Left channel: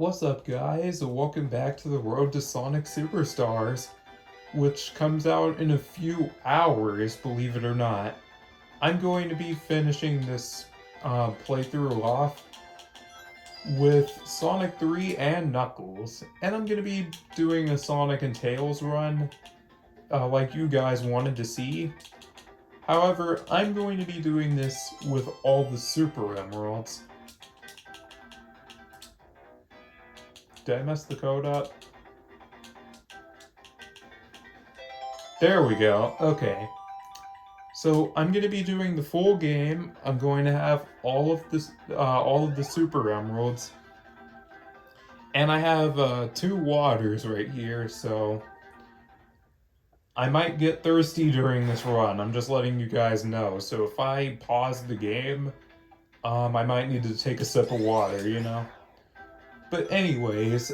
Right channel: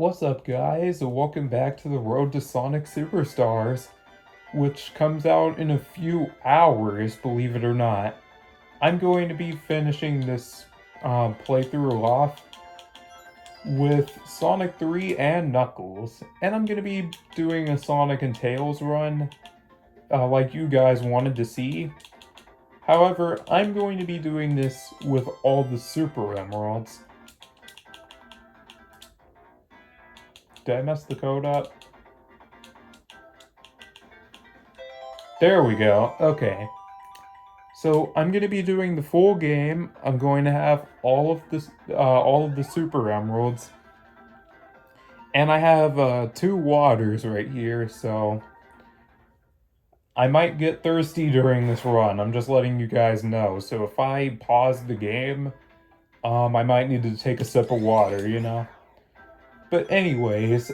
What's up, guys? Welcome back to the Road to Sonic Superstars, which comes out in a few hours, believe it or not. I'm going to be finishing this playthrough off with Sonic 3 and Knuckles, and I'm going to be doing a Sonic and Tails run, like you guys wanted to see. However, I'm going to be doing this with all the Super Emeralds. Did I mess the code up? There we go. Okay. So I'm going to be doing the full game. I'm going to have all of the Super Emeralds, and I have 2 waters right here. So I might get thirsty during this run. I'm just letting you guys know. So if I pause the game, I might need to take a sip of water. But anyways,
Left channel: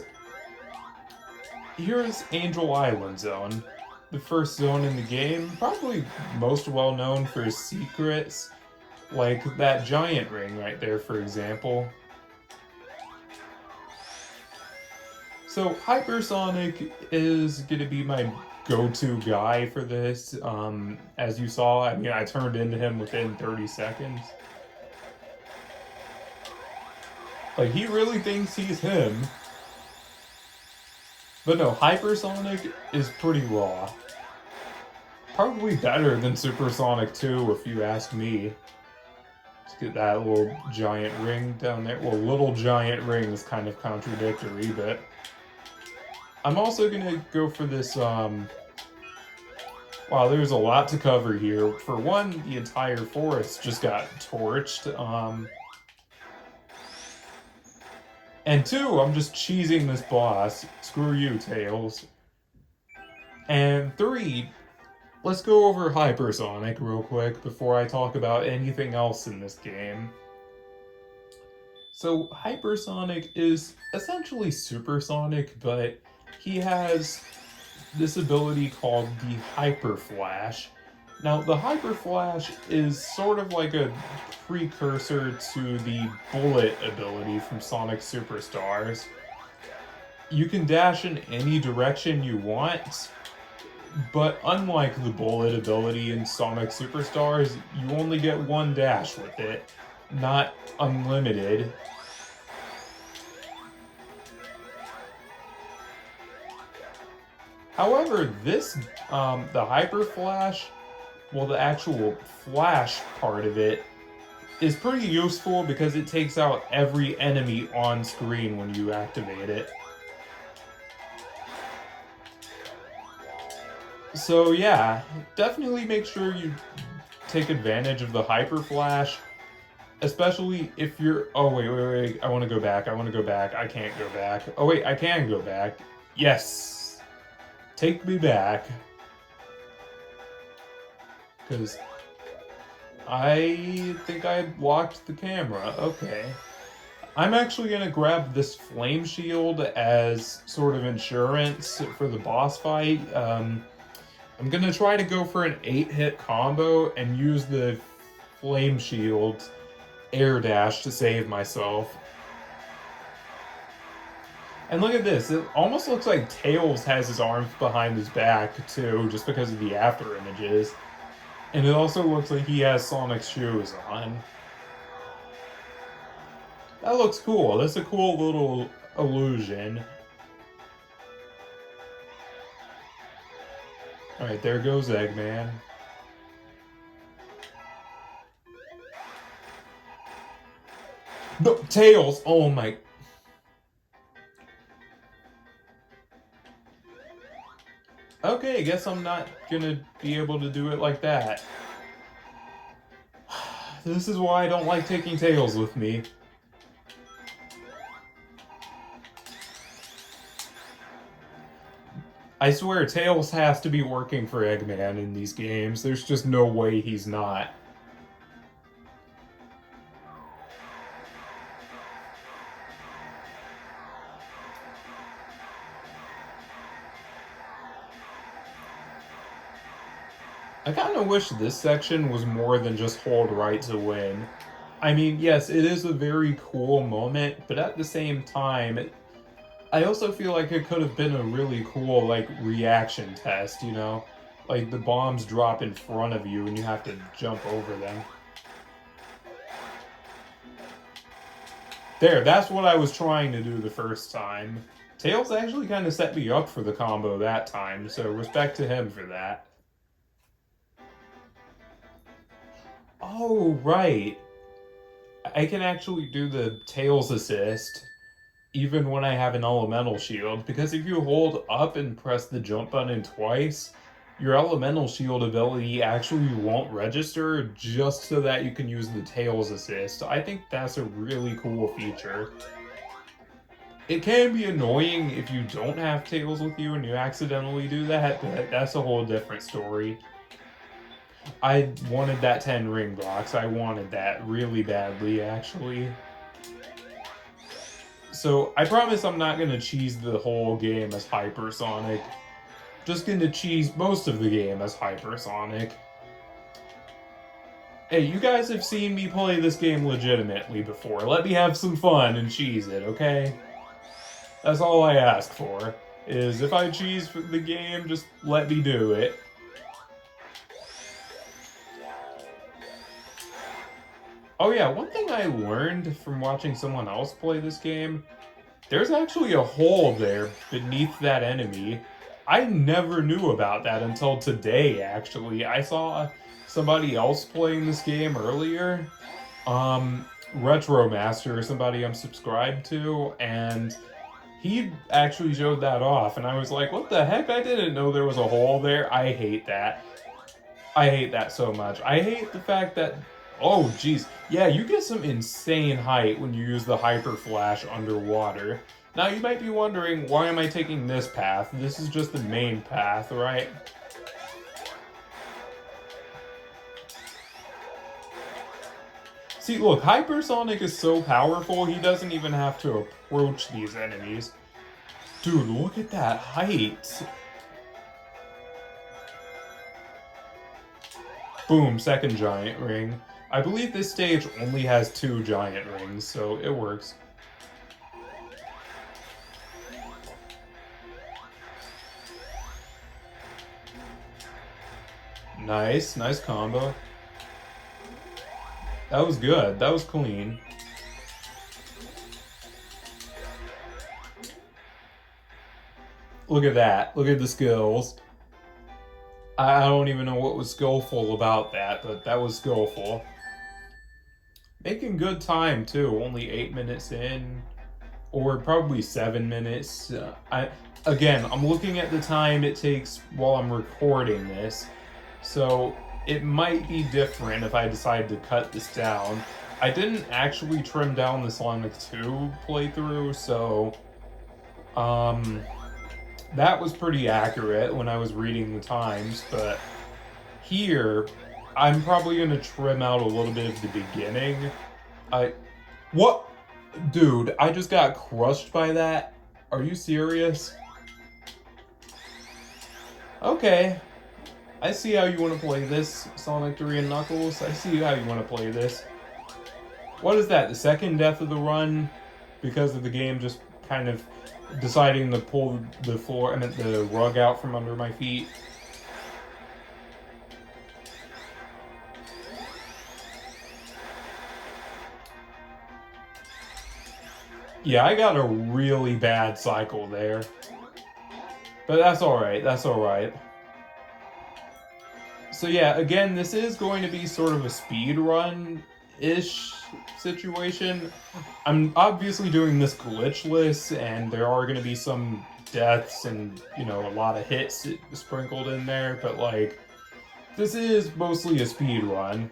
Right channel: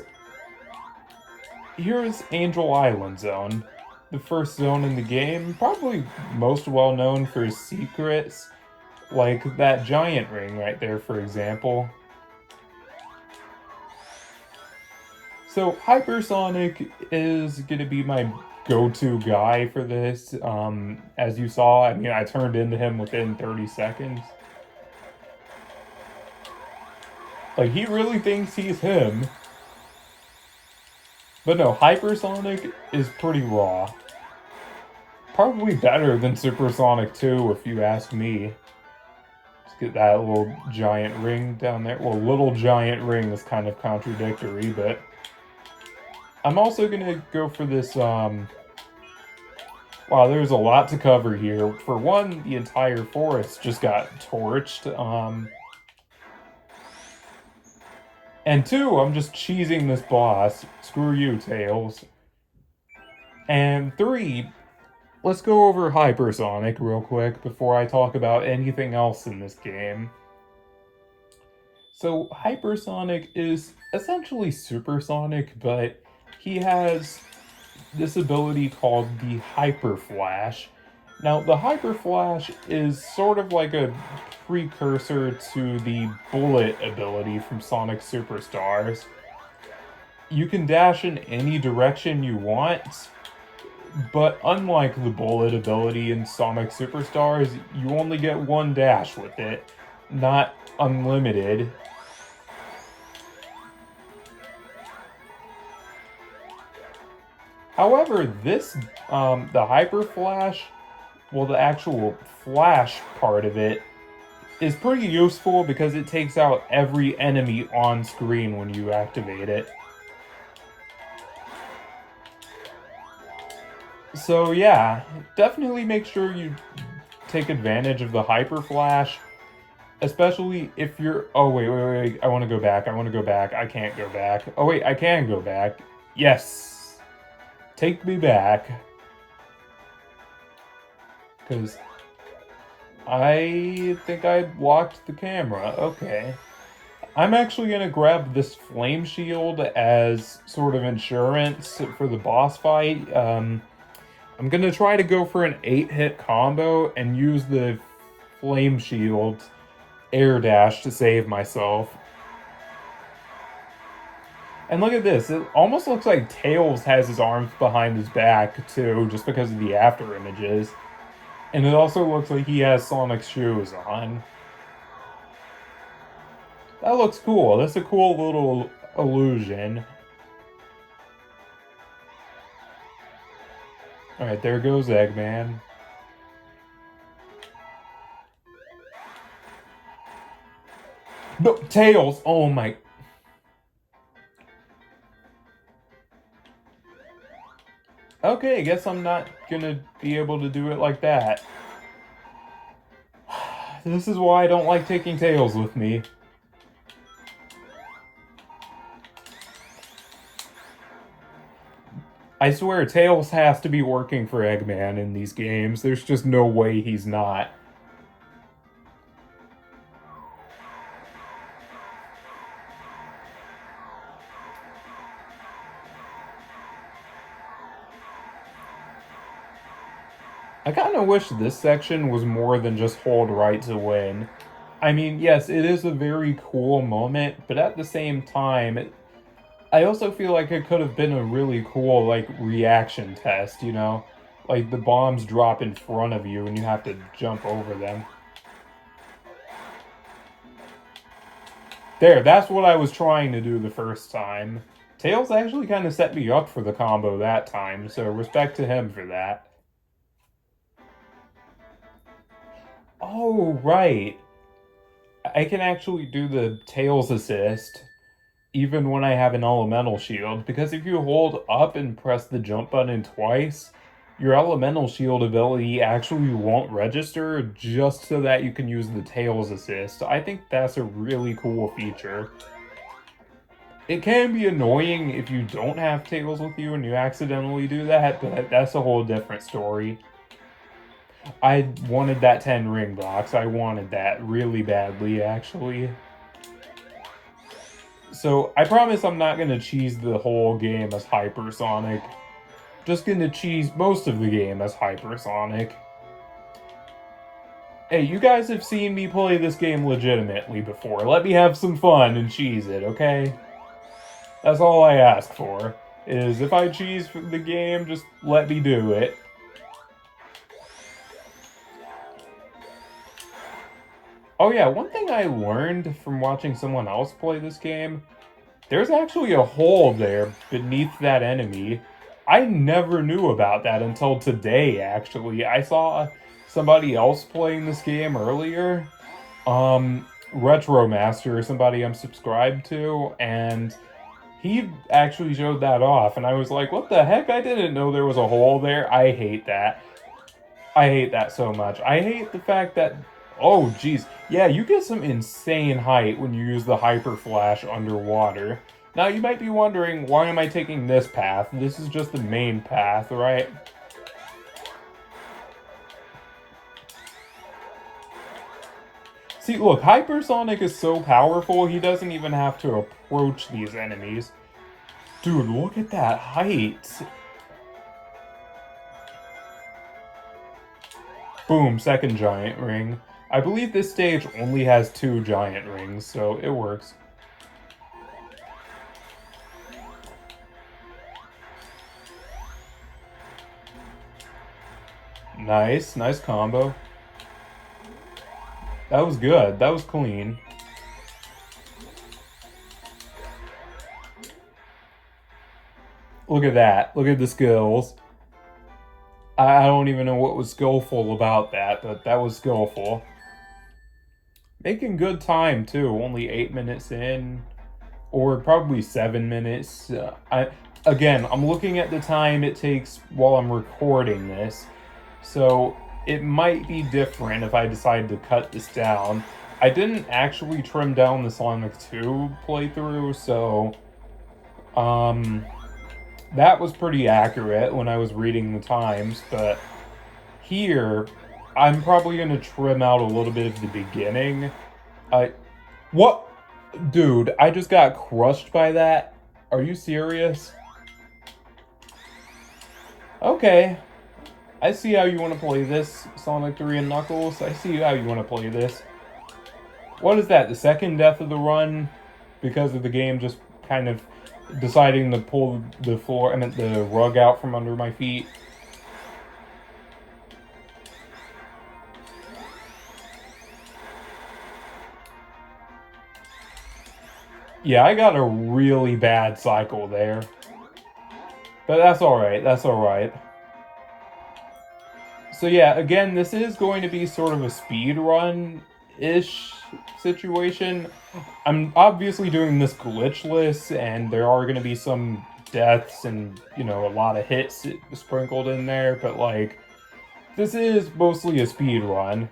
here's Angel Island Zone, the first zone in the game, probably most well known for his secrets, like that giant ring right there, for example. So Hypersonic is going to be my go-to guy for this. As you saw, I turned into him within 30 seconds. Like, he really thinks he's him. But no, Hypersonic is pretty raw. Probably better than Supersonic 2, if you ask me. Let's get that little giant ring down there. Well, little giant ring is kind of contradictory, but... I'm also gonna go for this, Wow, there's a lot to cover here. For one, the entire forest just got torched, And 2, I'm just cheesing this boss. Screw you, Tails. And 3, let's go over Hypersonic real quick before I talk about anything else in this game. So Hypersonic is essentially Supersonic, but he has this ability called the Hyper Flash. Now, the Hyper Flash is sort of like a precursor to the Bullet ability from Sonic Superstars. You can dash in any direction you want, but unlike the Bullet ability in Sonic Superstars, you only get one dash with it, not unlimited. However, the Hyper Flash, well, the actual flash part of it is pretty useful because it takes out every enemy on screen when you activate it. So yeah, definitely make sure you take advantage of the Hyper Flash, especially if you're... Oh, wait, I want to go back. I can't go back. Oh, wait, I can go back. Yes. Take me back. Because I think I locked the camera. Okay. I'm actually going to grab this flame shield as sort of insurance for the boss fight. I'm going to try to go for an 8-hit combo and use the flame shield air dash to save myself. And look at this, it almost looks like Tails has his arms behind his back too, just because of the after images. And it also looks like he has Sonic's shoes on. That looks cool. That's a cool little illusion. Alright, there goes Eggman. No, Tails! Oh my... Okay, I guess I'm not gonna be able to do it like that. This is why I don't like taking Tails with me. I swear, Tails has to be working for Eggman in these games. There's just no way he's not. I kind of wish this section was more than just hold right to win. I mean, yes, it is a very cool moment, but at the same time, I also feel like it could have been a really cool, like, reaction test, you know? Like, the bombs drop in front of you and you have to jump over them. There, that's what I was trying to do the first time. Tails actually kind of set me up for the combo that time, so respect to him for that. Oh, right. I can actually do the Tails assist even when I have an elemental shield, because if you hold up and press the jump button twice, your elemental shield ability actually won't register just so that you can use the Tails assist. I think that's a really cool feature. It can be annoying if you don't have Tails with you and you accidentally do that, but that's a whole different story. I wanted that 10 ring box. I wanted that really badly, actually. So I promise I'm not gonna cheese the whole game as Hypersonic. Just gonna cheese most of the game as Hypersonic. Hey, you guys have seen me play this game legitimately before. Let me have some fun and cheese it, okay? That's all I ask for. Is if I cheese the game, just let me do it. Oh yeah, one thing I learned from watching someone else play this game, there's actually a hole there beneath that enemy. I never knew about that until today, actually. I saw somebody else playing this game earlier. Retromaster or somebody I'm subscribed to, and he actually showed that off, and I was like, what the heck? I didn't know there was a hole there. I hate that. I hate that so much. I hate the fact that, oh jeez, yeah, you get some insane height when you use the Hyper Flash underwater. Now you might be wondering, why am I taking this path? This is just the main path, right? See, look, Hypersonic is so powerful, he doesn't even have to approach these enemies. Dude, look at that height. Boom, second giant ring. I believe this stage only has 2 giant rings, so it works. Nice, nice combo. That was good, that was clean. Look at that, look at the skills. I don't even know what was skillful about that, but that was skillful. Making good time too, only 8 minutes in, or probably 7 minutes. I'm looking at the time it takes while I'm recording this, so it might be different if I decide to cut this down. I didn't actually trim down the Sonic 2 playthrough, so that was pretty accurate when I was reading the times, but here, I'm probably gonna trim out a little bit of the beginning. What? Dude, I just got crushed by that? Are you serious? Okay. I see how you want to play this, Sonic 3 and Knuckles. I see how you want to play this. What is that, the second death of the run? Because of the game just kind of deciding to pull the rug out from under my feet. Yeah, I got a really bad cycle there. But that's alright, that's alright. So yeah, again, this is going to be sort of a speed run-ish situation. I'm obviously doing this glitchless, and there are going to be some deaths and, you know, a lot of hits sprinkled in there, but like, this is mostly a speed run.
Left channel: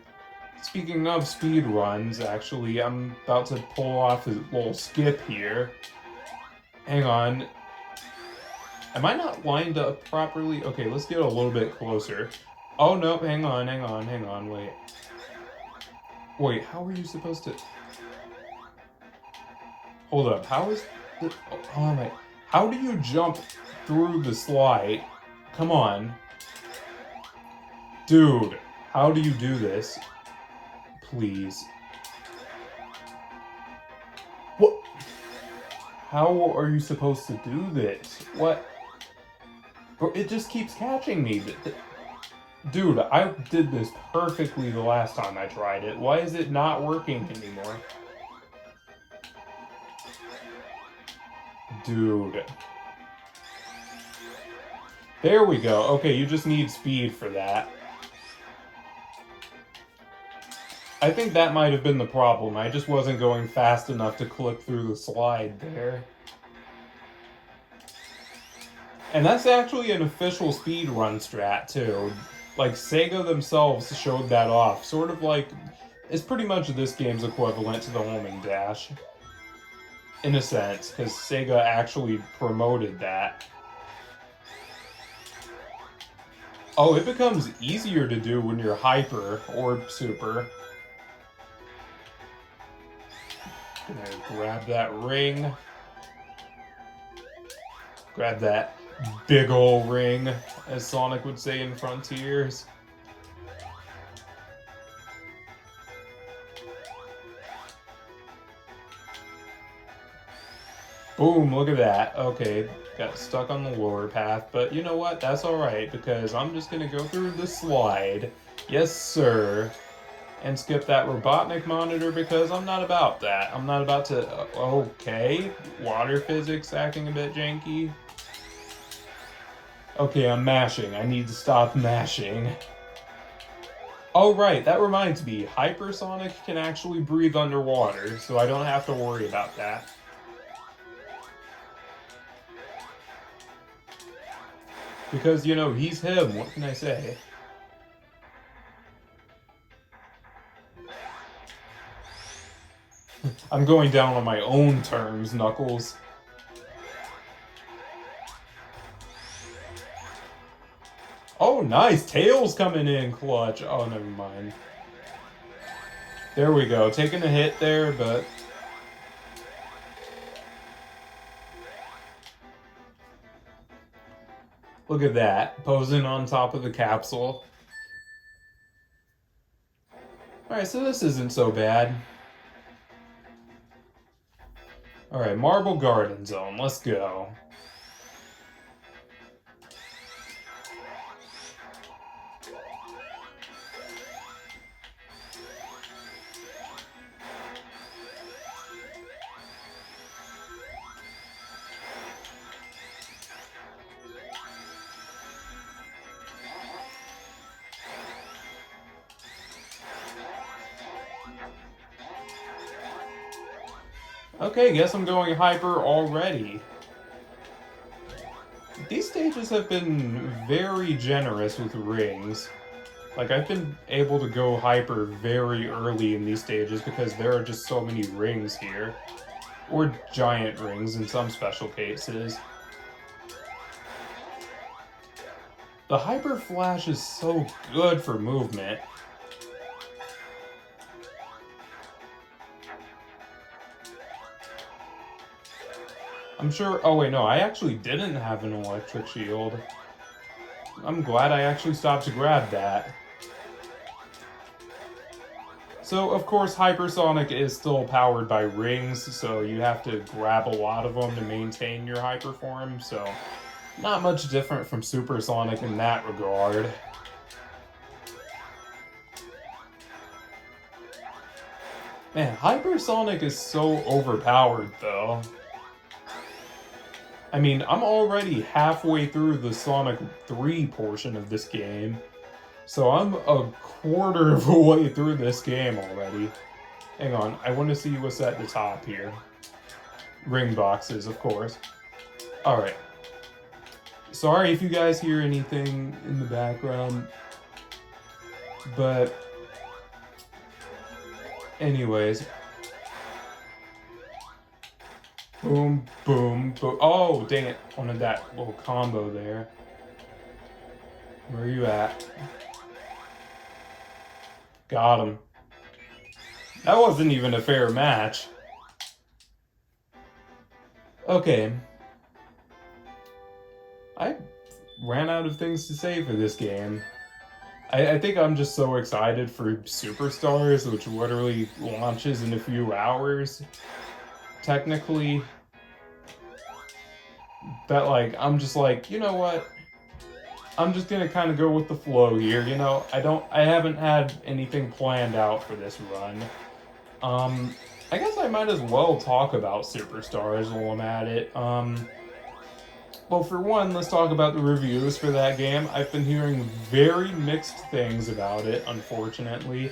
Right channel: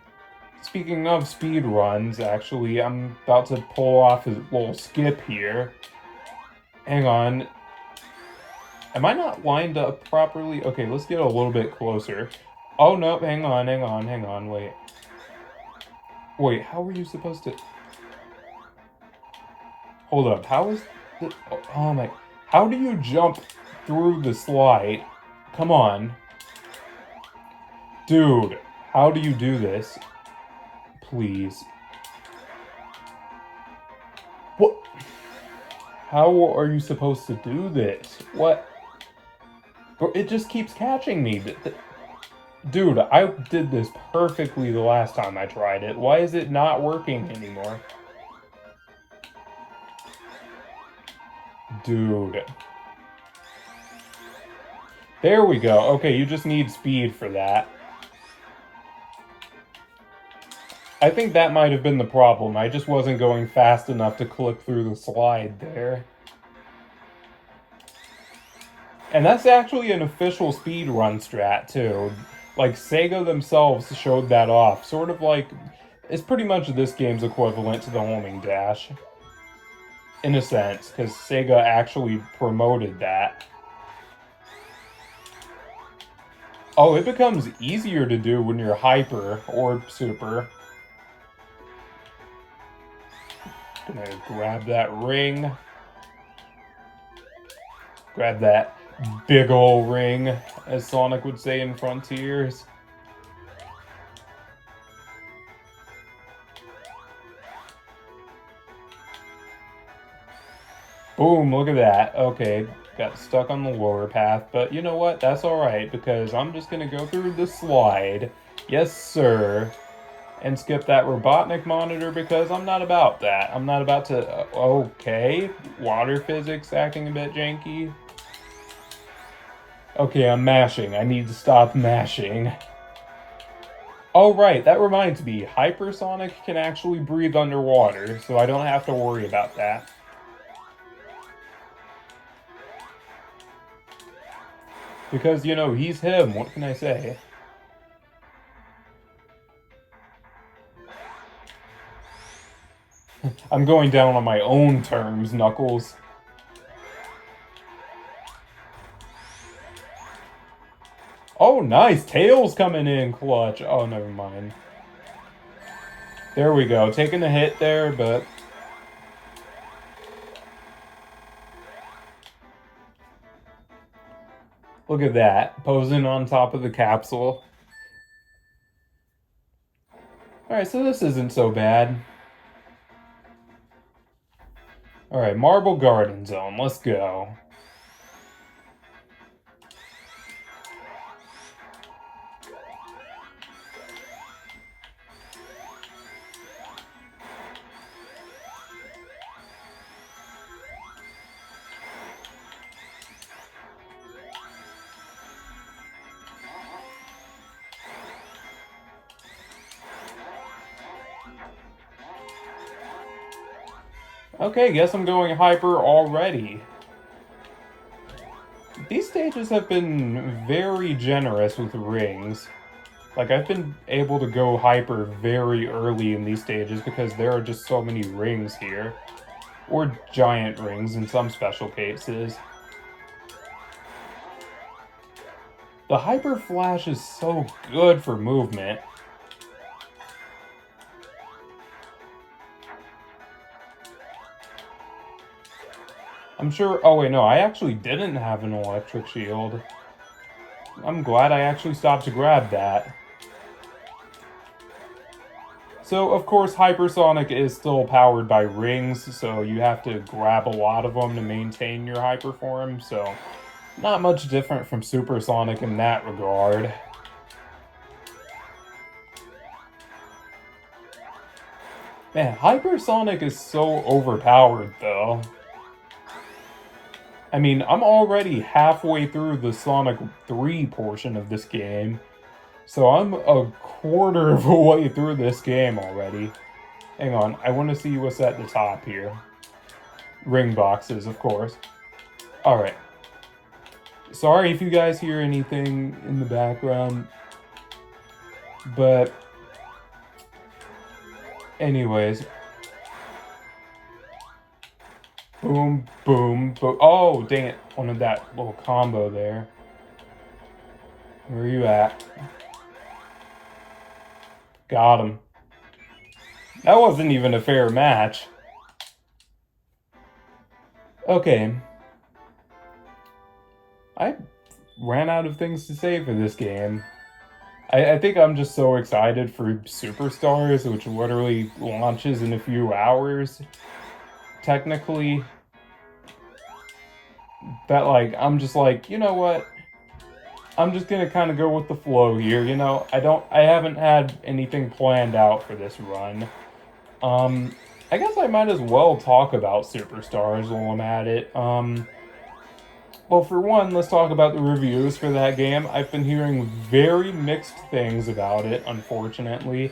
Speaking of speed runs, actually, I'm about to pull off a little skip here. Hang on. Am I not lined up properly? Okay, let's get a little bit closer. Oh, no, hang on, wait. Wait, how were you supposed to... Hold up, how is... Oh my... How do you jump through the slide? Come on. Dude, how do you do this? Please. What? How are you supposed to do this? What? It just keeps catching me. Dude, I did this perfectly the last time I tried it. Why is it not working anymore? Dude. There we go. Okay, you just need speed for that. I think that might have been the problem. I just wasn't going fast enough to clip through the slide there. And that's actually an official speedrun strat, too. Like, Sega themselves showed that off. Sort of like, it's pretty much this game's equivalent to the homing dash. In a sense, because Sega actually promoted that. Oh, it becomes easier to do when you're hyper or super. Gonna grab that ring. Grab that big ol' ring, as Sonic would say in Frontiers. Boom, look at that. Okay, got stuck on the lower path, but you know what? That's alright, because I'm just gonna go through the slide. Yes, sir. And skip that Robotnik monitor because I'm not about that. I'm not about to... okay, water physics acting a bit janky. Okay, I'm mashing. I need to stop mashing. Oh, right, that reminds me. Hypersonic can actually breathe underwater, so I don't have to worry about that. Because, you know, he's him. What can I say? I'm going down on my own terms, Knuckles. Oh, nice. Tails coming in clutch. Oh, never mind. There we go. Taking a hit there, but... look at that. Posing on top of the capsule. Alright, so this isn't so bad. Alright, Marble Garden Zone. Let's go. Okay, guess I'm going hyper already. These stages have been very generous with rings. Like, I've been able to go hyper very early in these stages because there are just so many rings here. Or giant rings in some special cases. The Hyper Flash is so good for movement. I'm sure... oh wait, no, I actually didn't have an electric shield. I'm glad I actually stopped to grab that. So, of course, Hypersonic is still powered by rings, so you have to grab a lot of them to maintain your hyper form, so not much different from Supersonic in that regard. Man, Hypersonic is so overpowered, though. I mean, I'm already halfway through the Sonic 3 portion of this game, so I'm a quarter of a way through this game already. Hang on, I want to see what's at the top here. Ring boxes, of course. Alright. Sorry if you guys hear anything in the background, but... anyways... boom, boom, boom. Oh, dang it. Wanted that little combo there. Where are you at? Got him. That wasn't even a fair match. Okay. I ran out of things to say for this game. I think I'm just so excited for Superstars, which literally launches in a few hours. Technically, that like I'm just like, you know what? I'm just gonna kind of go with the flow here. You know, I haven't had anything planned out for this run. I guess I might as well talk about Superstars while I'm at it. Well, for one, let's talk about the reviews for that game. I've been hearing very mixed things about it, unfortunately.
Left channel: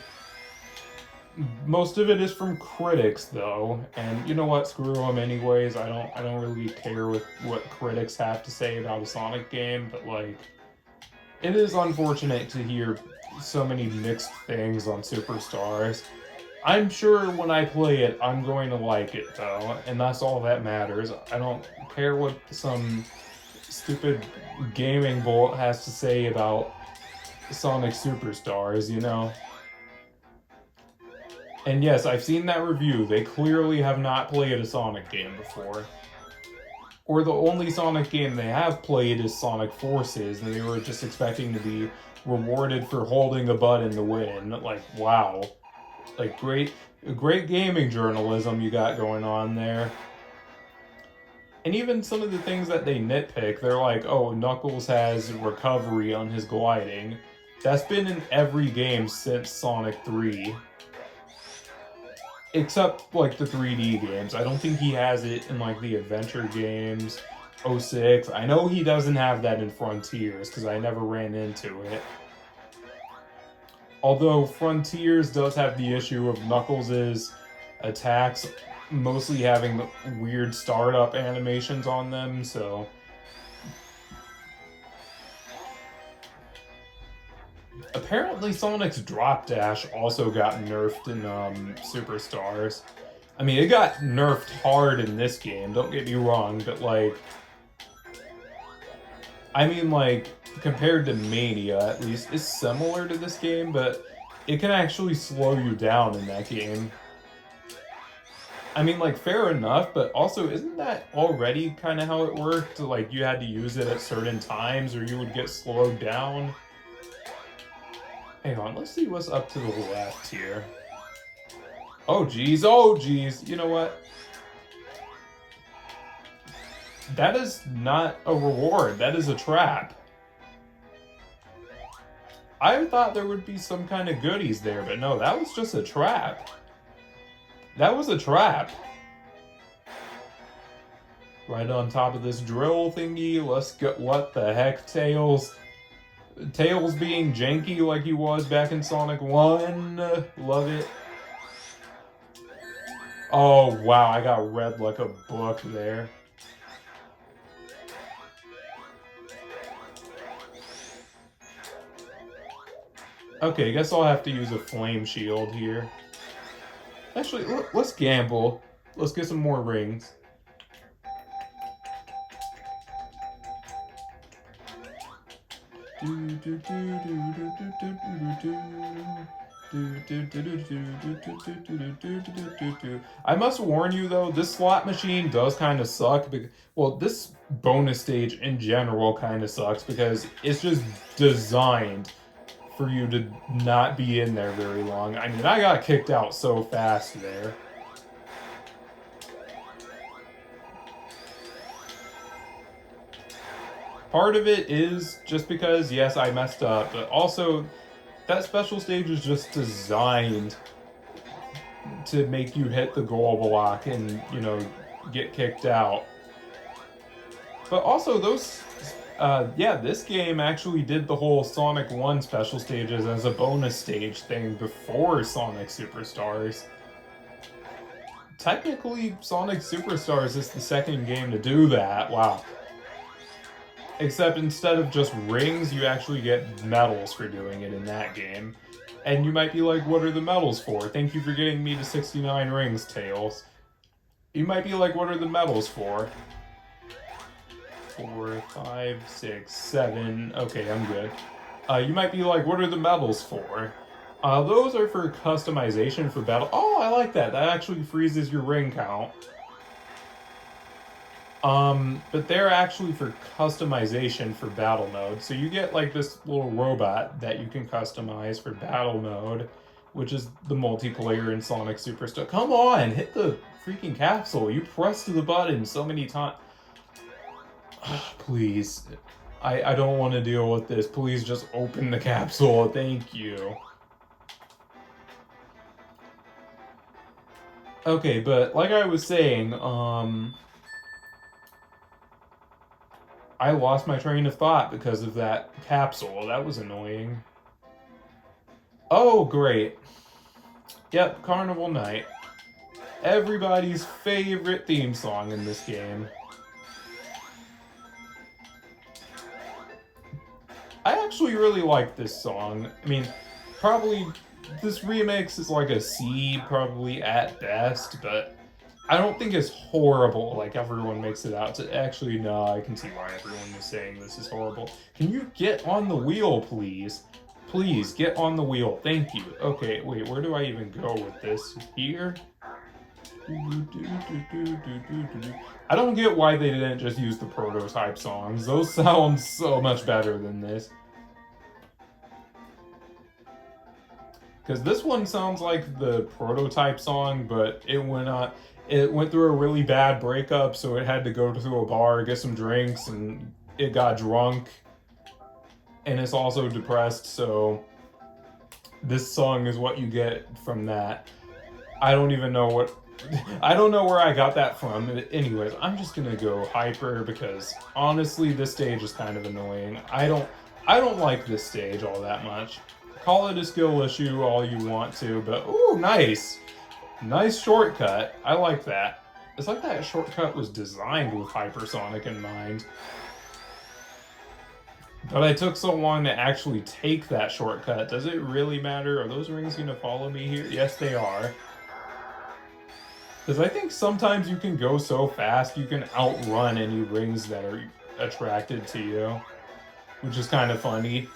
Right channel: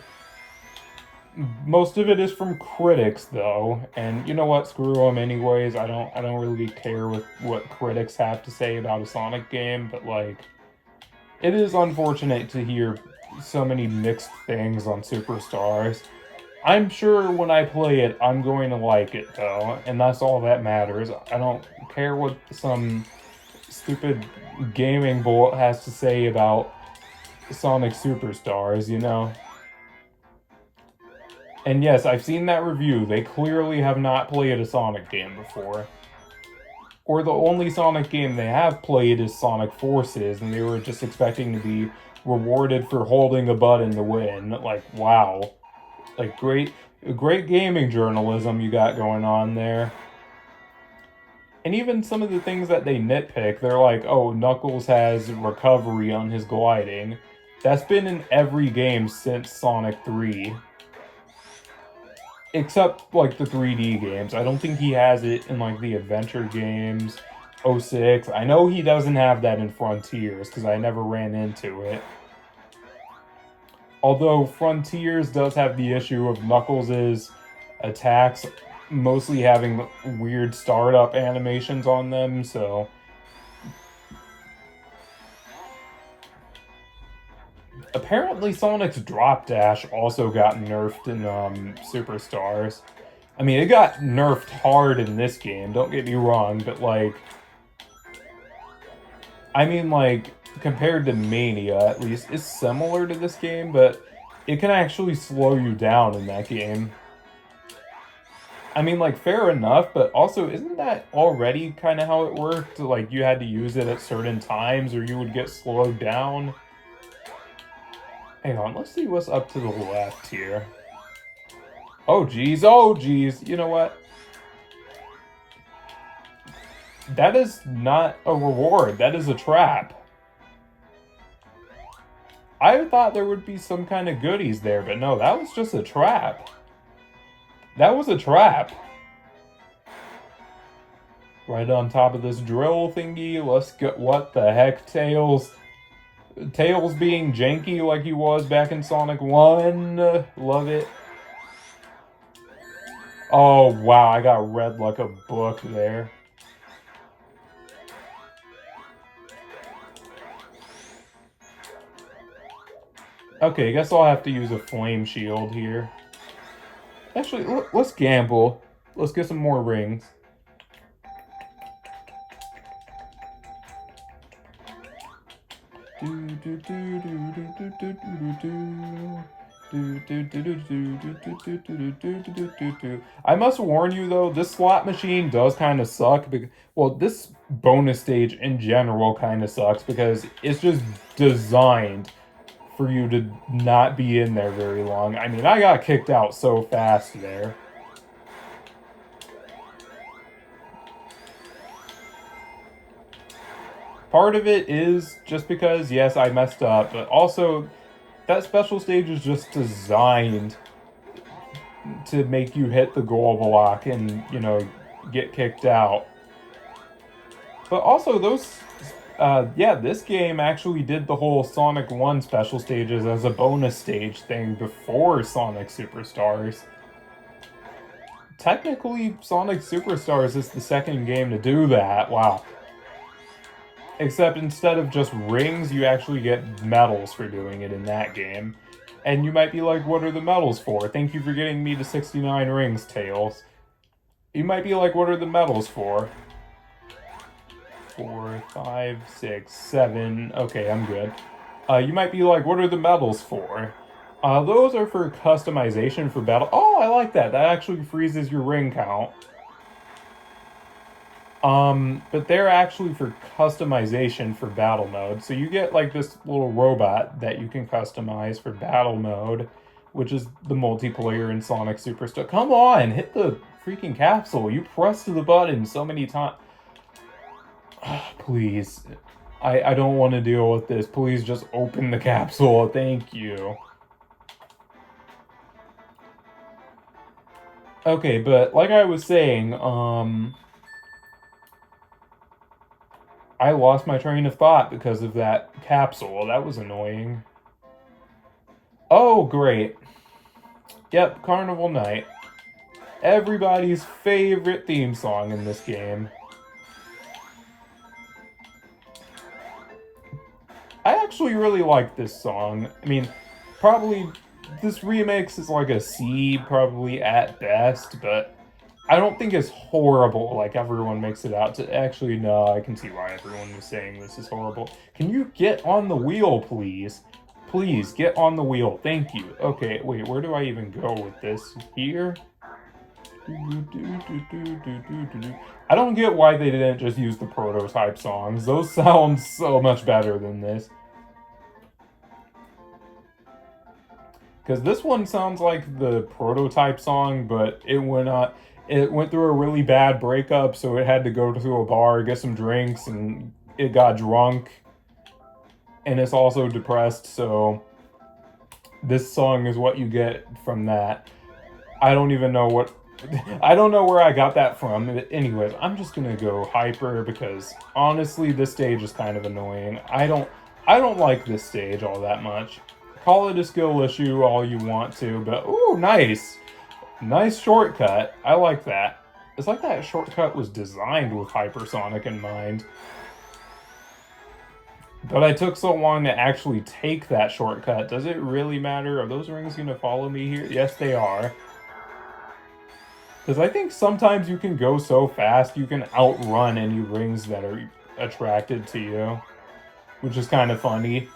Most of it is from critics, though, and you know what? Screw them anyways. I don't really care what critics have to say about a Sonic game, but like, it is unfortunate to hear so many mixed things on Superstars. I'm sure when I play it, I'm going to like it, though, and that's all that matters. I don't care what some stupid gaming bull has to say about Sonic Superstars, you know? And yes, I've seen that review. They clearly have not played a Sonic game before. Or the only Sonic game they have played is Sonic Forces, and they were just expecting to be rewarded for holding a button to win. Like, wow. Like, great gaming journalism you got going on there. And even some of the things that they nitpick, they're like, oh, Knuckles has recovery on his gliding. That's been in every game since Sonic 3. Except, like, the 3D games. I don't think he has it in, like, the adventure games. 06. I know he doesn't have that in Frontiers, because I never ran into it. Although Frontiers does have the issue of Knuckles' attacks mostly having weird startup animations on them, so... Apparently Sonic's drop dash also got nerfed in Superstars. I mean, it got nerfed hard in this game, don't get me wrong, but like... I mean, like, compared to Mania, at least, it's similar to this game, but it can actually slow you down in that game. I mean, like, fair enough, but also, isn't that already kind of how it worked? Like, you had to use it at certain times or you would get slowed down? Hang on, let's see what's up to the left here. Oh, geez, oh, geez. You know what? That is not a reward. That is a trap. I thought there would be some kind of goodies there, but no, that was just a trap. That was a trap. Right on top of this drill thingy. Let's get... What the heck, Tails? Tails being janky like he was back in Sonic 1. Love it. Oh, wow, I got read like a book there. Okay, I guess I'll have to use a flame shield here. Actually, let's gamble. Let's get some more rings. I must warn you though, this slot machine does kind of suck. Well, this bonus stage in general kind of sucks because it's just designed for you to not be in there very long. I mean, I got kicked out so fast there. Part of it is just because, yes, I messed up, but also that special stage is just designed to make you hit the goal block and, you know, get kicked out. But also those... yeah, this game actually did the whole Sonic 1 special stages as a bonus stage thing before Sonic Superstars. Technically, Sonic Superstars is the second game to do that. Wow. Except instead of just rings, you actually get medals for doing it in that game. And you might be like, what are the medals for? Thank you for getting me to 69 rings, Tails. You might be like, what are the medals for? 4, 5, 6, 7. Okay, I'm good. You might be like, what are the medals for? Those are for customization for battle. Oh, I like that. That actually freezes your ring count. But they're actually for customization for battle mode. So you get like this little robot that you can customize for battle mode, which is the multiplayer in Sonic Superstar. Come on, hit the freaking capsule. You pressed the button so many times. Please. I don't want to deal with this. Please just open the capsule. Thank you. Okay, but like I was saying, I lost my train of thought because of that capsule. That was annoying. Oh, great. Yep, Carnival Night. Everybody's favorite theme song in this game. I actually really like this song. I mean, probably this remix is like a C, probably at best, but I don't think it's horrible like everyone makes it out to. Actually, no, I can see why everyone is saying this is horrible. Can you get on the wheel, please? Please, get on the wheel. Thank you. Okay, wait, where do I even go with this? Here? I don't get why they didn't just use the prototype songs. Those sound so much better than this. Because this one sounds like the prototype song, but it went through a really bad breakup, so it had to go to a bar, get some drinks, and it got drunk. And it's also depressed, so this song is what you get from that. I don't even know what... I don't know where I got that from. Anyways, I'm just gonna go hyper because honestly, this stage is kind of annoying. I don't like this stage all that much. Call it a skill issue all you want to, but ooh, nice. Nice shortcut. I like that. It's like that shortcut was designed with Hypersonic in mind. But I took so long to actually take that shortcut. Does it really matter? Are those rings gonna follow me here? Yes, they are. Because I think sometimes you can go so fast you can outrun any rings that are attracted to you. Which is kind of funny.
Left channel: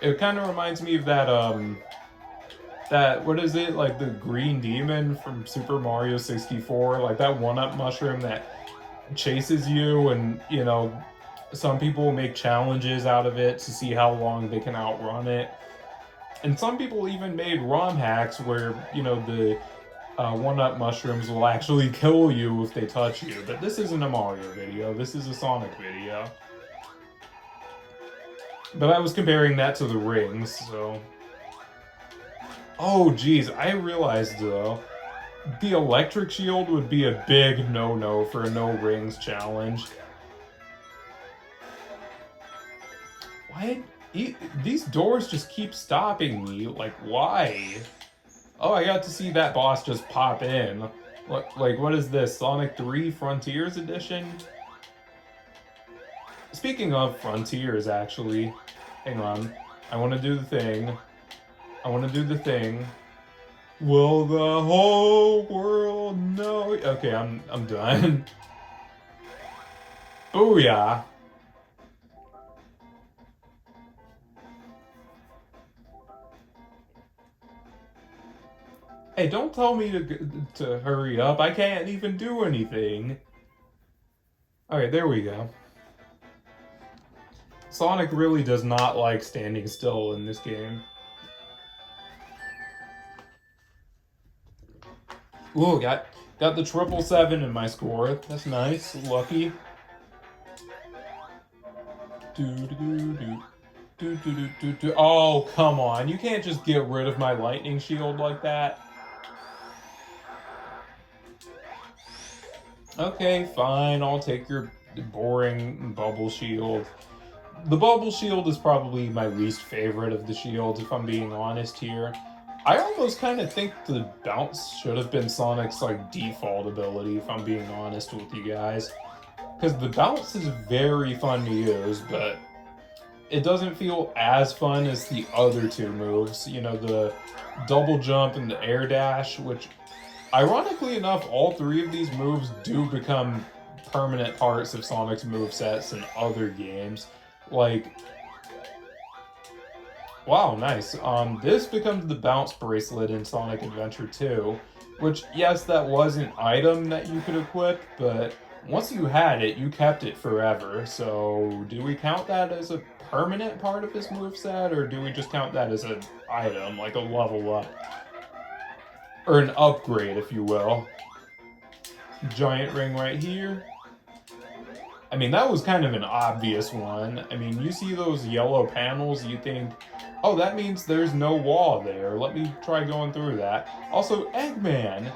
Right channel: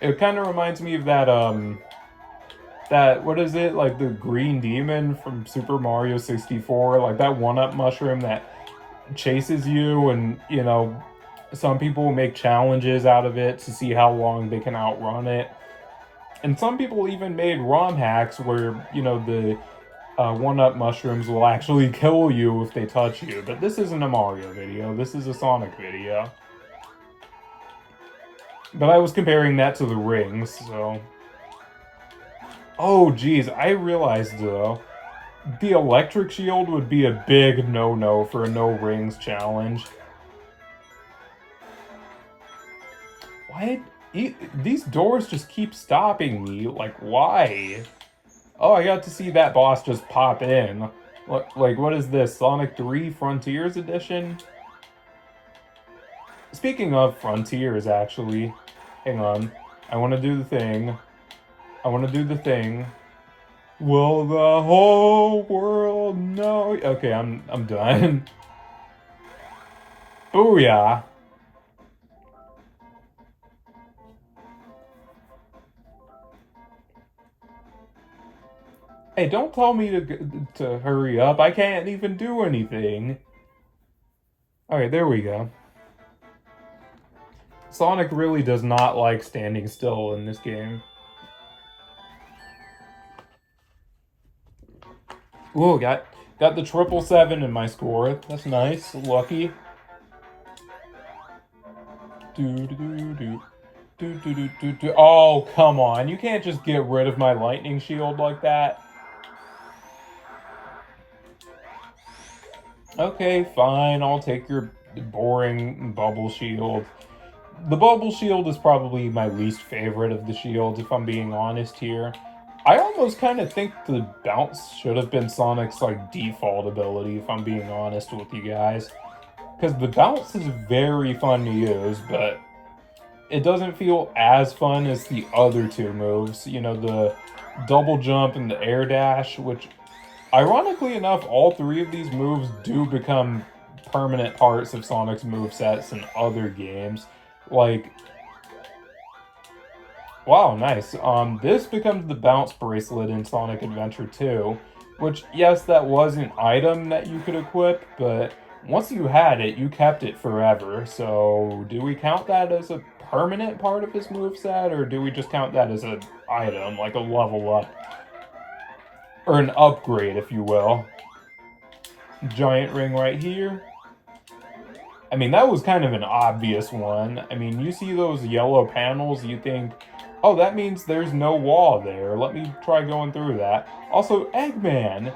It kind of reminds me of that, what is it, like the green demon from Super Mario 64, like that one-up mushroom that chases you, and, you know, some people make challenges out of it to see how long they can outrun it. And some people even made ROM hacks where, you know, the one-up mushrooms will actually kill you if they touch you. But this isn't a Mario video, this is a Sonic video. But I was comparing that to the rings, so... Oh, geez, I realized, though, the electric shield would be a big no-no for a no-rings challenge. Why? These doors just keep stopping me. Like, why? Oh, I got to see that boss just pop in. Like, what is this? Sonic 3 Frontiers Edition? Speaking of Frontiers, actually, hang on. I want to do the thing. I want to do the thing. Will the whole world know? Okay, I'm done. Booyah! Hey, don't tell me to hurry up. I can't even do anything. Alright, there we go. Sonic really does not like standing still in this game. Ooh, got the 777 in my score. That's nice. Lucky. Oh, come on. You can't just get rid of my lightning shield like that. Okay, fine. I'll take your boring bubble shield. The bubble shield is probably my least favorite of the shields, if I'm being honest here. I almost kind of think the bounce should have been Sonic's like default ability, if I'm being honest with you guys. Because the bounce is very fun to use, but it doesn't feel as fun as the other two moves. You know, the double jump and the air dash, which, ironically enough, all three of these moves do become permanent parts of Sonic's movesets in other games. Like, wow, nice. This becomes the bounce bracelet in Sonic Adventure 2, which, yes, that was an item that you could equip, but once you had it, you kept it forever. So, do we count that as a permanent part of his moveset, or do we just count that as an item, like a level up? Or an upgrade, if you will. Giant ring right here. I mean, that was kind of an obvious one. I mean, you see those yellow panels, you think, oh, that means there's no wall there. Let me try going through that. Also, Eggman,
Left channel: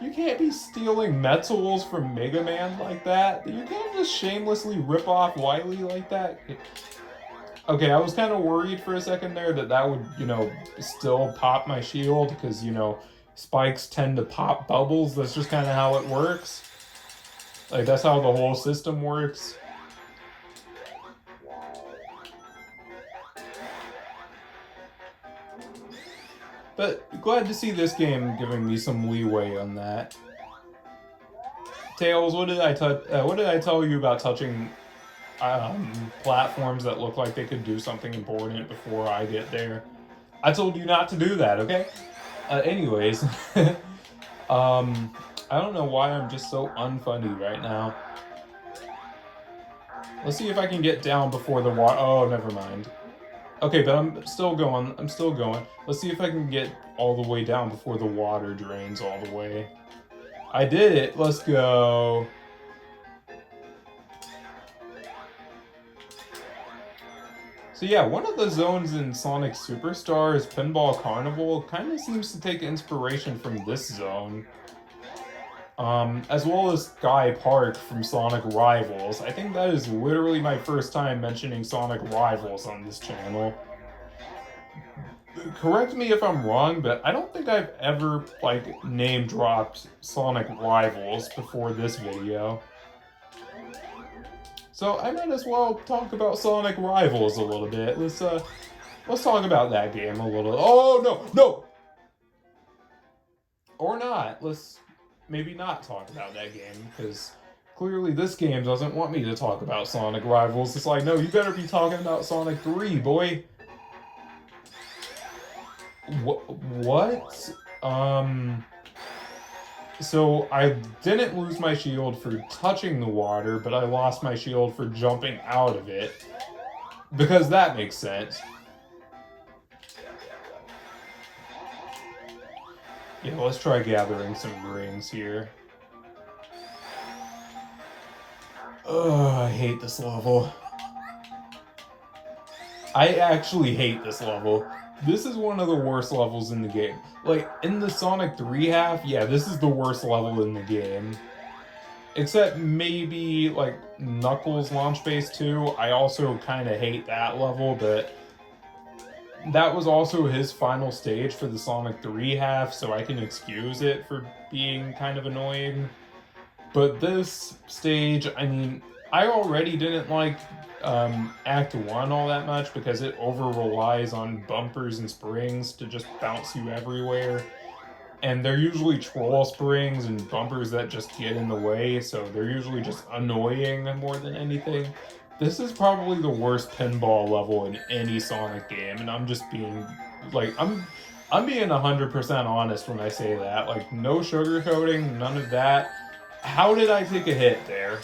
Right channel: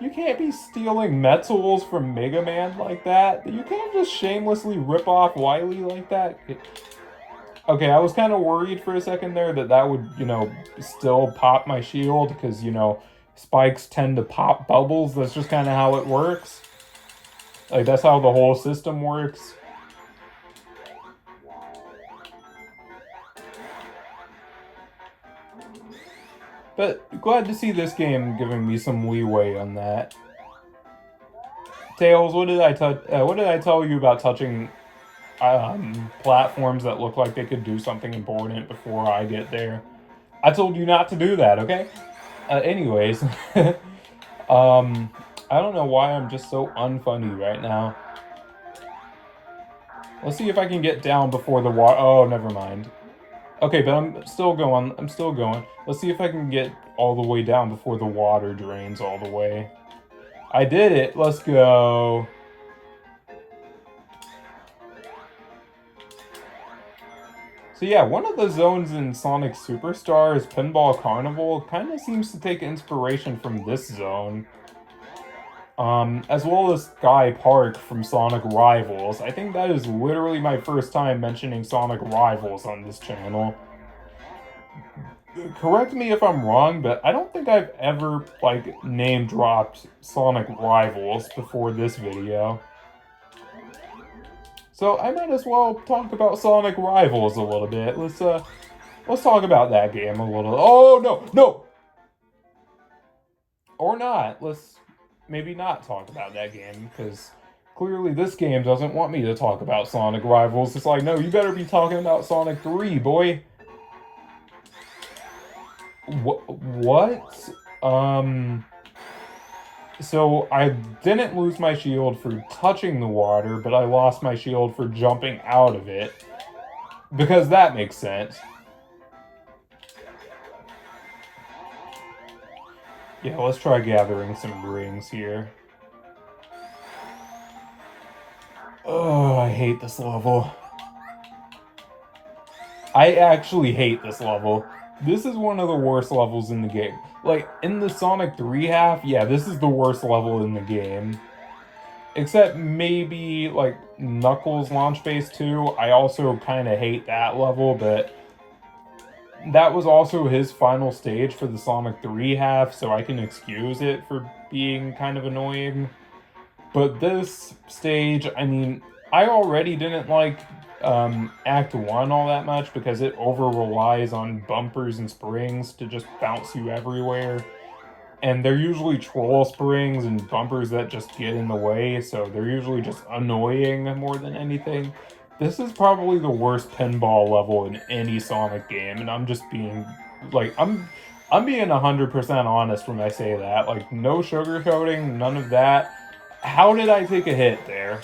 you can't be stealing Metzels from Mega Man like that. You can't just shamelessly rip off Wily like that. Okay, I was kind of worried for a second there that would, still pop my shield because, spikes tend to pop bubbles. That's just kind of how it works. Like, that's how the whole system works. But glad to see this game giving me some leeway on that. Tails, what did I tell you about touching platforms that look like they could do something important before I get there? I told you not to do that, okay? Anyways, I don't know why I'm just so unfunny right now. Let's see if I can get down before the water. Oh, never mind. Okay, but I'm still going. Let's see if I can get all the way down before the water drains all the way. I did it. Let's go. So yeah, one of the zones in Sonic Superstars, Pinball Carnival, kind of seems to take inspiration from this zone. As well as Sky Park from Sonic Rivals. I think that is literally my first time mentioning Sonic Rivals on this channel. Correct me if I'm wrong, but I don't think I've ever, name-dropped Sonic Rivals before this video. So I might as well talk about Sonic Rivals a little bit. Let's talk about that game a little. Oh, no! Or not. Let's maybe not talk about that game, because clearly this game doesn't want me to talk about Sonic Rivals. It's like, no, you better be talking about Sonic 3, boy. What? So I didn't lose my shield for touching the water, but I lost my shield for jumping out of it. Because that makes sense. Yeah, let's try gathering some rings here. Oh, I hate this level. I actually hate this level. This is one of the worst levels in the game. Like, in the Sonic 3 half, yeah, this is the worst level in the game. Except maybe, Knuckles Launch Base 2. I also kind of hate that level, but that was also his final stage for the Sonic 3 half, so I can excuse it for being kind of annoying. But this stage, I mean, I already didn't like Act 1 all that much because it over-relies on bumpers and springs to just bounce you everywhere. And they're usually troll springs and bumpers that just get in the way, so they're usually just annoying more than anything. This is probably the worst pinball level in any Sonic game, and I'm just being, I'm being 100% honest when I say that. No sugarcoating, none of that. How did I take a hit there?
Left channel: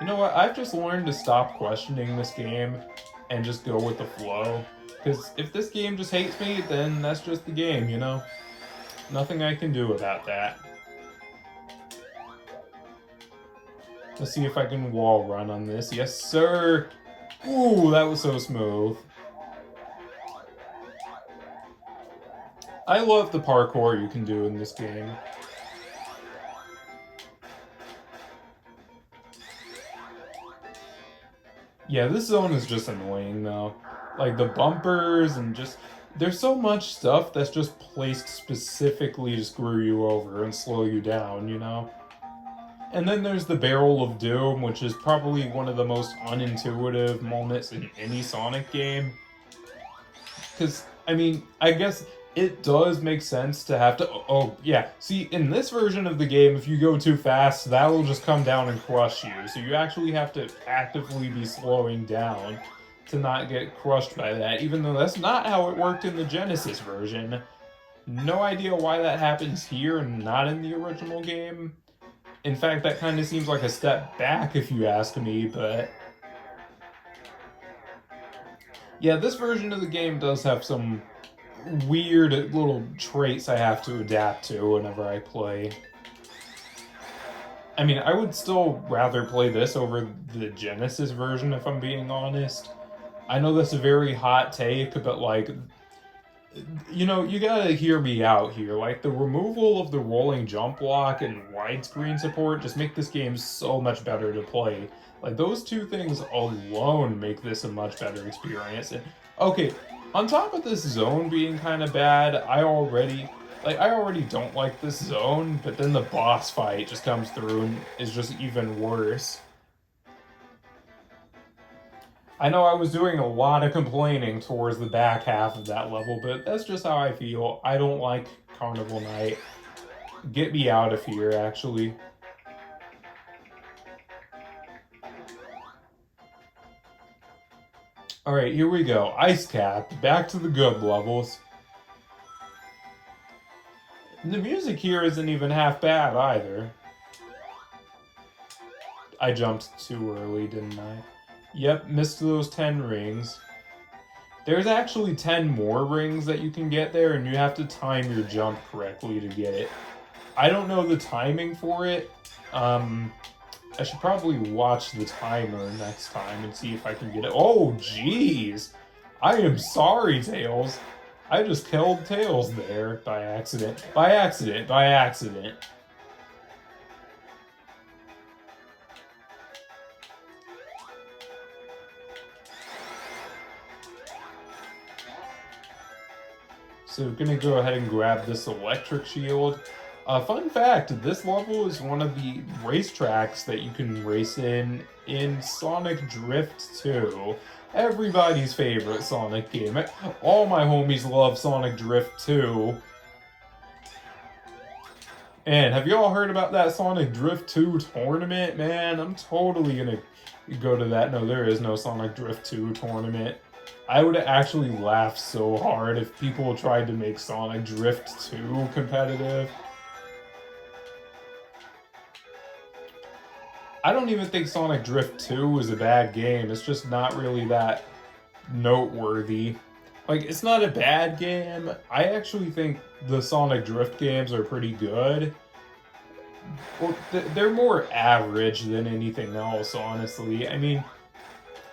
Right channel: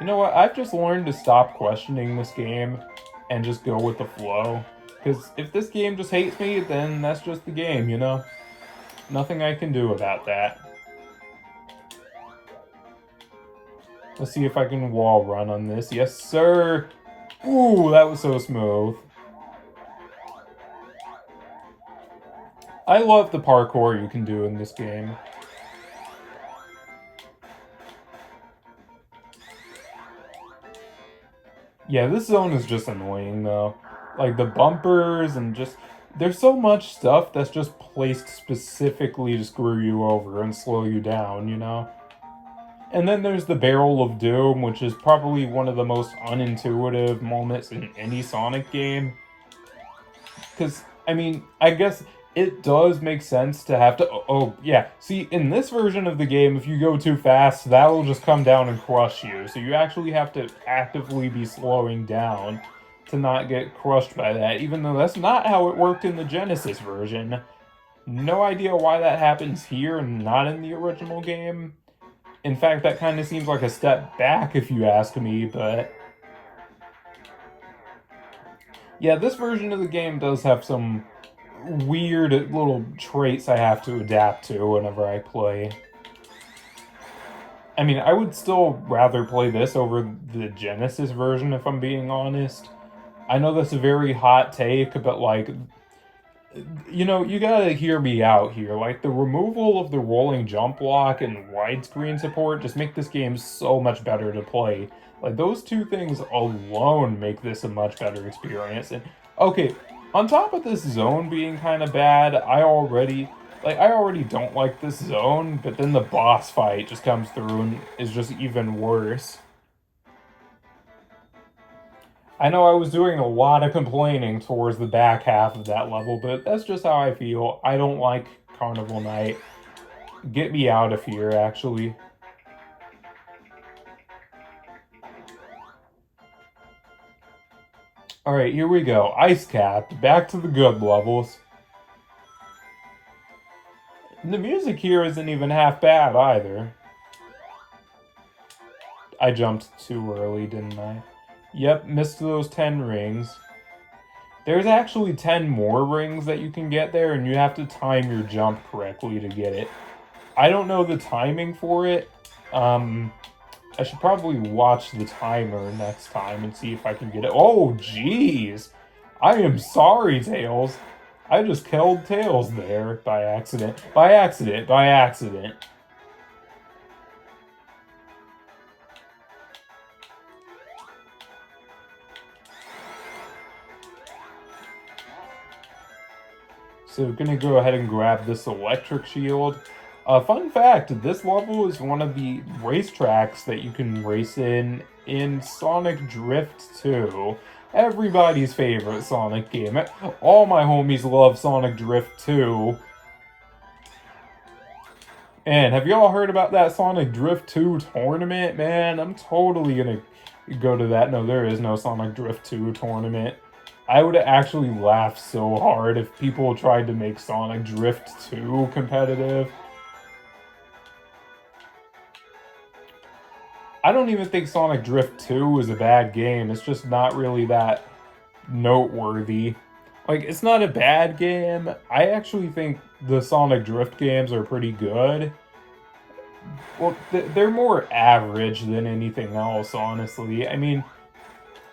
You know what, I've just learned to stop questioning this game and just go with the flow. Because if this game just hates me, then that's just the game, Nothing I can do about that. Let's see if I can wall run on this. Yes, sir! Ooh, that was so smooth. I love the parkour you can do in this game. Yeah, this zone is just annoying, though. The bumpers and just... There's so much stuff that's just placed specifically to screw you over and slow you down, And then there's the Barrel of Doom, which is probably one of the most unintuitive moments in any Sonic game. Because, I mean, I guess it does make sense to have to... Oh, yeah. See, in this version of the game, if you go too fast, that will just come down and crush you. So you actually have to actively be slowing down to not get crushed by that, even though that's not how it worked in the Genesis version. No idea why that happens here and not in the original game. In fact, that kind of seems like a step back if you ask me, but... Yeah, this version of the game does have some weird little traits I have to adapt to whenever I play. I mean, I would still rather play this over the Genesis version if I'm being honest. I know that's a very hot take, but like, you know, you gotta hear me out here. Like, the removal of the rolling jump block and widescreen support just make this game so much better to play. Like, those two things alone make this a much better experience. And, okay, on top of this zone being kind of bad, I already don't like this zone, but then the boss fight just comes through and is just even worse. I know I was doing a lot of complaining towards the back half of that level, but that's just how I feel. I don't like Carnival Night. Get me out of here, actually. Alright, here we go. Ice Cap. Back to the good levels. The music here isn't even half bad, either. I jumped too early, didn't I? Yep, missed those 10 rings. There's actually 10 more rings that you can get there, and you have to time your jump correctly to get it. I don't know the timing for it. I should probably watch the timer next time and see if I can get it. Oh, jeez! I am sorry, Tails. I just killed Tails there by accident. By accident. By accident. So we're gonna go ahead and grab this electric shield. Fun fact, this level is one of the racetracks that you can race in Sonic Drift 2. Everybody's favorite Sonic game. All my homies love Sonic Drift 2. And have y'all heard about that Sonic Drift 2 tournament? Man, I'm totally gonna go to that. No, there is no Sonic Drift 2 tournament. I would actually laugh so hard if people tried to make Sonic Drift 2 competitive. I don't even think Sonic Drift 2 is a bad game. It's just not really that noteworthy. Like, it's not a bad game. I actually think the Sonic Drift games are pretty good. Well, they're more average than anything else, honestly. I mean,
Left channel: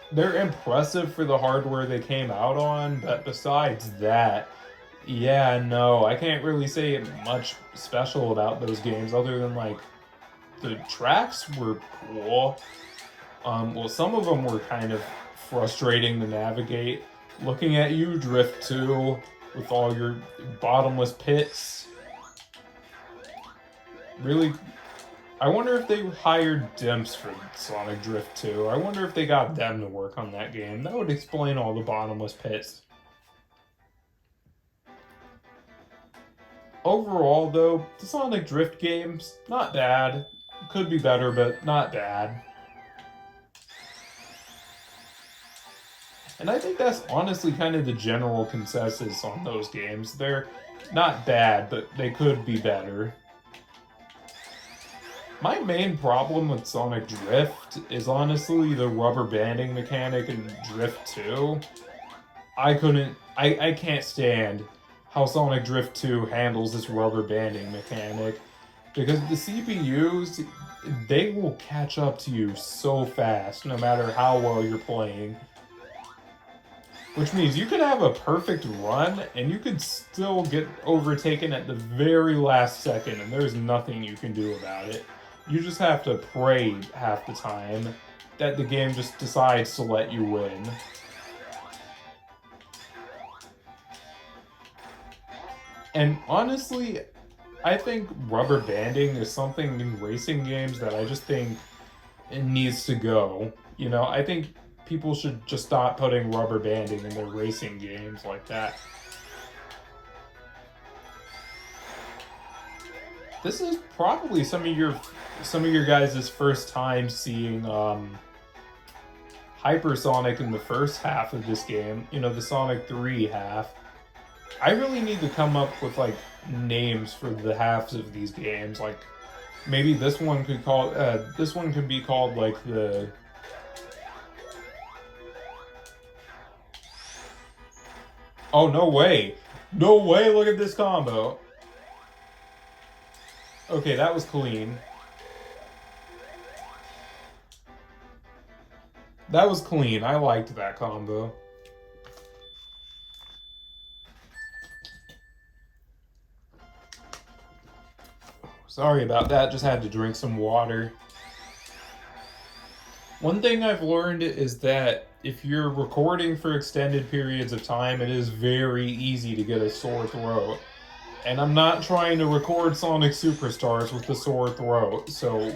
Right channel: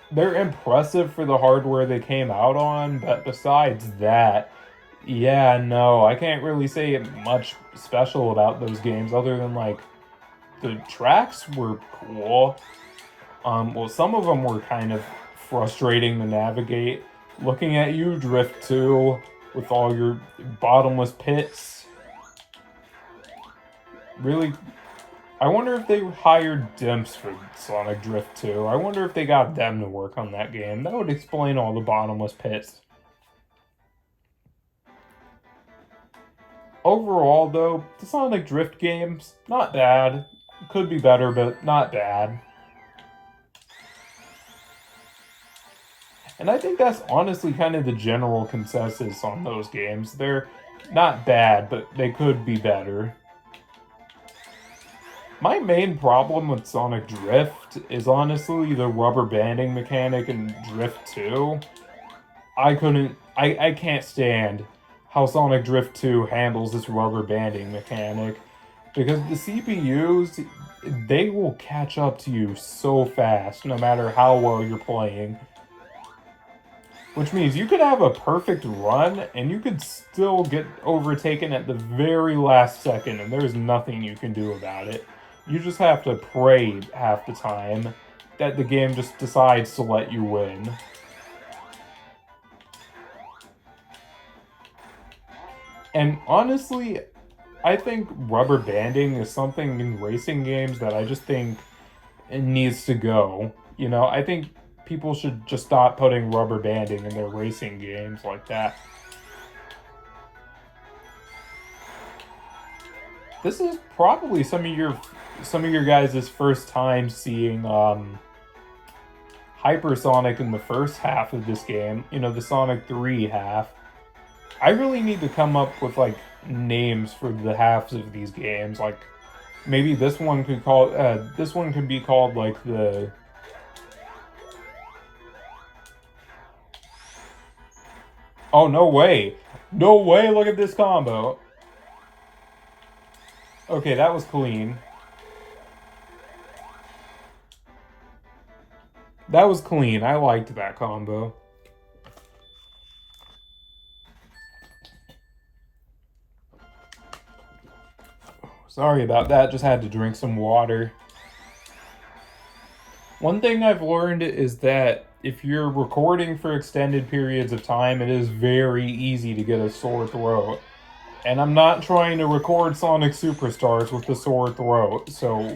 they're impressive for the hardware they came out on, but besides that, yeah, no, I can't really say much special about those games other than, like, the tracks were cool. Well, some of them were kind of frustrating to navigate. Looking at you, Drift 2, with all your bottomless pits. Really, I wonder if they hired Dimps for Sonic Drift 2. I wonder if they got them to work on that game. That would explain all the bottomless pits. Overall, though, the Sonic Drift games, not bad. Could be better, but not bad. And I think that's honestly kind of the general consensus on those games. They're not bad, but they could be better. My main problem with Sonic Drift is honestly the rubber banding mechanic in Drift 2. I can't stand how Sonic Drift 2 handles this rubber banding mechanic. Because the CPUs, they will catch up to you so fast, no matter how well you're playing. Which means you could have a perfect run, and you could still get overtaken at the very last second, and there's nothing you can do about it. You just have to pray half the time that the game just decides to let you win. And honestly, I think rubber banding is something in racing games that I just think it needs to go. You know, I think people should just stop putting rubber banding in their racing games like that. This is probably some of your guys' first time seeing Hypersonic in the first half of this game. You know, the Sonic 3 half. I really need to come up with like names for the halves of these games. Like maybe this one could be called like the Oh, no way. No way, look at this combo. Okay, that was clean. That was clean. I liked that combo. Sorry about that, just had to drink some water. One thing I've learned is that if you're recording for extended periods of time, it is very easy to get a sore throat. And I'm not trying to record Sonic Superstars with a sore throat, so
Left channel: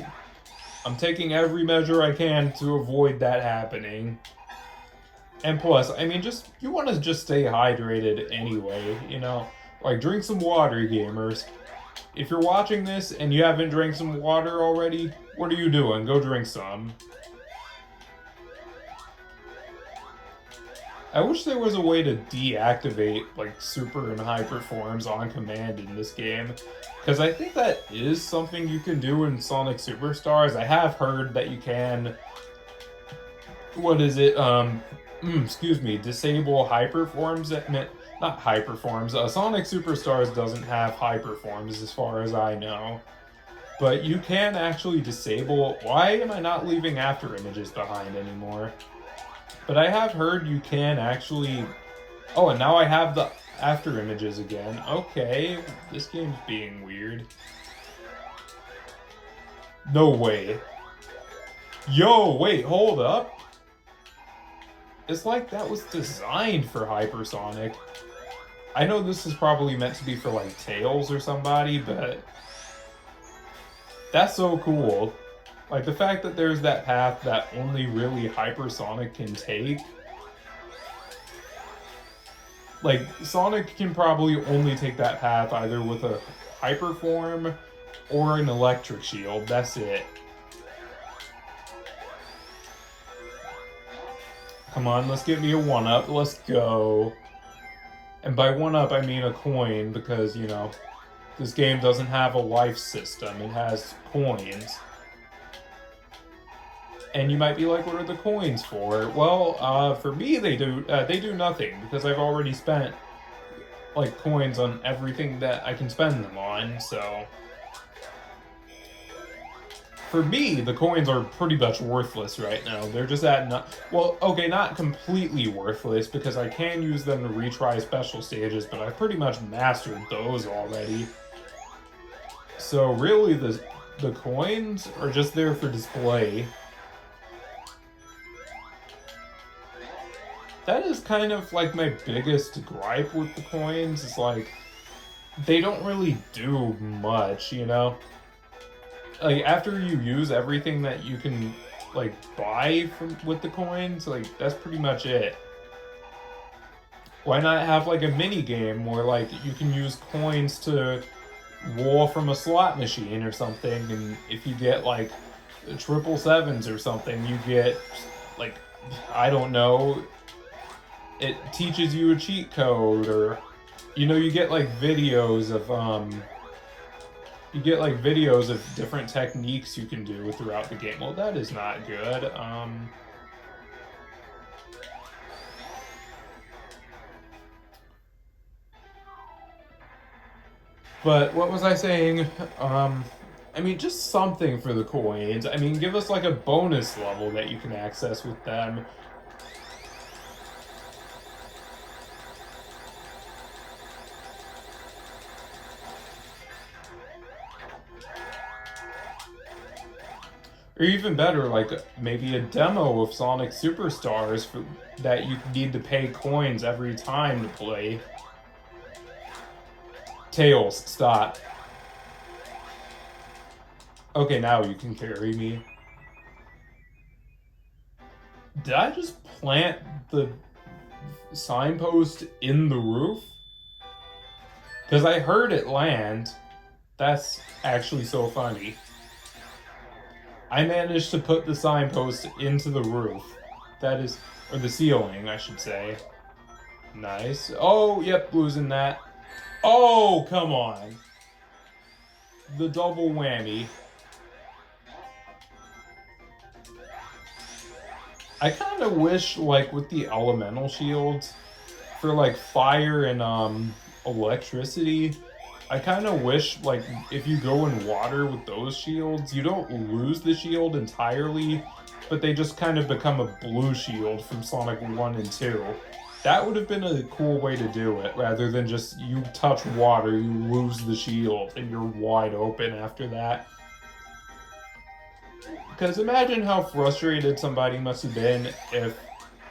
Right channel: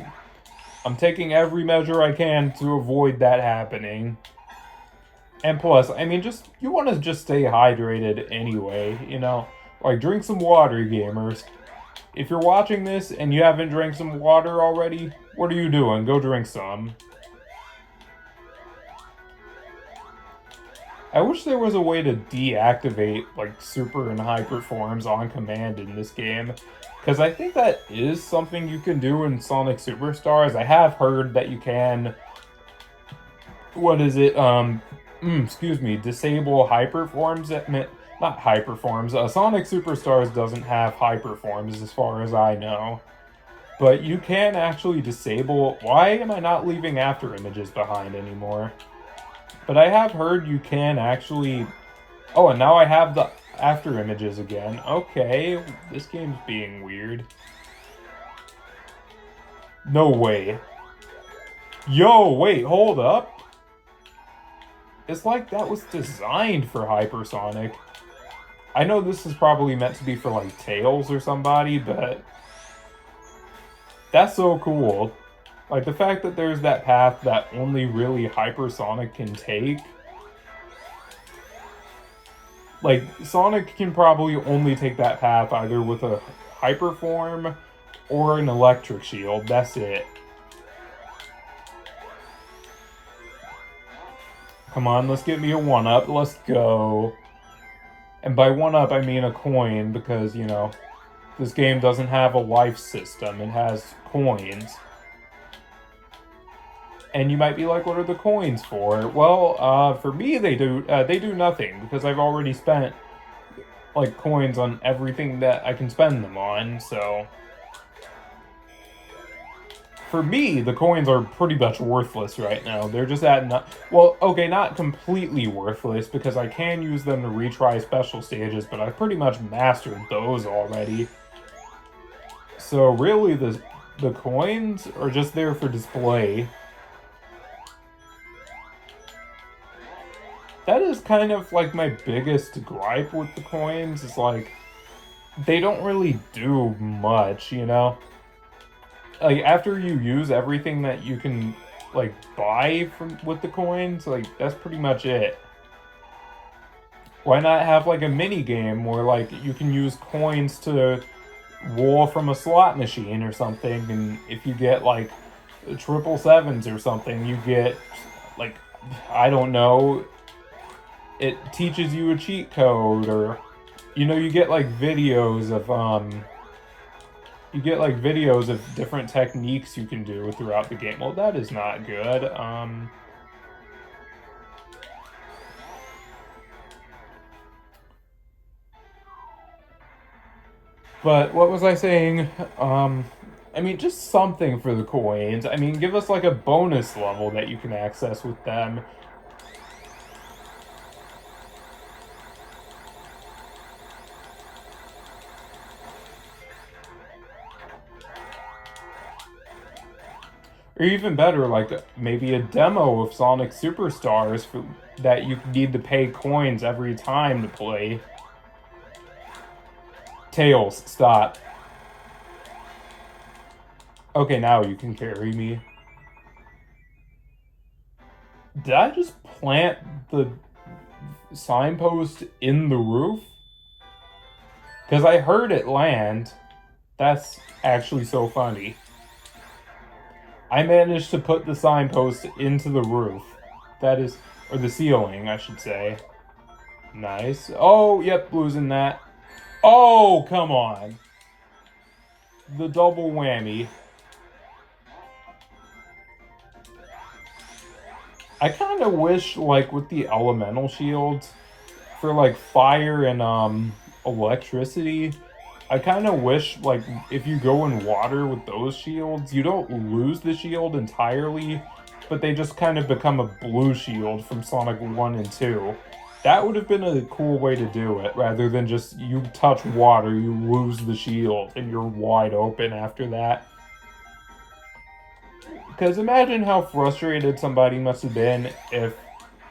I'm taking every measure I can to avoid that happening. And plus, I mean, you want to just stay hydrated anyway, you know? Like, drink some water, gamers. If you're watching this and you haven't drank some water already, what are you doing? Go drink some. I wish there was a way to deactivate, like, super and hyper forms on command in this game. Because I think that is something you can do in Sonic Superstars. I have heard that you can... What is it? Excuse me, disable hyperforms. Not hyperforms. Sonic Superstars doesn't have hyperforms as far as I know. But you can actually disable... Why am I not leaving after images behind anymore? But I have heard you can actually... Oh, and now I have the after images again. Okay, this game's being weird. No way. Yo, wait, hold up. It's like that was designed for Hypersonic. I know this is probably meant to be for, like, Tails or somebody, but... That's so cool. Like, the fact that there's that path that only really Hypersonic can take. Like, Sonic can probably only take that path either with a Hyper Form or an Electric Shield. That's it. Come on, let's get me a 1-up. Let's go. And by 1-up, I mean a coin, because, you know, this game doesn't have a life system. It has coins. And you might be like, what are the coins for? Well, for me, they do nothing, because I've already spent, like, coins on everything that I can spend them on, so... For me, the coins are pretty much worthless right now. They're just well, okay, not completely worthless, because I can use them to retry special stages, but I've pretty much mastered those already. So really, the coins are just there for display. That is kind of like my biggest gripe with the coins, is like, they don't really do much, you know? Like, after you use everything that you can, like, buy with the coins, like, that's pretty much it. Why not have, like, a mini game where, like, you can use coins to roll from a slot machine or something, and if you get, like, 777s or something, you get, like, I don't know, it teaches you a cheat code, or, you know, you get, like, videos of, different techniques you can do throughout the game. Well, that is not good. But what was I saying? I mean, just something for the coins. I mean, give us like a bonus level that you can access with them. Or even better, like, maybe a demo of Sonic Superstars that you need to pay coins every time to play. Tails, stop. Okay, now you can carry me. Did I just plant the signpost in the roof? Because I heard it land. That's actually so funny. I managed to put the signpost into the roof. That is, or the ceiling, I should say. Nice. Oh, yep, losing that. Oh, come on. The double whammy. I kind of wish, like, with the elemental shields, for, like, fire and, electricity, I kind of wish, like, if you go in water with those shields, you don't lose the shield entirely, but they just kind of become a blue shield from Sonic 1 and 2. That would have been a cool way to do it, rather than just you touch water, you lose the shield, and you're wide open after that. Because imagine how frustrated somebody must have been if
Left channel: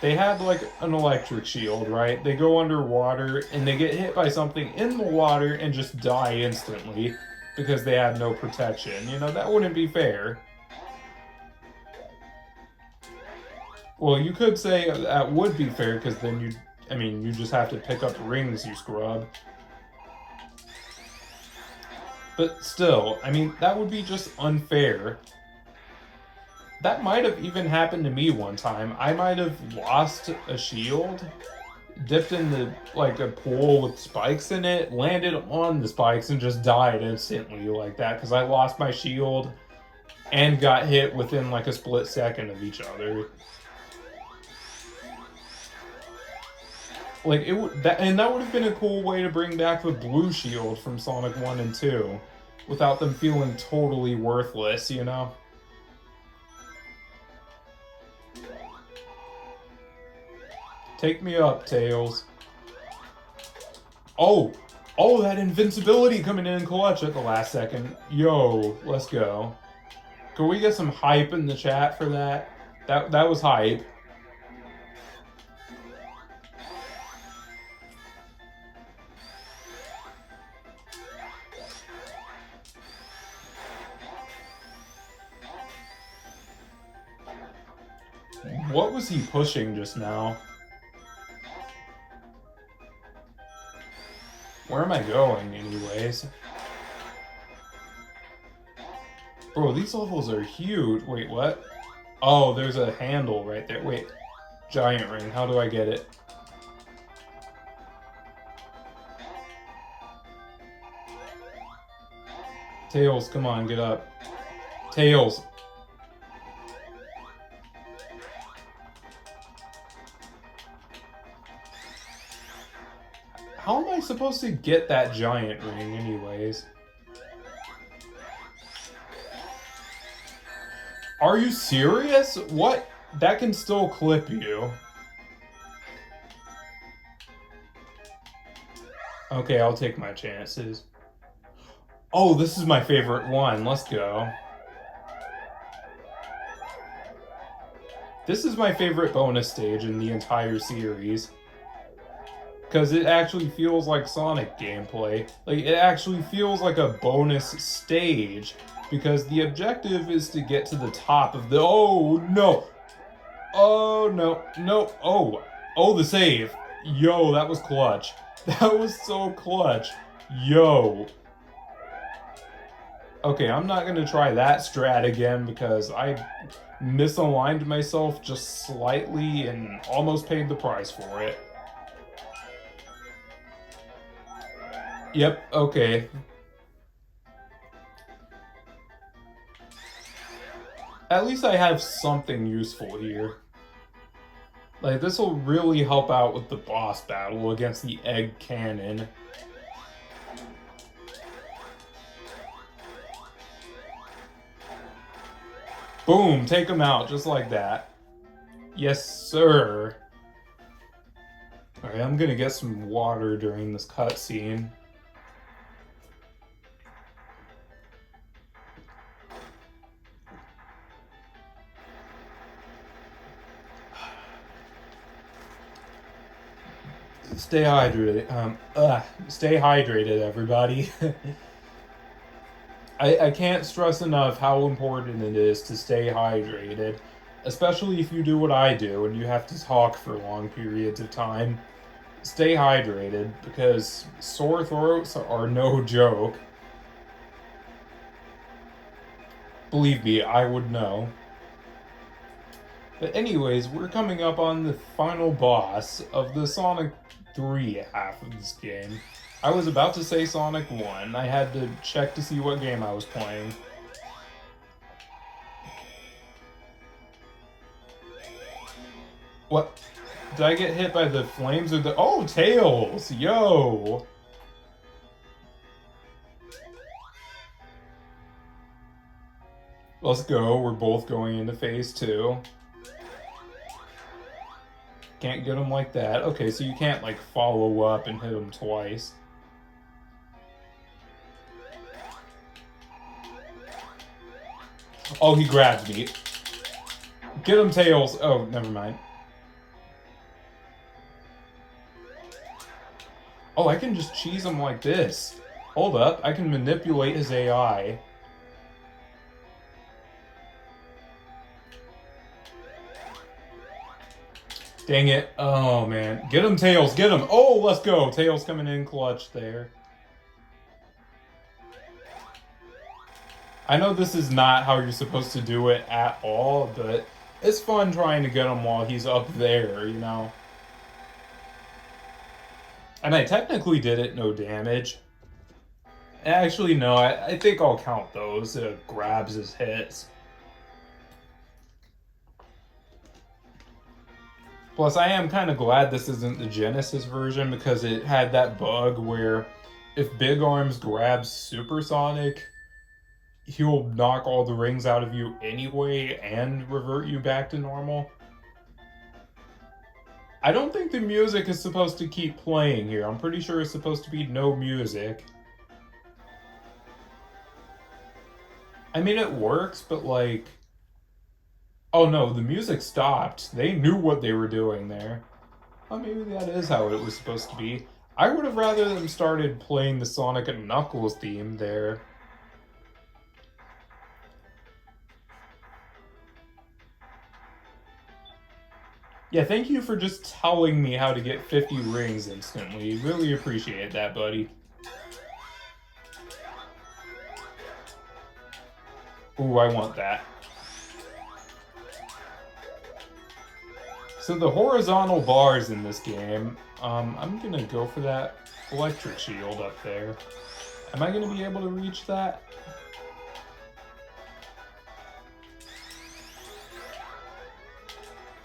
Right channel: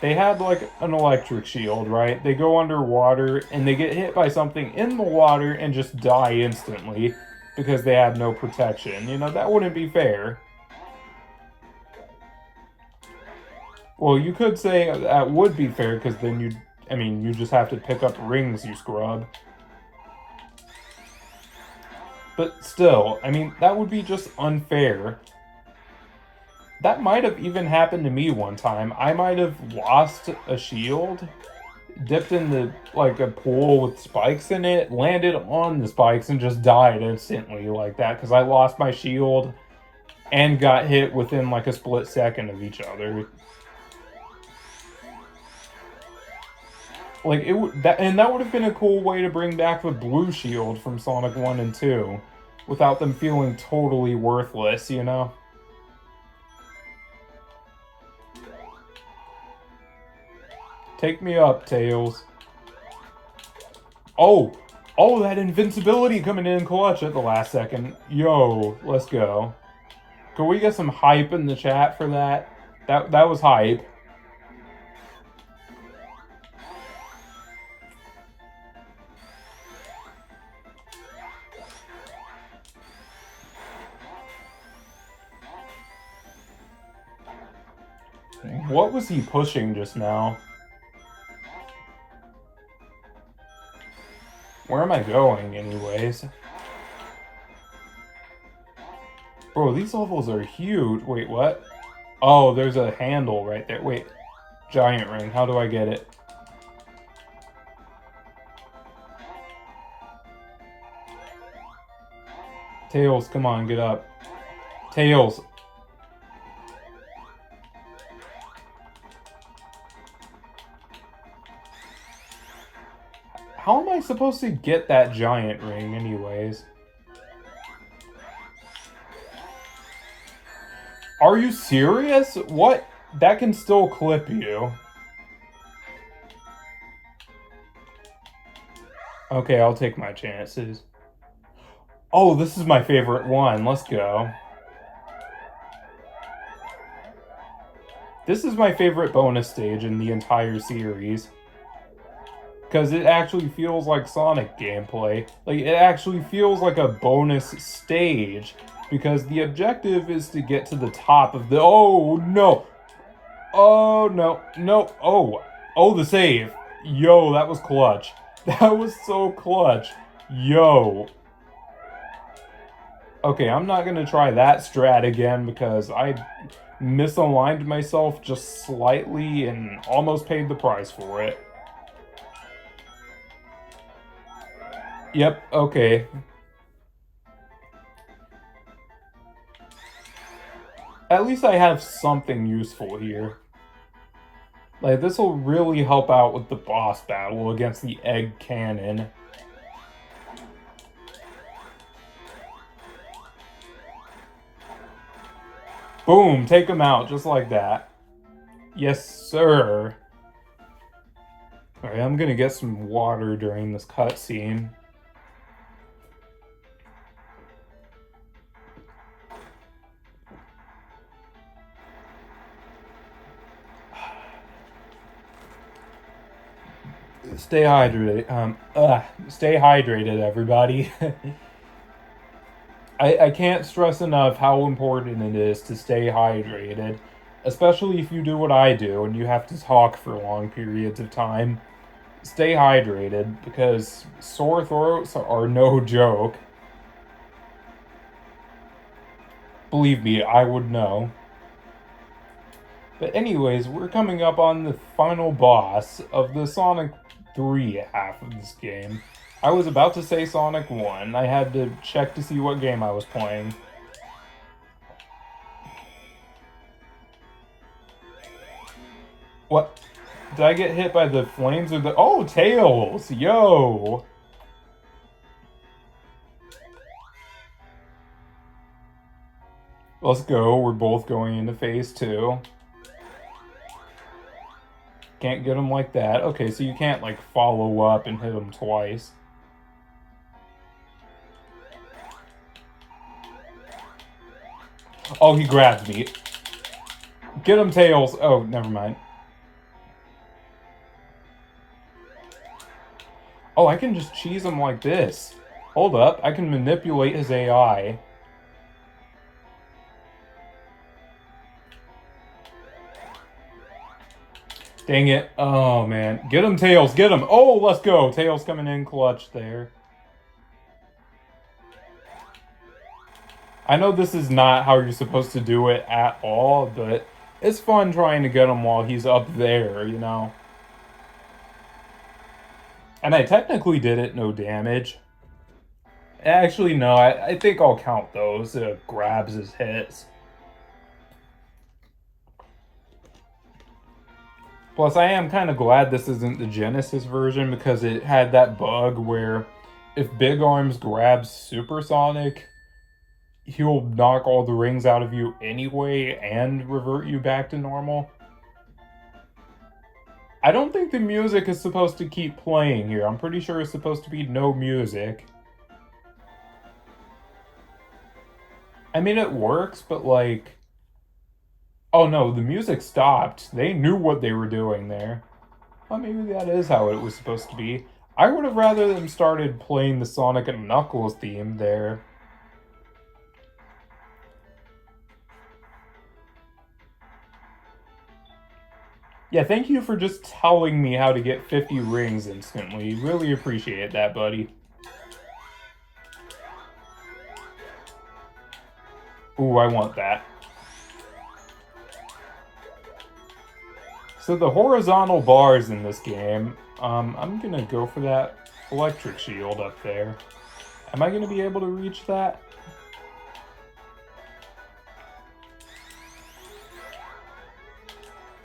they had like an electric shield, right? They go underwater and they get hit by something in the water and just die instantly because they have no protection. You know, that wouldn't be fair. Well, you could say that would be fair because then you just have to pick up rings, you scrub. But still, I mean, that would be just unfair. That might have even happened to me one time. I might have lost a shield, dipped in like a pool with spikes in it, landed on the spikes, and just died instantly like that because I lost my shield and got hit within like a split second of each other. Like that would have been a cool way to bring back the blue shield from Sonic 1 and 2 without them feeling totally worthless, you know? Take me up, Tails. Oh, that invincibility coming in clutch at the last second. Yo, let's go. Can we get some hype in the chat for that? That was hype. What was he pushing just now? Where am I going, anyways? Bro, these levels are huge. Wait, what? Oh, there's a handle right there. Wait, giant ring. How do I get it? Tails, come on, get up. Tails. How am I supposed to get that giant ring anyways? Are you serious? What? That can still clip you. Okay, I'll take my chances. Oh, this is my favorite one. Let's go. This is my favorite bonus stage in the entire series. Because it actually feels like Sonic gameplay. Like, it actually feels like a bonus stage. Because the objective is to get to the top of the... Oh, no! Oh, no. No. Oh, the save. Yo, that was clutch. That was so clutch. Yo. Okay, I'm not going to try that strat again because I misaligned myself just slightly and almost paid the price for it. Yep, okay. At least I have something useful here. Like, this will really help out with the boss battle against the Egg Cannon. Boom, take him out, just like that. Yes, sir. Alright, I'm gonna get some water during this cutscene. Stay hydrated. Stay hydrated, everybody. I can't stress enough how important it is to stay hydrated, especially if you do what I do and you have to talk for long periods of time. Stay hydrated, because sore throats are no joke. Believe me, I would know. But anyways, we're coming up on the final boss of the Sonic 3 half of this game. I was about to say Sonic 1. I had to check to see what game I was playing. What? Did I get hit by the flames or the... Oh, Tails! Yo! Let's go. We're both going into phase 2. Can't get him like that. Okay, so you can't, like, follow up and hit him twice. Oh, he grabbed me. Get him, Tails. Oh, never mind. Oh, I can just cheese him like this. Hold up. I can manipulate his AI. Dang it. Oh, man. Get him, Tails. Get him. Oh, let's go. Tails coming in clutch there. I know this is not how you're supposed to do it at all, but it's fun trying to get him while he's up there, you know? And I technically did it no damage. Actually, no, I think I'll count those grabs as hits. Plus, I am kind of glad this isn't the Genesis version because it had that bug where if Big Arms grabs Supersonic, he'll knock all the rings out of you anyway and revert you back to normal. I don't think the music is supposed to keep playing here. I'm pretty sure it's supposed to be no music. I mean, it works, but like... Oh no, the music stopped. They knew what they were doing there. Well, maybe that is how it was supposed to be. I would have rather them started playing the Sonic and Knuckles theme there. Yeah, thank you for just telling me how to get 50 rings instantly. Really appreciate that, buddy. Ooh, I want that. So the horizontal bars in this game, I'm gonna go for that electric shield up there. Am I gonna be able to reach that?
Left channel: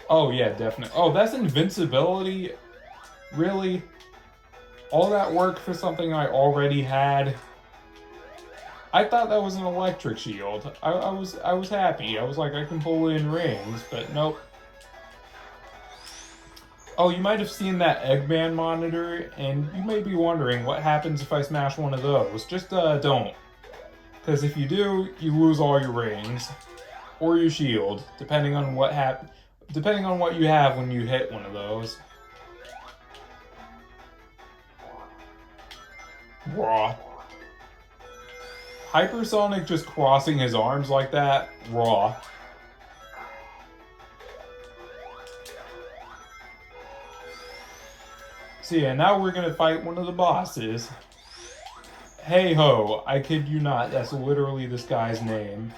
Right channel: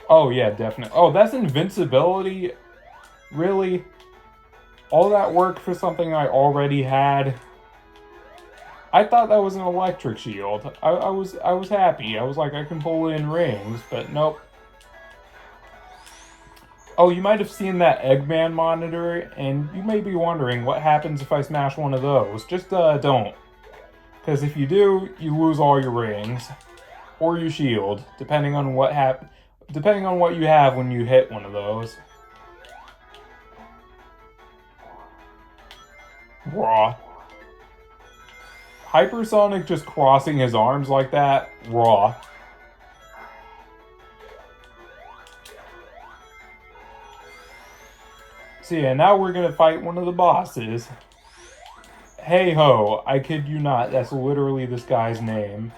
Oh yeah, definitely. Oh, that's invincibility? Really? All that work for something I already had? I thought that was an electric shield. I was happy. I was like, I can pull in rings, but nope. Oh, you might have seen that Eggman monitor, and you may be wondering what happens if I smash one of those. Just don't. Because if you do, you lose all your rings. Or your shield, depending on what you have when you hit one of those. Raw. Hypersonic just crossing his arms like that, raw. So yeah, now we're gonna fight one of the bosses. Hey ho, I kid you not, that's literally this guy's name.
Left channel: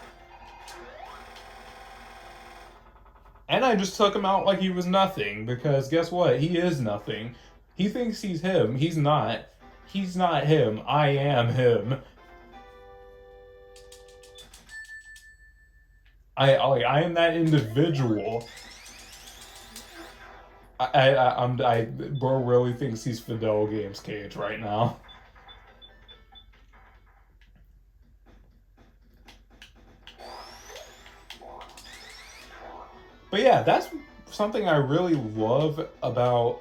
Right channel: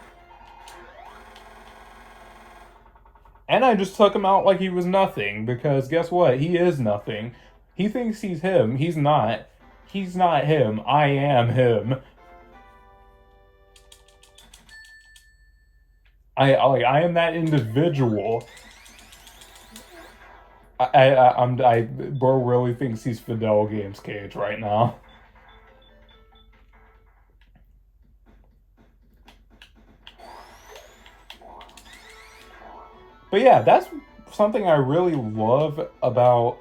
And I just took him out like he was nothing, because guess what? He is nothing. He thinks he's him. He's not. He's not him. I am him. I am that individual. Bro really thinks he's Fidel Games Cage right now. But yeah, that's something I really love about,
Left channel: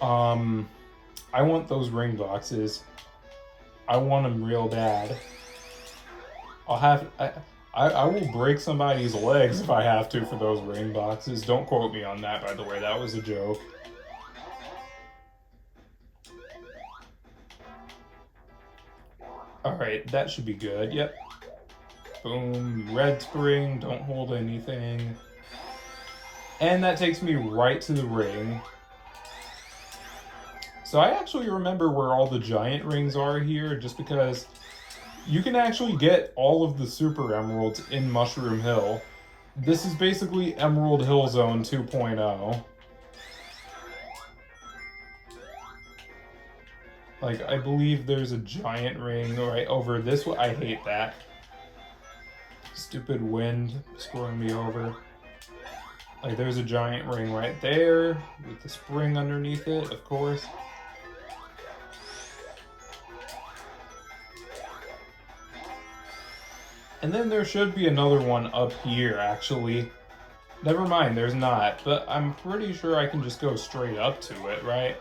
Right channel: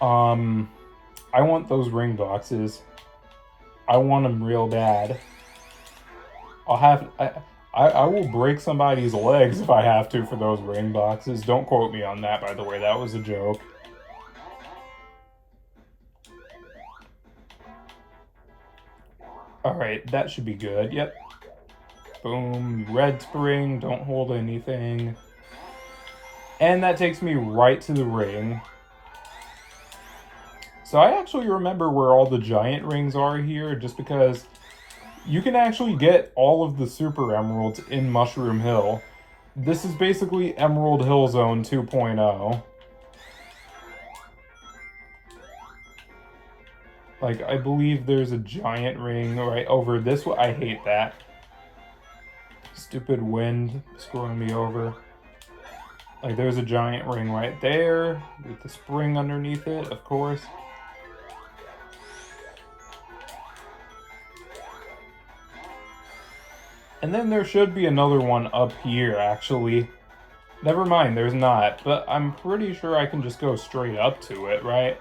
I want those ring boxes. I want them real bad. I will break somebody's legs if I have to for those ring boxes. Don't quote me on that, by the way. That was a joke. Alright, that should be good. Yep. Boom. Red spring. Don't hold anything. And that takes me right to the ring. So I actually remember where all the giant rings are here, just because you can actually get all of the super emeralds in Mushroom Hill. This is basically Emerald Hill Zone 2.0. Like, I believe there's a giant ring right over this way. I hate that. Stupid wind screwing me over. Like, there's a giant ring right there with the spring underneath it, of course. And then there should be another one up here, actually. Never mind, there's not. But I'm pretty sure I can just go straight up to it, right?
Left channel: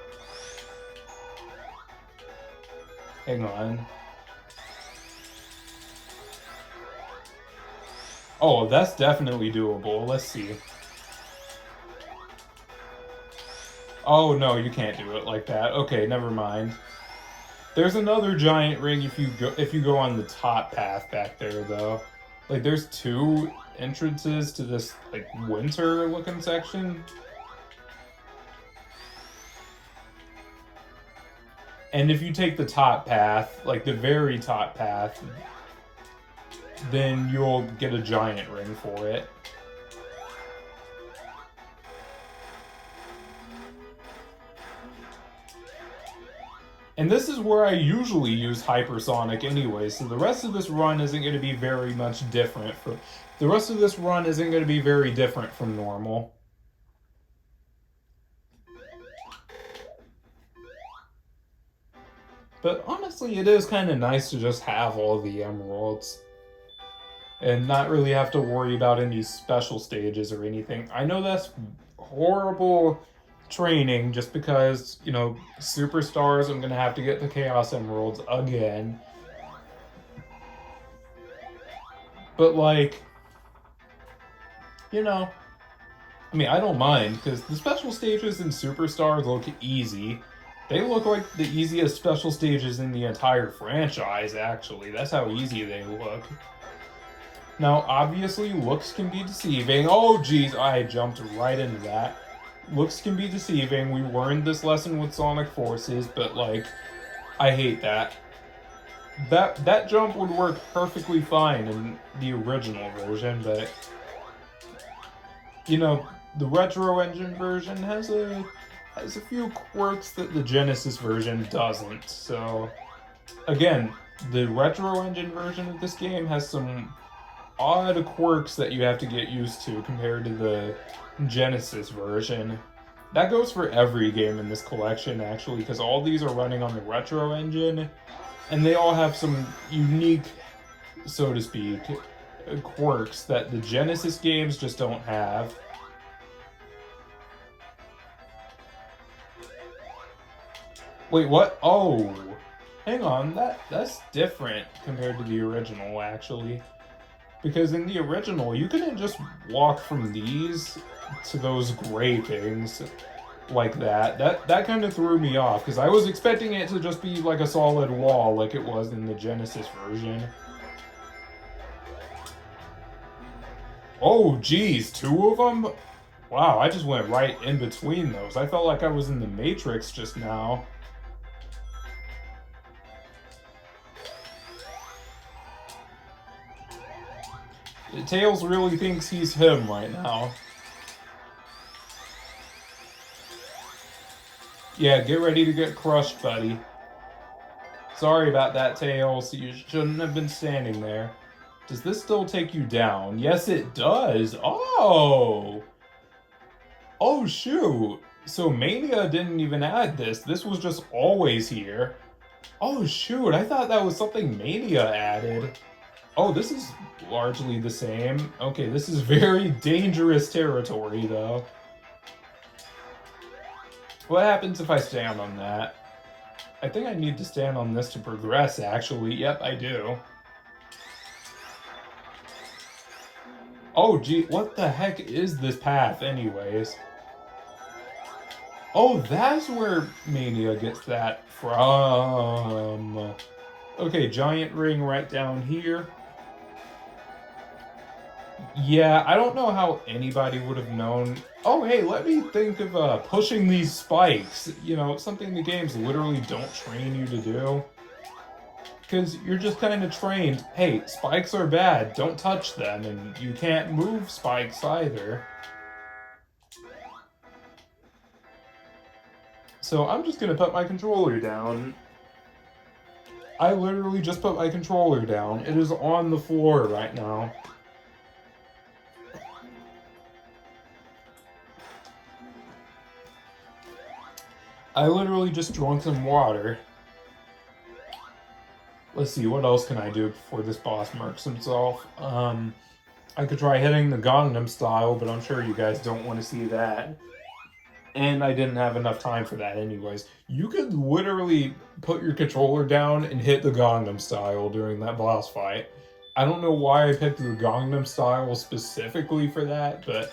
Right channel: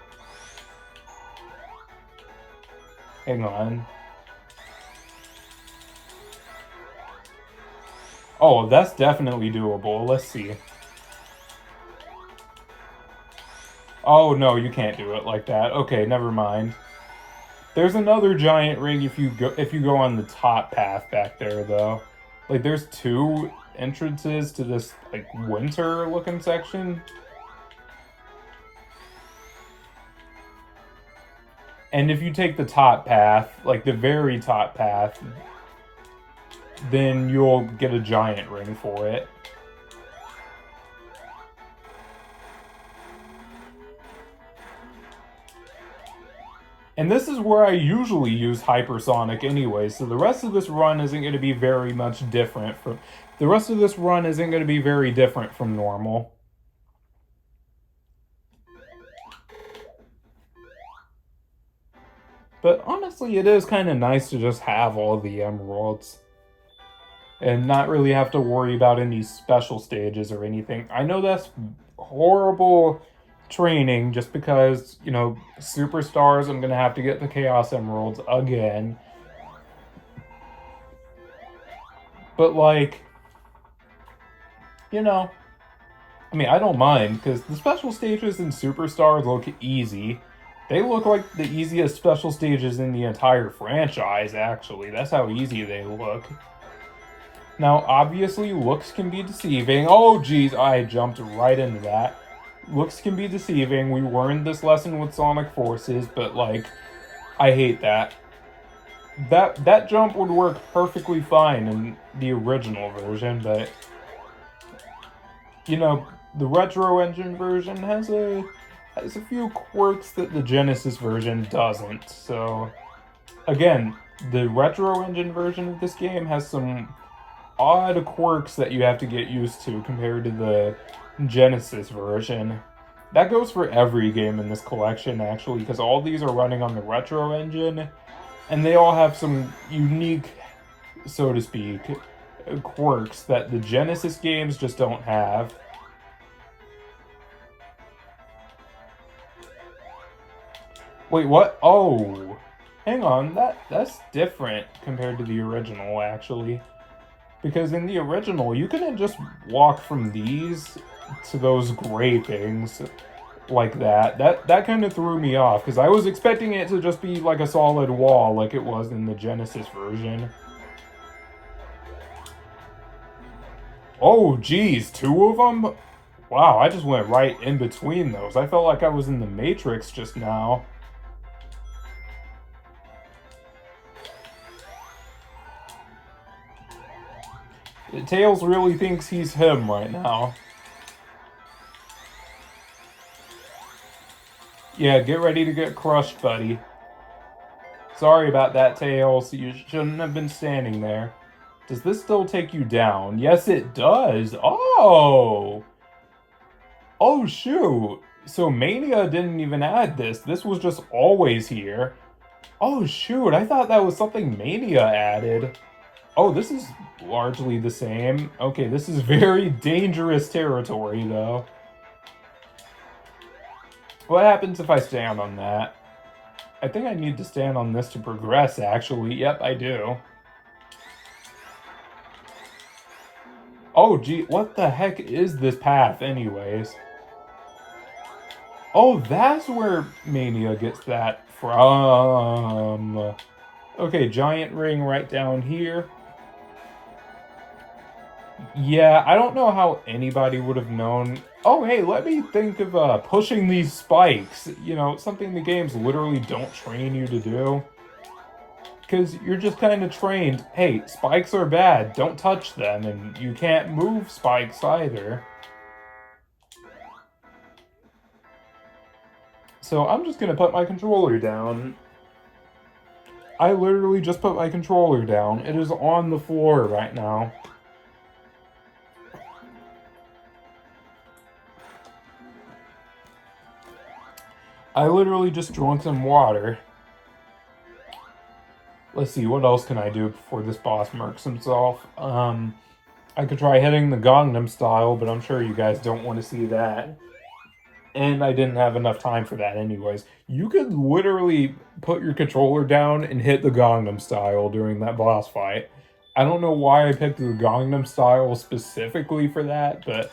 Hang on. Oh, that's definitely doable. Let's see. Oh, no, you can't do it like that. Okay, never mind. There's another giant ring if you go on the top path back there, though. Like, there's two entrances to this, like, winter-looking section. And if you take the top path, like the very top path, then you'll get a giant ring for it. And this is where I usually use hypersonic anyway, so the rest of this run isn't going to be very much different from... The rest of this run isn't going to be very different from normal. But honestly, it is kind of nice to just have all the emeralds. And not really have to worry about any special stages or anything. I know that's horrible training just because, you know, superstars, I'm gonna have to get the Chaos Emeralds again. But like, you know, I mean, I don't mind because the special stages in Superstars look easy. They look like the easiest special stages in the entire franchise, actually. That's how easy they look. Now, obviously, looks can be deceiving. Oh, geez, I jumped right into that. Looks can be deceiving. We learned this lesson with Sonic Forces, but, like, I hate that. That jump would work perfectly fine in the original version, but, you know, the Retro Engine version has a few quirks that the Genesis version doesn't. So, again, the Retro Engine version of this game has some odd quirks that you have to get used to compared to the Genesis version. That goes for every game in this collection, actually, because all these are running on the Retro Engine, and they all have some unique, so to speak, quirks that the Genesis games just don't have. Wait, what? Oh, hang on, that's different compared to the original, actually. Because in the original, you couldn't just walk from these to those gray things like that. That kind of threw me off, because I was expecting it to just be like a solid wall like it was in the Genesis version. Oh, geez, two of them? Wow, I just went right in between those. I felt like I was in the Matrix just now. Tails really thinks he's him right now. Yeah, get ready to get crushed, buddy. Sorry about that, Tails. You shouldn't have been standing there. Does this still take you down? Yes, it does. Oh! Oh, shoot. So Mania didn't even add this. This was just always here. Oh, shoot. I thought that was something Mania added. Oh, this is largely the same. Okay, this is very dangerous territory, though. What happens if I stand on that? I think I need to stand on this to progress, actually. Yep, I do. Oh, gee, what the heck is this path, anyways? Oh, that's where Mania gets that from. Okay, giant ring right down here. Yeah, I don't know how anybody would have known. Oh, hey, let me think of pushing these spikes. You know, something the games literally don't train you to do. Because you're just kind of trained, hey, spikes are bad, don't touch them, and you can't move spikes either. So I'm just going to put my controller down. I literally just put my controller down. It is on the floor right now. I literally just drank some water. Let's see, what else can I do before this boss murks himself? I could try hitting the Gangnam Style, but I'm sure you guys don't want to see that. And I didn't have enough time for that anyways. You could literally put your controller down and hit the Gangnam Style during that boss fight. I don't know why I picked the Gangnam Style specifically for that, but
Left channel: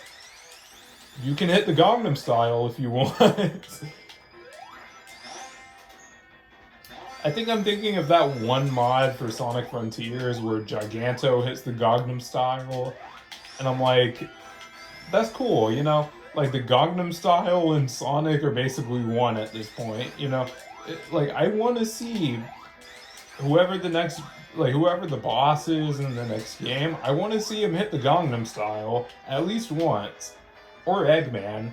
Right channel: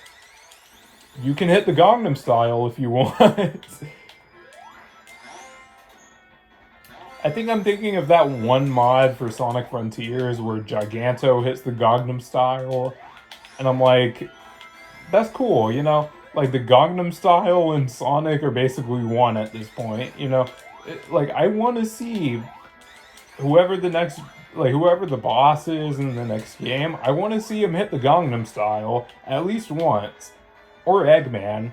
you can hit the Gangnam Style if you want. I think I'm thinking of that one mod for Sonic Frontiers where Giganto hits the Gangnam Style, and I'm like, that's cool, you know? Like, the Gangnam Style and Sonic are basically one at this point, you know? Like, I want to see whoever the next, like, whoever the boss is in the next game, I want to see him hit the Gangnam Style at least once. Or Eggman.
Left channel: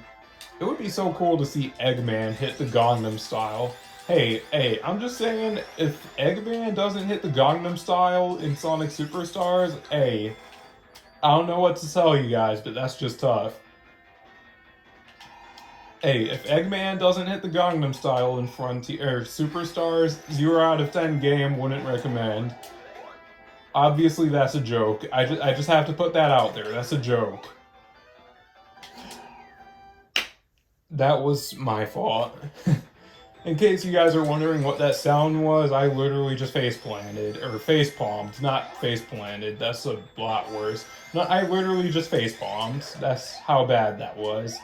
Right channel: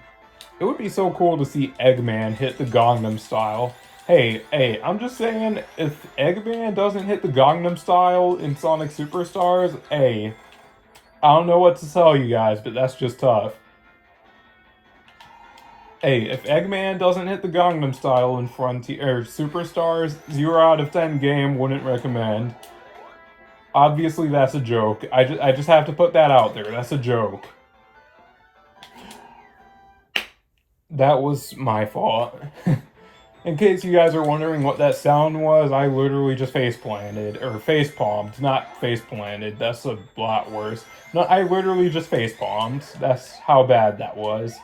It would be so cool to see Eggman hit the Gangnam Style. Hey, I'm just saying, if Eggman doesn't hit the Gangnam Style in Sonic Superstars, hey, I don't know what to tell you guys, but that's just tough. Hey, if Eggman doesn't hit the Gangnam Style in Frontier Superstars, 0 out of 10 game, wouldn't recommend. Obviously, that's a joke. I just have to put that out there. That's a joke. That was my fault. In case you guys are wondering what that sound was, I literally just face-planted, or face-palmed, not face-planted, that's a lot worse. No, I literally just face-palmed, that's how bad that was.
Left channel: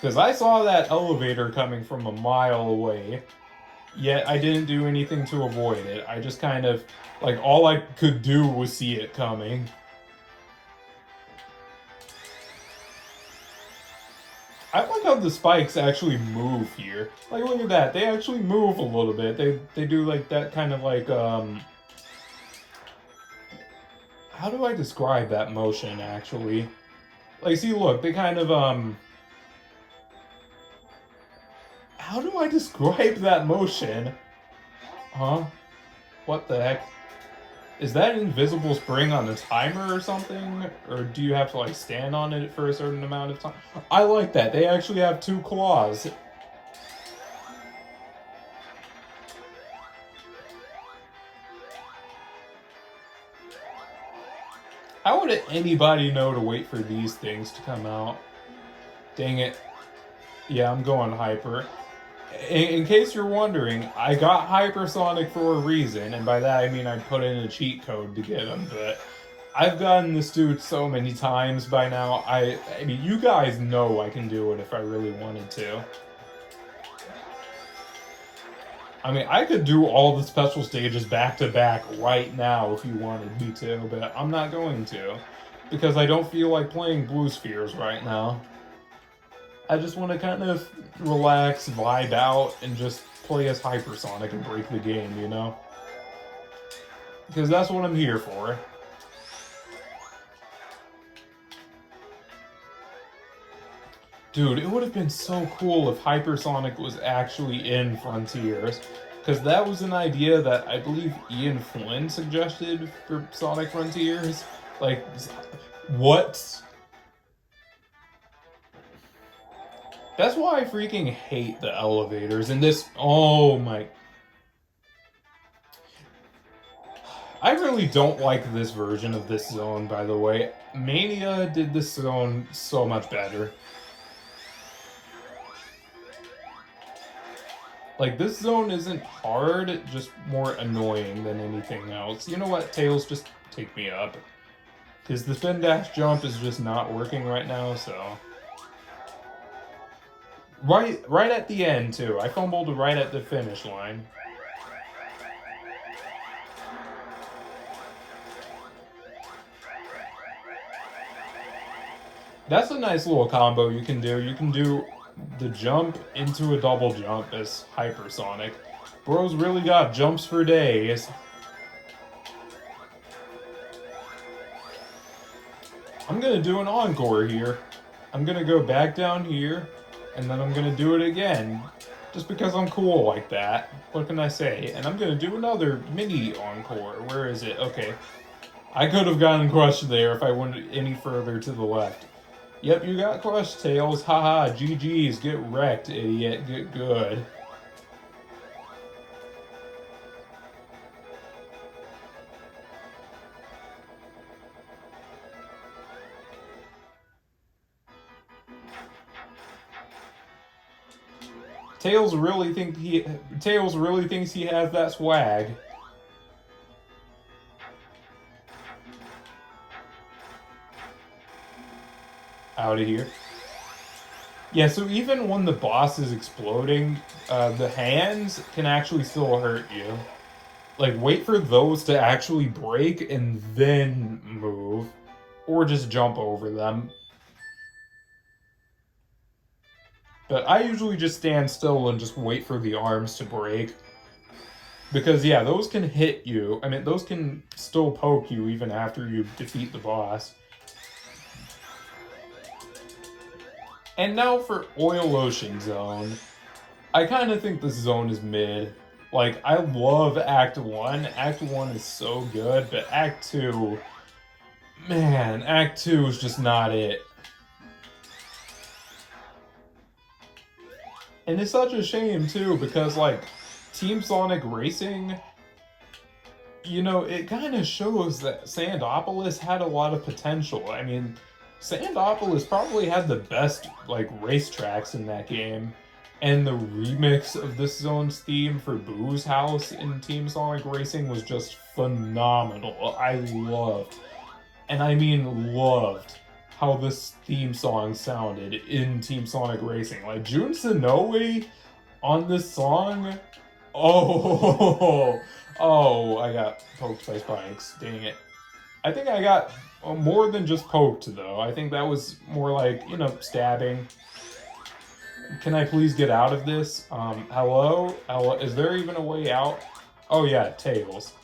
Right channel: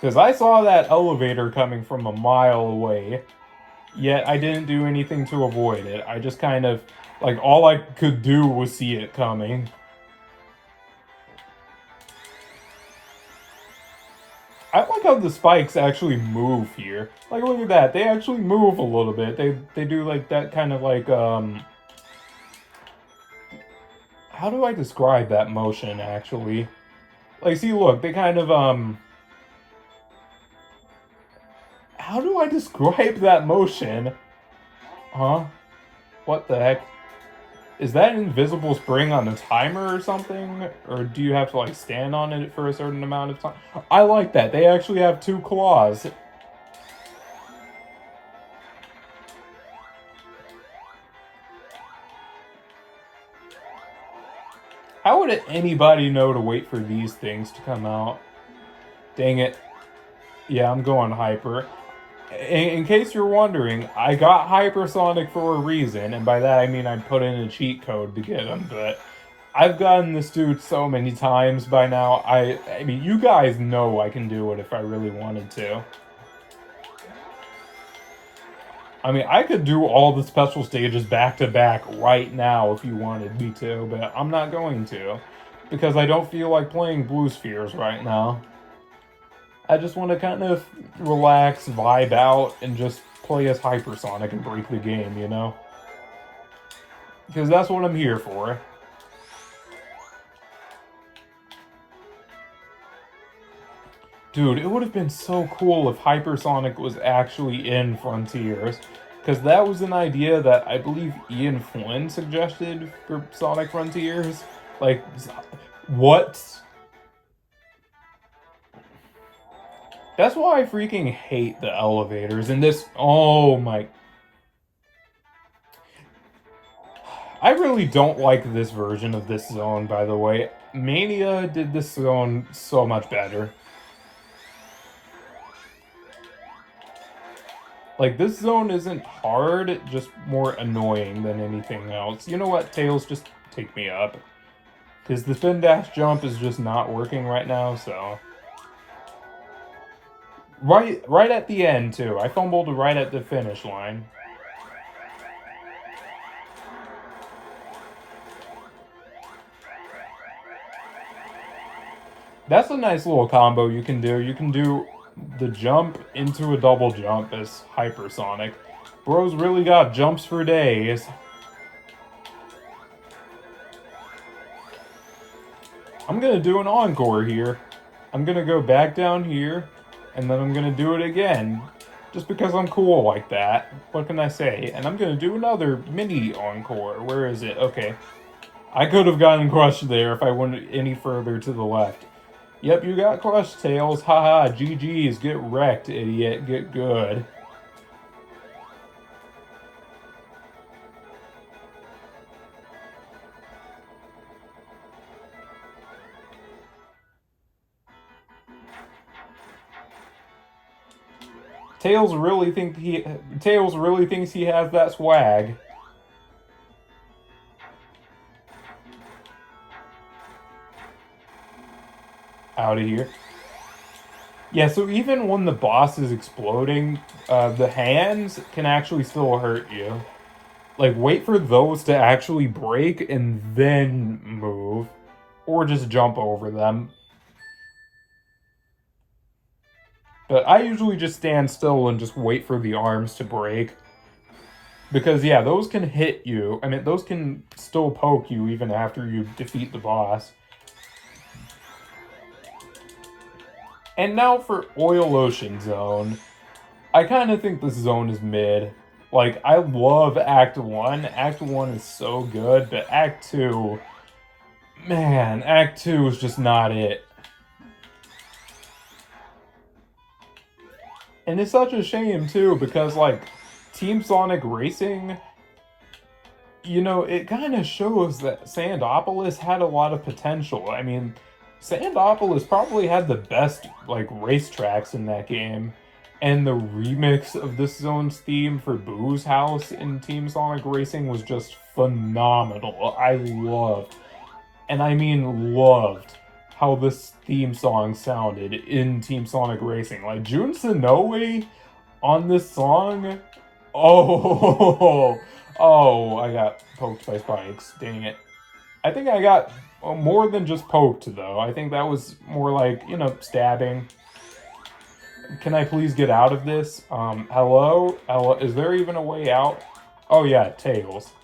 Because I saw that elevator coming from a mile away, yet I didn't do anything to avoid it. I just kind of, like, all I could do was see it coming. I like how the spikes actually move here. Like, look at that. They actually move a little bit. They do, like, that kind of, like, how do I describe that motion, actually? Like, see, look, they kind of, how do I describe that motion? Huh? What the heck? Is that an invisible spring on a timer or something? Or do you have to, like, stand on it for a certain amount of time? I like that. They actually have 2 claws. How would anybody know to wait for these things to come out? Dang it. Yeah, I'm going hyper. In case you're wondering, I got Hypersonic for a reason, and by that I mean I put in a cheat code to get him, but I've gotten this dude so many times by now. I mean, you guys know I can do it if I really wanted to. I mean, I could do all the special stages back to back right now if you wanted me to, but I'm not going to, because I don't feel like playing Blue Spheres right now. I just want to kind of relax, vibe out, and just play as Hypersonic and break the game, you know? Because that's what I'm here for. Dude, it would have been so cool if Hypersonic was actually in Frontiers. Because that was an idea that I believe Ian Flynn suggested for Sonic Frontiers. Like, what? That's why I freaking hate the elevators in this. Oh my. I really don't like this version of this zone, by the way. Mania did this zone so much better. Like, this zone isn't hard, just more annoying than anything else. You know what, Tails, just take me up. Because the spin dash jump is just not working right now, so... Right at the end, too. I fumbled right at the finish line. That's a nice little combo you can do. You can do the jump into a double jump as Hypersonic. Bro's really got jumps for days. I'm gonna do an encore here. I'm gonna go back down here, and then I'm gonna do it again. Just because I'm cool like that. What can I say? And I'm gonna do another mini encore. Where is it? Okay. I could have gotten crushed there if I went any further to the left. Yep, you got crushed, Tails. Haha, GG's. Get wrecked, idiot. Get good. Tails really thinks he has that swag. Out of here. Yeah, so even when the boss is exploding, the hands can actually still hurt you. Like, wait for those to actually break and then move. Or just jump over them. But I usually just stand still and just wait for the arms to break. Because, yeah, those can hit you. I mean, those can still poke you even after you defeat the boss. And now for Oil Ocean Zone. I kind of think this zone is mid. Like, I love Act 1. Act 1 is so good, but Act 2... Man, Act 2 is just not it. And it's such a shame, too, because, like, Team Sonic Racing... You know, it kind of shows that Sandopolis had a lot of potential. I mean, Sandopolis probably had the best, like, racetracks in that game. And the remix of this zone's theme for Boo's House in Team Sonic Racing was just phenomenal. I loved, and I mean loved, how this theme song sounded in Team Sonic Racing. Like, Jun Senoue on this song, oh, oh, I got poked by spikes, dang it. I think I got more than just poked, though. I think that was more like, you know, stabbing. Can I please get out of this? Hello? Hello? Is there even a way out? Oh yeah, Tails.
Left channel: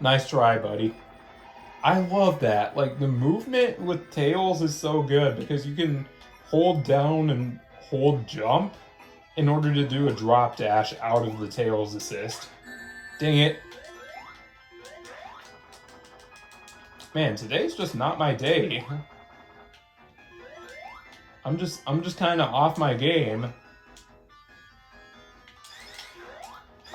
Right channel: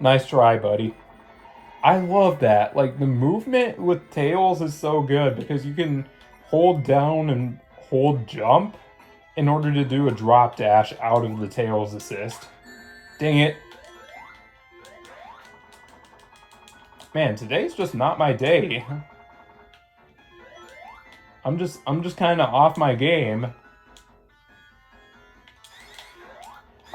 Nice try, buddy. I love that. Like, the movement with Tails is so good because you can hold down and hold jump in order to do a drop dash out of the Tails assist. Dang it. Man, today's just not my day. I'm just kind of off my game.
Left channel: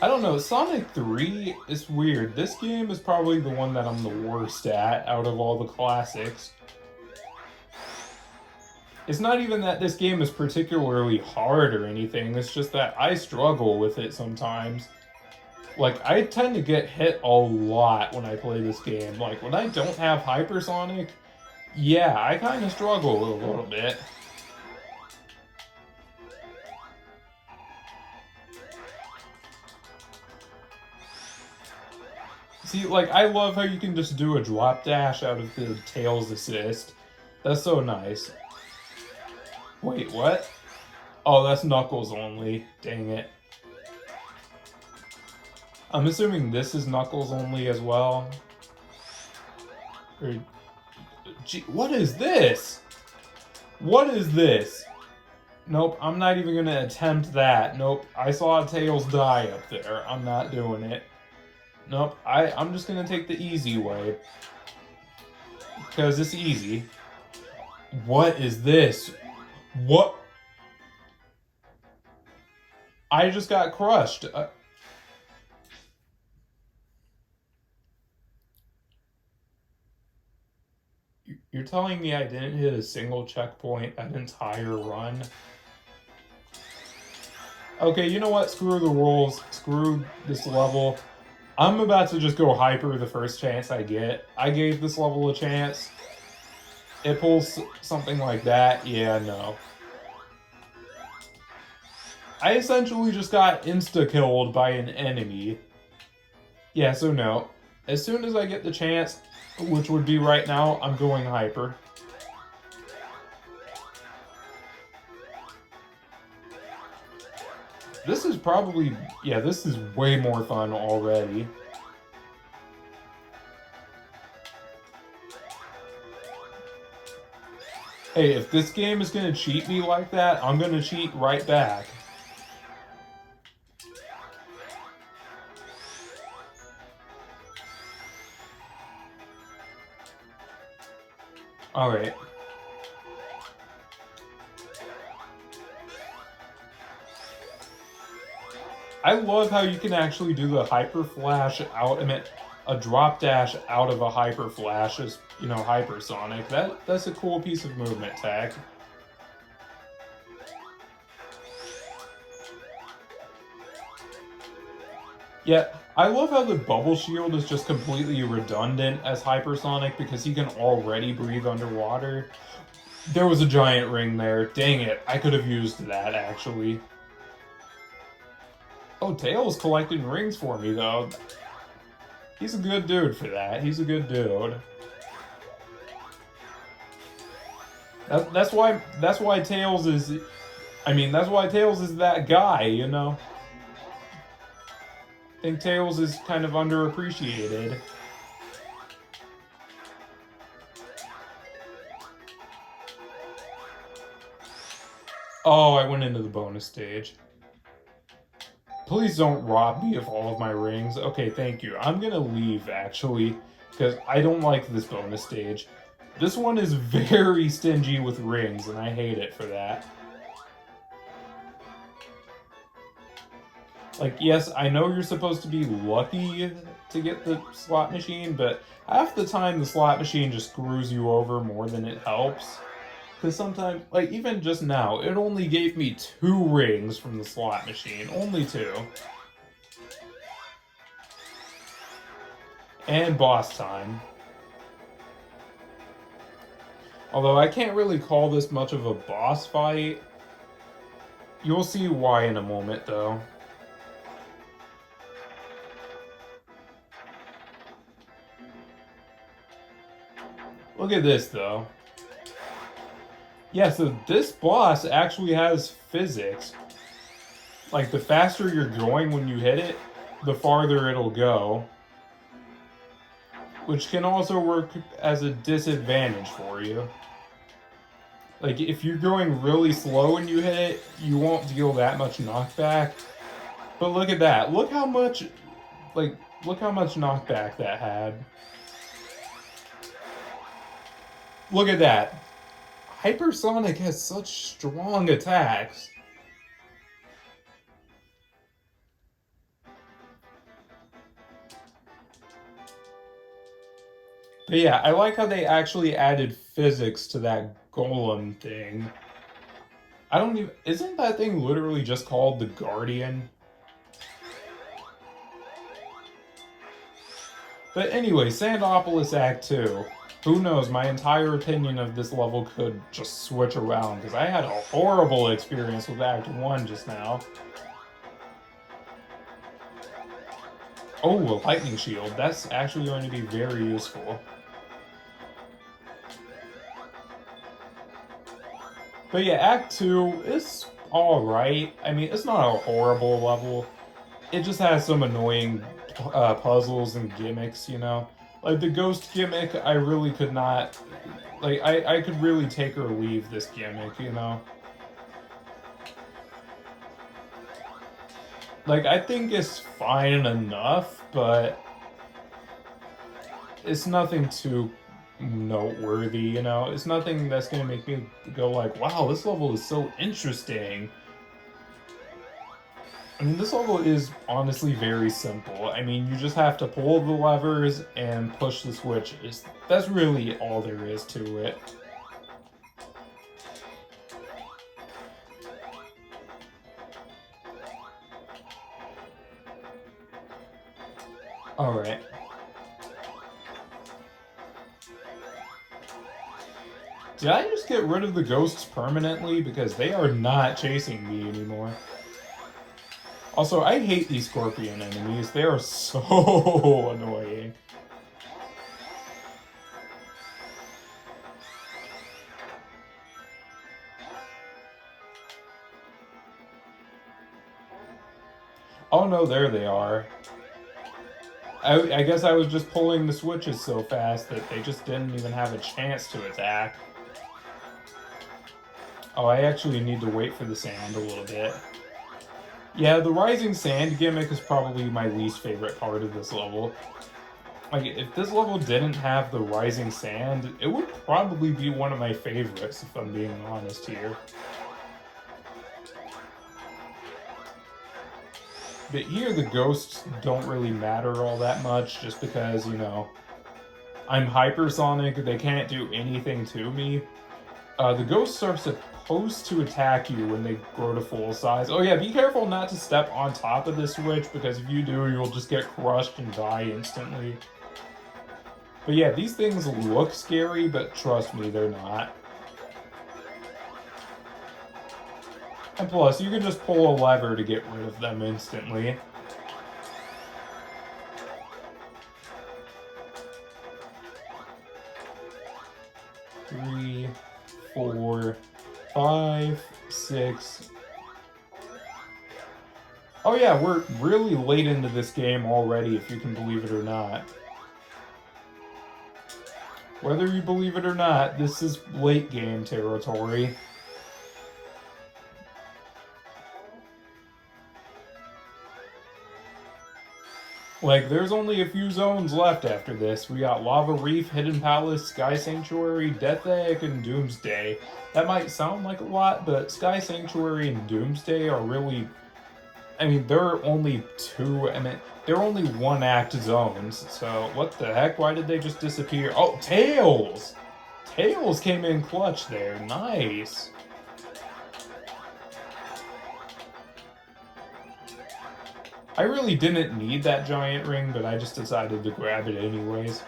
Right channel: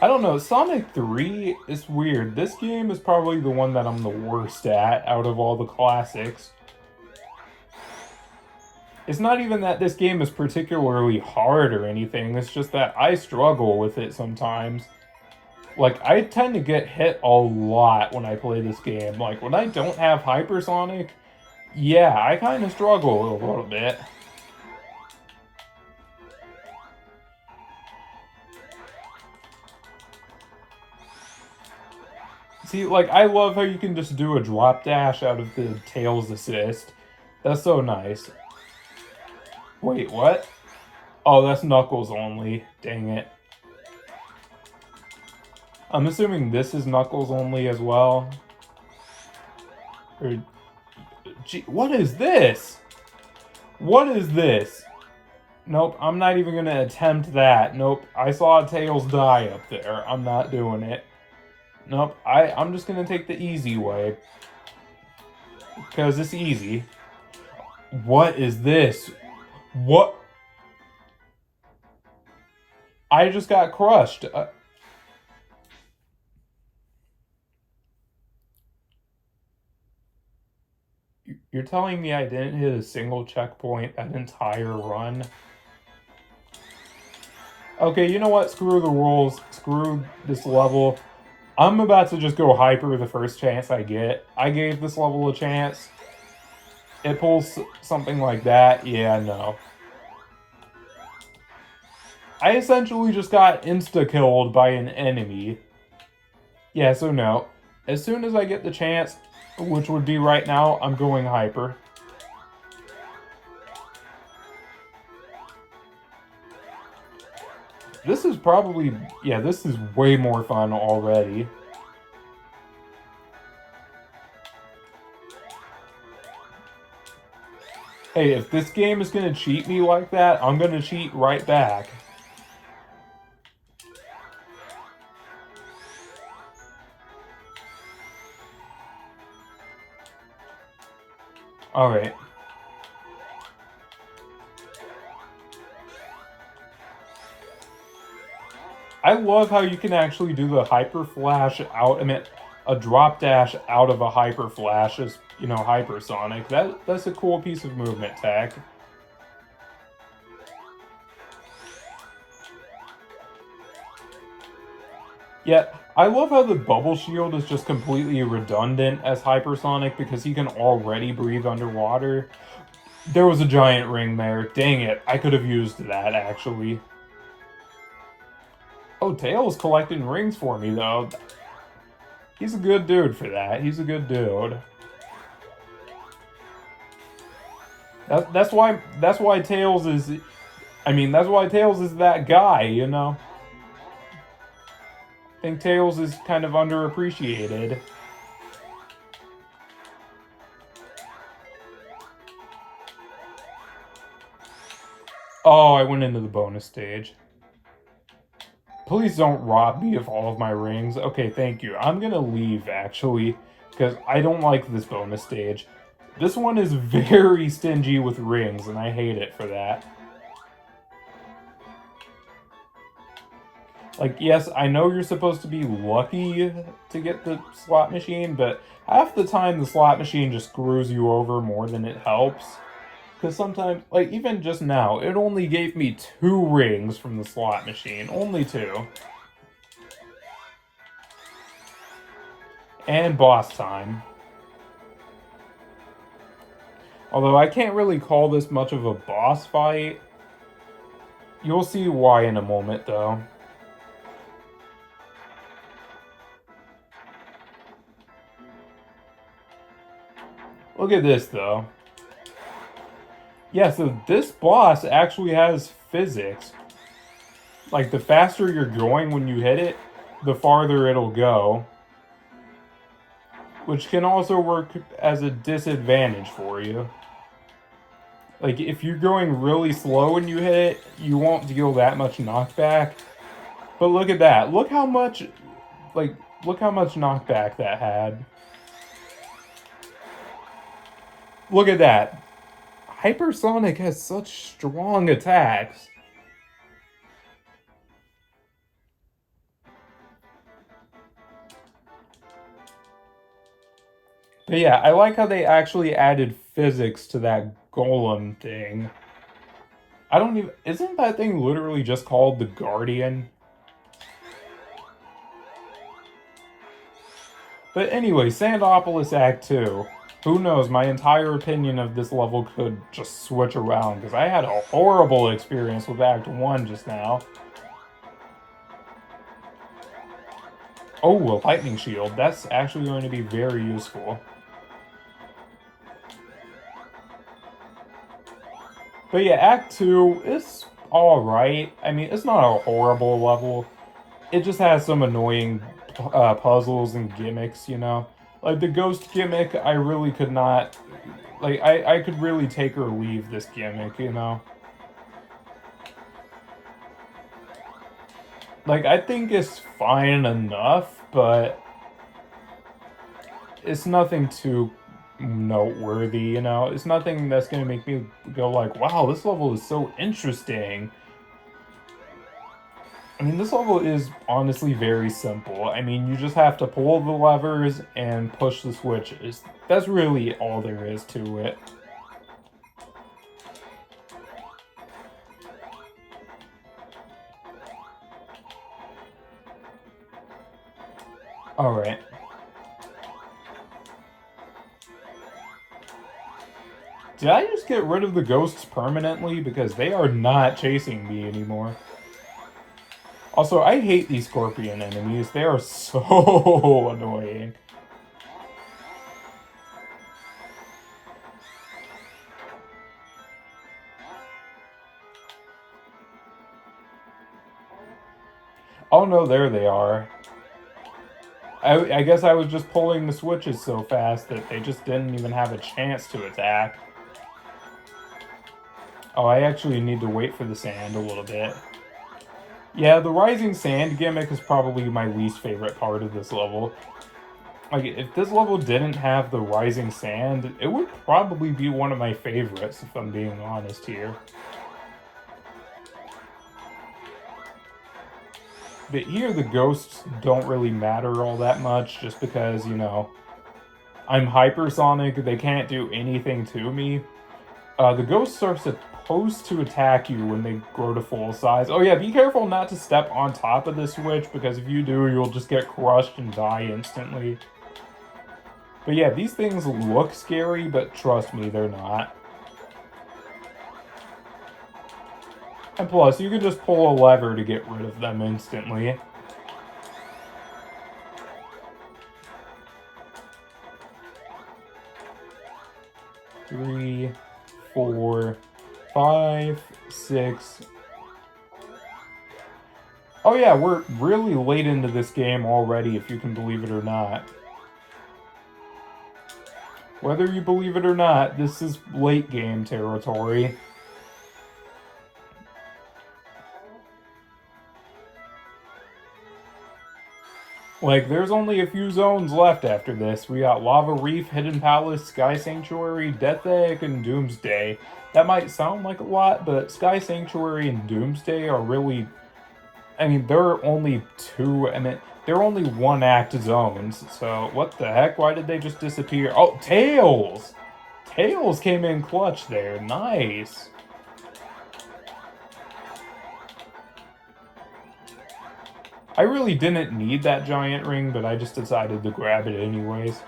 I don't know, Sonic 3 is weird. This game is probably the one that I'm the worst at out of all the classics. It's not even that this game is particularly hard or anything, it's just that I struggle with it sometimes. Like, I tend to get hit a lot when I play this game. Like, when I don't have Hypersonic, yeah, I kind of struggle a little bit. See, like, I love how you can just do a drop dash out of the Tails assist. That's so nice. Wait, what? Oh, that's Knuckles only. Dang it. I'm assuming this is Knuckles only as well. Or... Gee, what is this? What is this? Nope, I'm not even gonna attempt that. Nope, I saw Tails die up there. I'm not doing it. Nope, I'm just gonna take the easy way. Because it's easy. What is this? What? I just got crushed. You're telling me I didn't hit a single checkpoint an entire run? Okay, you know what? Screw the rules. Screw this level. I'm about to just go hyper the first chance I get. I gave this level a chance. It pulls something like that. Yeah, no. I essentially just got insta-killed by an enemy. Yeah, so no. As soon as I get the chance, which would be right now, I'm going hyper. This is probably... Yeah, this is way more fun already. Hey, if this game is gonna cheat me like that, I'm gonna cheat right back. Alright. I love how you can actually do the Hyper Flash out, I mean, a drop dash out of a Hyper Flash as, you know, hypersonic. That's a cool piece of movement tech. Yet, I love how the bubble shield is just completely redundant as hypersonic because he can already breathe underwater. There was a giant ring there. Dang it, I could have used that actually. Oh, Tails collecting rings for me, though. He's a good dude for that. He's a good dude. That's why Tails is... I mean, that's why Tails is that guy, you know? I think Tails is kind of underappreciated. Oh, I went into the bonus stage. Please don't rob me of all of my rings. Okay, thank you. I'm gonna leave, actually, because I don't like this bonus stage. This one is very stingy with rings, and I hate it for that. Like, yes, I know you're supposed to be lucky to get the slot machine, but half the time the slot machine just screws you over more than it helps. Because sometimes, like, even just now, it only gave me 2 rings from the slot machine. Only 2. And boss time. Although I can't really call this much of a boss fight. You'll see why in a moment, though. Look at this, though. Yeah, so this boss actually has physics. Like, the faster you're going when you hit it, the farther it'll go. Which can also work as a disadvantage for you. Like, if you're going really slow when you hit it, you won't deal that much knockback. But look at that. Look how much, like, look how much knockback that had. Look at that. Hypersonic has such strong attacks. But yeah, I like how they actually added physics to that golem thing. I don't even... Isn't that thing literally just called the Guardian? But anyway, Sandopolis Act 2. Who knows, my entire opinion of this level could just switch around, because I had a horrible experience with Act 1 just now. Oh, a lightning shield. That's actually going to be very useful. But yeah, Act 2 is alright. I mean, it's not a horrible level. It just has some annoying puzzles and gimmicks, you know? Like, the ghost gimmick, I really could not... Like, I could really take or leave this gimmick, you know? Like, I think it's fine enough, but... It's nothing too noteworthy, you know? It's nothing that's gonna make me go like, wow, this level is so interesting. I mean, this level is honestly very simple. I mean, you just have to pull the levers and push the switches. That's really all there is to it. Alright. Did I just get rid of the ghosts permanently? Because they are not chasing me anymore. Also, I hate these scorpion enemies. They are so annoying. Oh no, there they are. I guess I was just pulling the switches so fast that they just didn't even have a chance to attack. Oh, I actually need to wait for the sand a little bit. Yeah, the rising sand gimmick is probably my least favorite part of this level. Like, if this level didn't have the rising sand, it would probably be one of my favorites, if I'm being honest here. But here, the ghosts don't really matter all that much, just because, you know, I'm hypersonic, they can't do anything to me. The ghosts are supposed to attack you when they grow to full size. Oh yeah, be careful not to step on top of the switch, because if you do, you'll just get crushed and die instantly. But yeah, these things look scary, but trust me, they're not. And plus, you can just pull a lever to get rid of them instantly. Three, 4, 5, 6. Oh yeah, we're really late into this game already, if you can believe it or not. Whether you believe it or not, this is late game territory. Like, there's only a few zones left after this. We got Lava Reef, Hidden Palace, Sky Sanctuary, Death Egg, and Doomsday. That might sound like a lot, but Sky Sanctuary and Doomsday are really... I mean, they're only they're only one-act zones, so what the heck? Why did they just disappear? Oh, Tails! Tails came in clutch there. Nice. I really didn't need that giant ring, but I just decided to grab it anyways.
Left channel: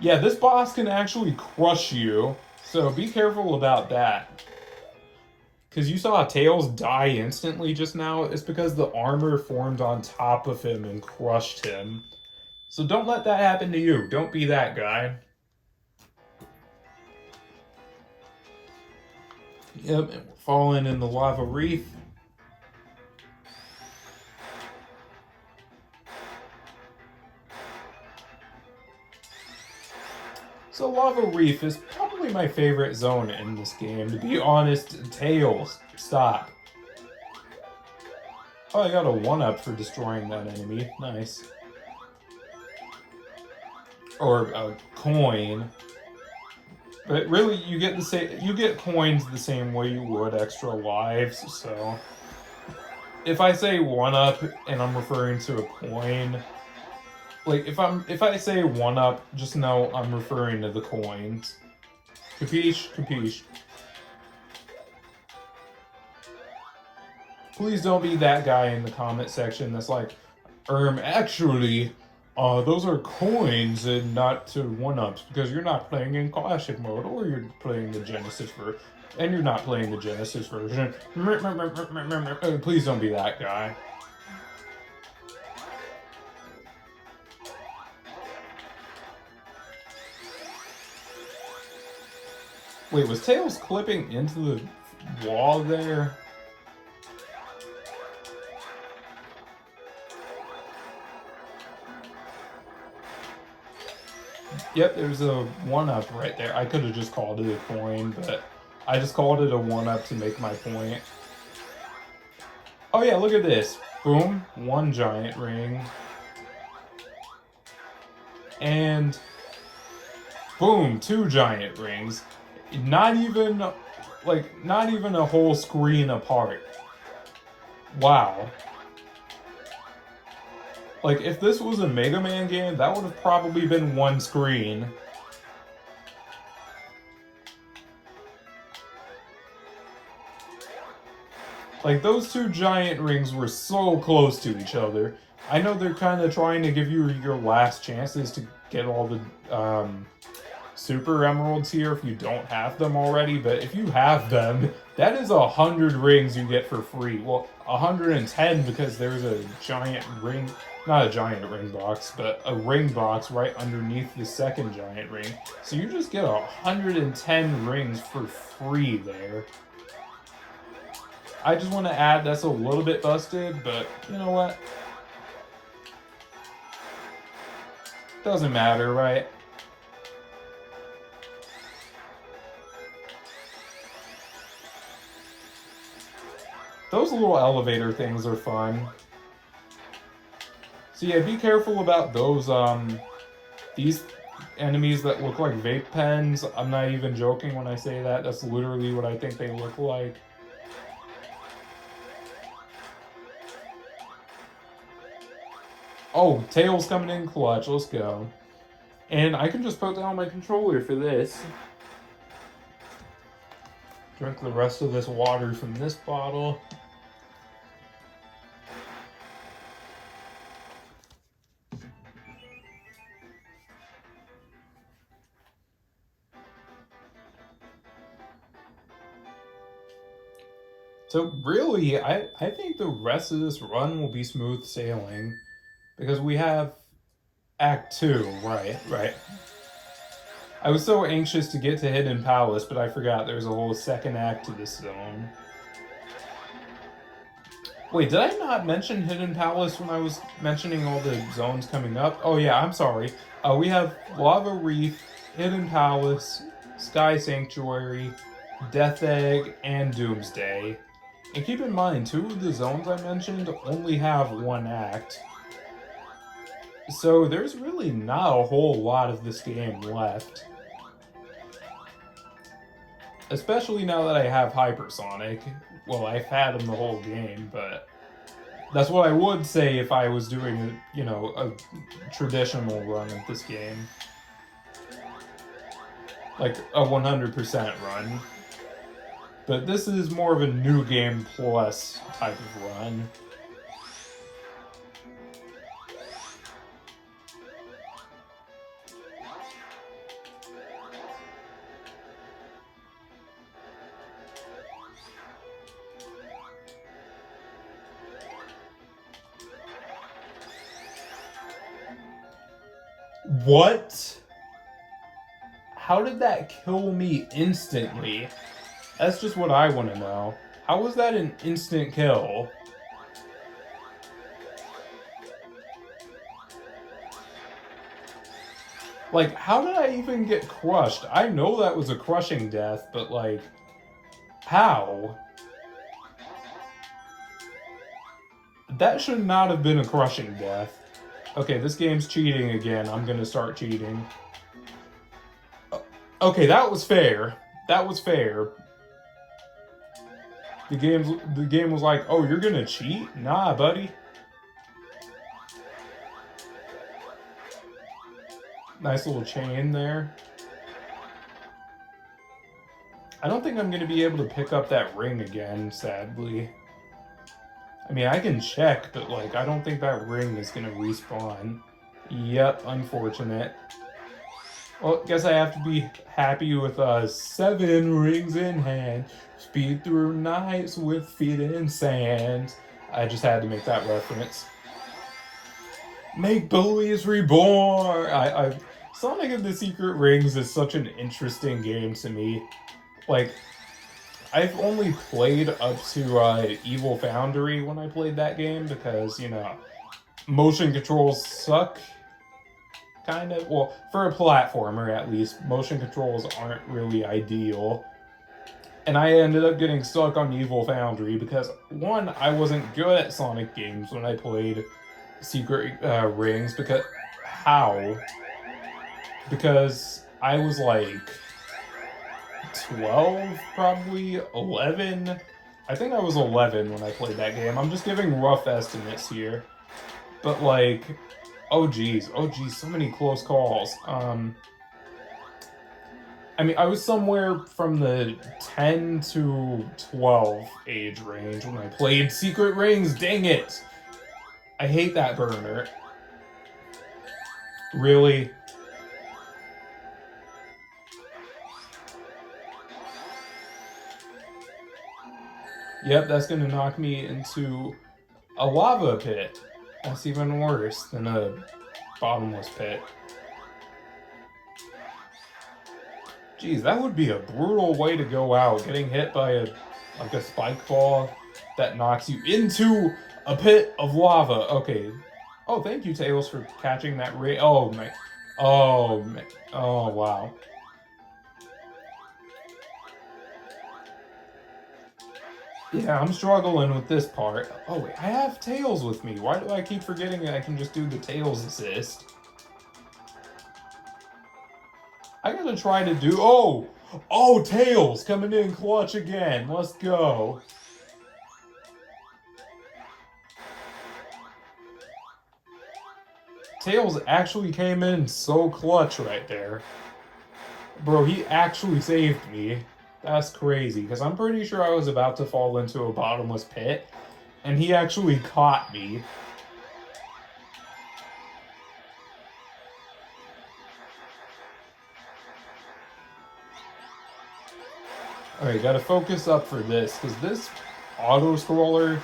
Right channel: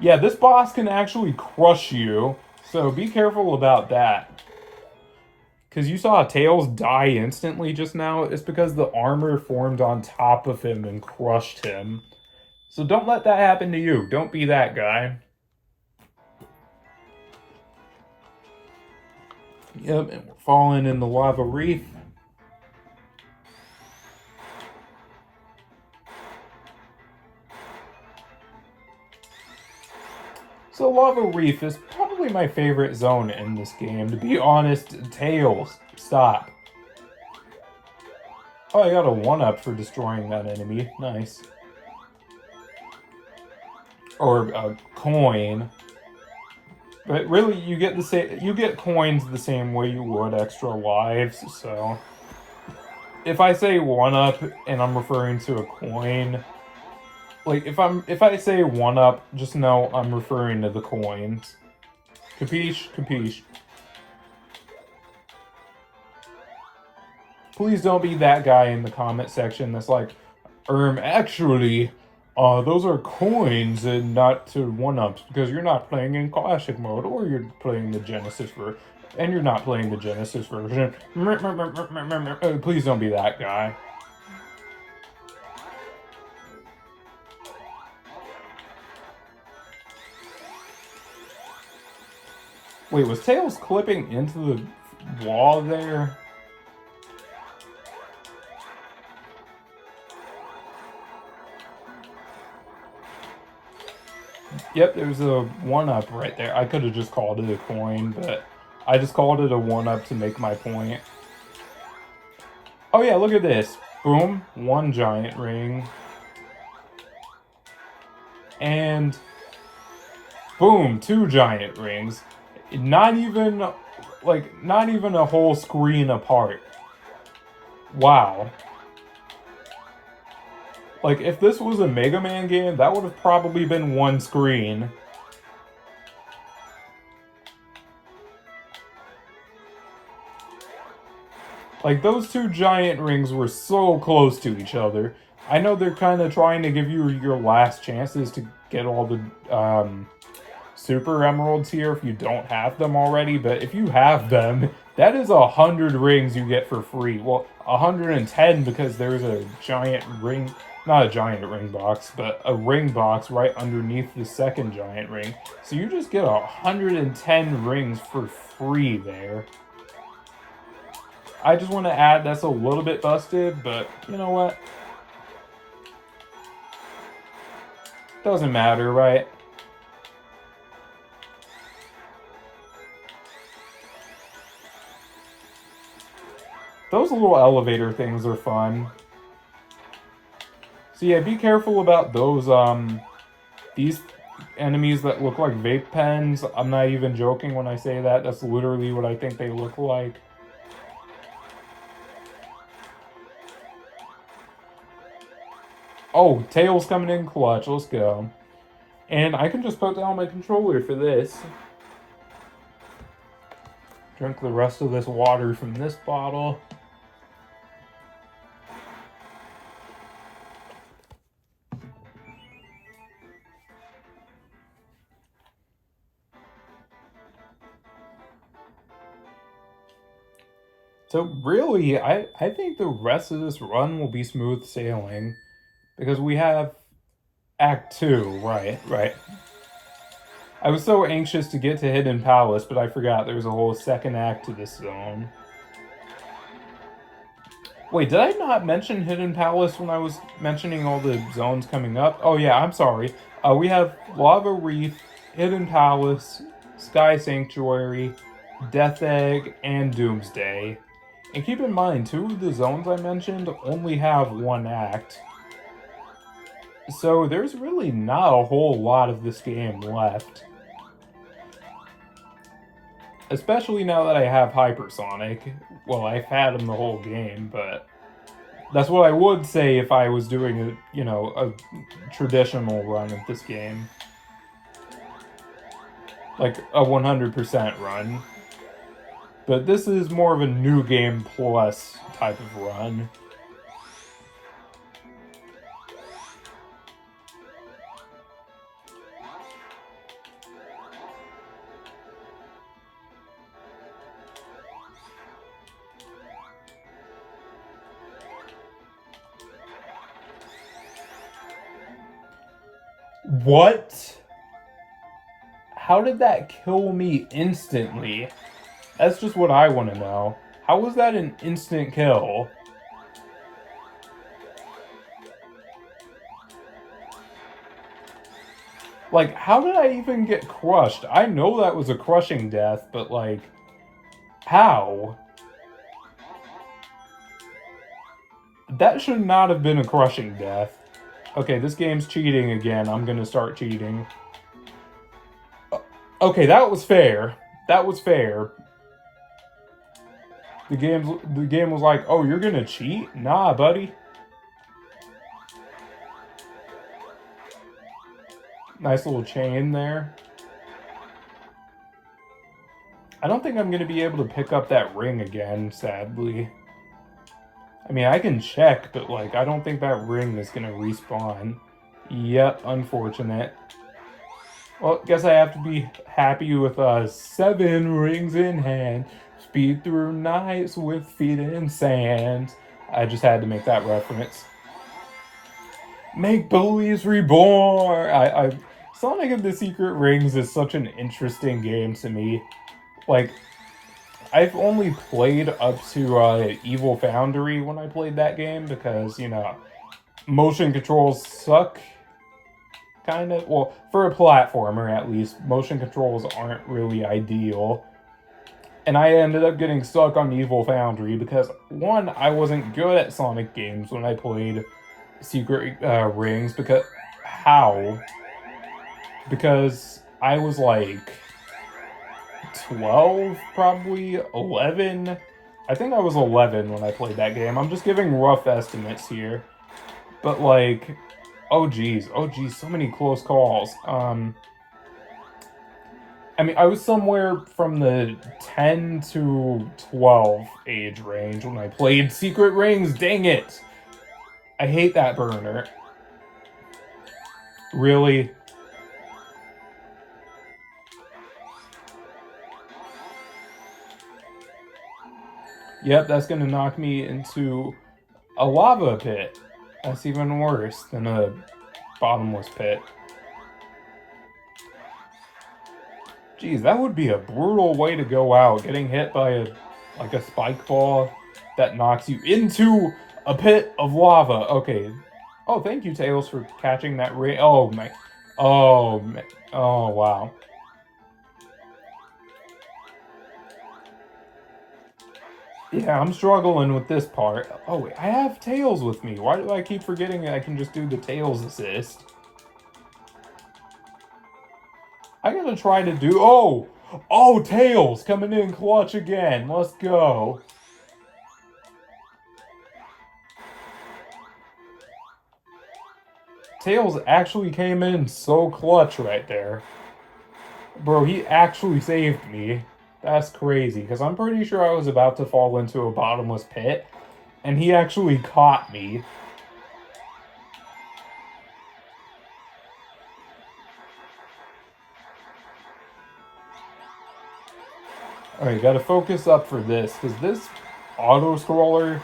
Yeah, this boss can actually crush you, so be careful about that. Because you saw Tails die instantly just now, it's because the armor formed on top of him and crushed him. So don't let that happen to you. Don't be that guy. Yep, and we're falling in the Lava Reef. So Lava Reef is probably my favorite zone in this game. To be honest, Tails, stop. Oh, I got a 1-up for destroying that enemy. Nice. Or a coin. But really, you get coins the same way you would extra lives, so... If I say 1-up and I'm referring to a coin... Like, if I say 1-up, just know I'm referring to the coins. Capiche? Capiche. Please don't be that guy in the comment section that's like, actually, those are coins and not to 1-ups, because you're not playing in classic mode, or you're playing the Genesis version, and you're not playing the Genesis version. Please don't be that guy. Wait, was Tails clipping into the wall there? Yep, there's a 1-up right there. I could have just called it a coin, but I just called it a 1-up to make my point. Oh yeah, look at this. Boom, 1 giant ring. And boom, 2 giant rings. Not even a whole screen apart. Wow. Like, if this was a Mega Man game, that would have probably been 1 screen. Like, those 2 giant rings were so close to each other. I know they're kind of trying to give you your last chances to get all the, Super Emeralds here if you don't have them already, but if you have them, that is 100 rings you get for free. Well, 110 because there's a giant ring, not a giant ring box, but a ring box right underneath the second giant ring. So you just get 110 rings for free there. I just want to add that's a little bit busted, but you know what? Doesn't matter, right? Those little elevator things are fun. So yeah, be careful about those, these enemies that look like vape pens. I'm not even joking when I say that. That's literally what I think they look like. Oh, Tails coming in clutch. Let's go. And I can just put down my controller for this. Drink the rest of this water from this bottle. So really, I think the rest of this run will be smooth sailing. Because we have Act 2, right. I was so anxious to get to Hidden Palace, but I forgot there's a whole second act to this zone. Wait, did I not mention Hidden Palace when I was mentioning all the zones coming up? Oh yeah, I'm sorry. We have Lava Reef, Hidden Palace, Sky Sanctuary, Death Egg, and Doomsday. And keep in mind, 2 of the zones I mentioned only have 1 act. So there's really not a whole lot of this game left. Especially now that I have Hypersonic. Well, I've had him the whole game, but that's what I would say if I was doing a traditional run of this game. Like a 100% run. But this is more of a new game plus type of run. What? How did that kill me instantly? That's just what I want to know. How was that an instant kill? Like, how did I even get crushed? I know that was a crushing death, but like, how? That should not have been a crushing death. Okay, this game's cheating again. I'm gonna start cheating. Okay, that was fair. That was fair. The game was like, oh, you're gonna cheat? Nah, buddy. Nice little chain there. I don't think I'm gonna be able to pick up that ring again, sadly. I mean, I can check, but like, I don't think that ring is gonna respawn. Yep, unfortunate. Well, guess I have to be happy with 7 rings in hand. Speed through nights with feet in sand. I just had to make that reference. Make Belize Reborn! Sonic and the Secret Rings is such an interesting game to me. Like, I've only played up to Evil Foundry when I played that game because, motion controls suck. Kind of. Well, for a platformer at least, motion controls aren't really ideal. And I ended up getting stuck on Evil Foundry because, 1, I wasn't good at Sonic games when I played Secret Rings because... How? Because I was like 12, probably 11. I think I was 11 when I played that game. I'm just giving rough estimates here. But like, oh geez, so many close calls. I mean, I was somewhere from the 10 to 12 age range when I played Secret Rings. Dang it! I hate that burner. Really? Yep, that's gonna knock me into a lava pit. That's even worse than a bottomless pit. Geez, that would be a brutal way to go out, getting hit by a spike ball that knocks you into a pit of lava. Okay. Oh, thank you, Tails, for catching that ring. Oh, man. Oh, man. Oh, wow. Yeah, I'm struggling with this part. Oh, wait, I have Tails with me. Why do I keep forgetting that I can just do the Tails assist? I gotta try to do... Oh! Oh, Tails coming in clutch again. Let's go. Tails actually came in so clutch right there. Bro, he actually saved me. That's crazy, because I'm pretty sure I was about to fall into a bottomless pit, and he actually caught me. Alright, gotta focus up for this, because this auto-scroller...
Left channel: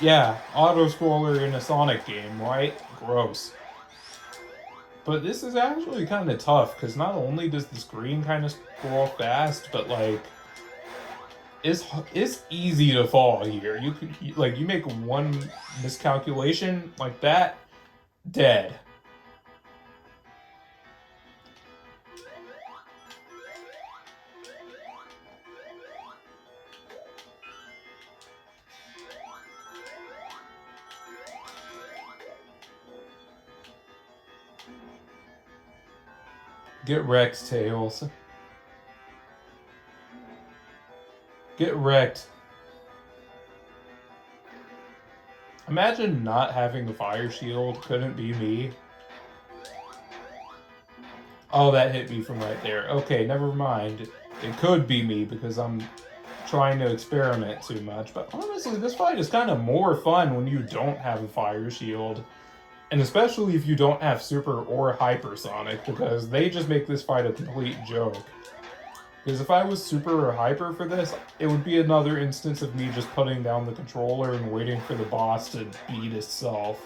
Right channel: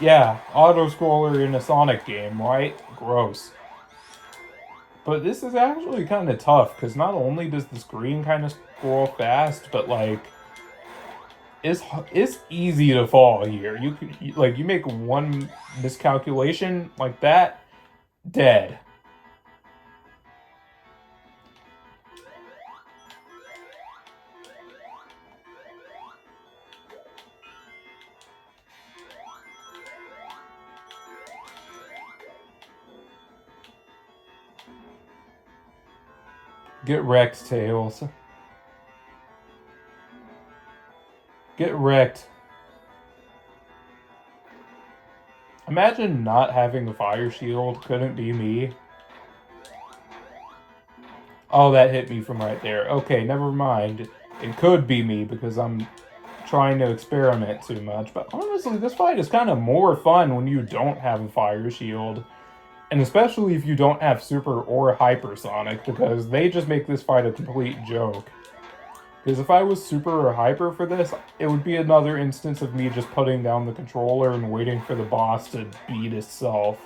Yeah, auto-scroller in a Sonic game, right? Gross. But this is actually kind of tough, because not only does the screen kind of scroll fast, but, like... It's easy to fall here. You could, like, you make one miscalculation like that, dead. Get wrecked, Tails. Get wrecked. Imagine not having a fire shield. Couldn't be me. Oh, that hit me from right there. Okay, never mind. It could be me because I'm trying to experiment too much. But honestly, this fight is kind of more fun when you don't have a fire shield. And especially if you don't have Super or Hypersonic, because they just make this fight a complete joke. Because if I was Super or Hyper for this, it would be another instance of me just putting down the controller and waiting for the boss to beat itself.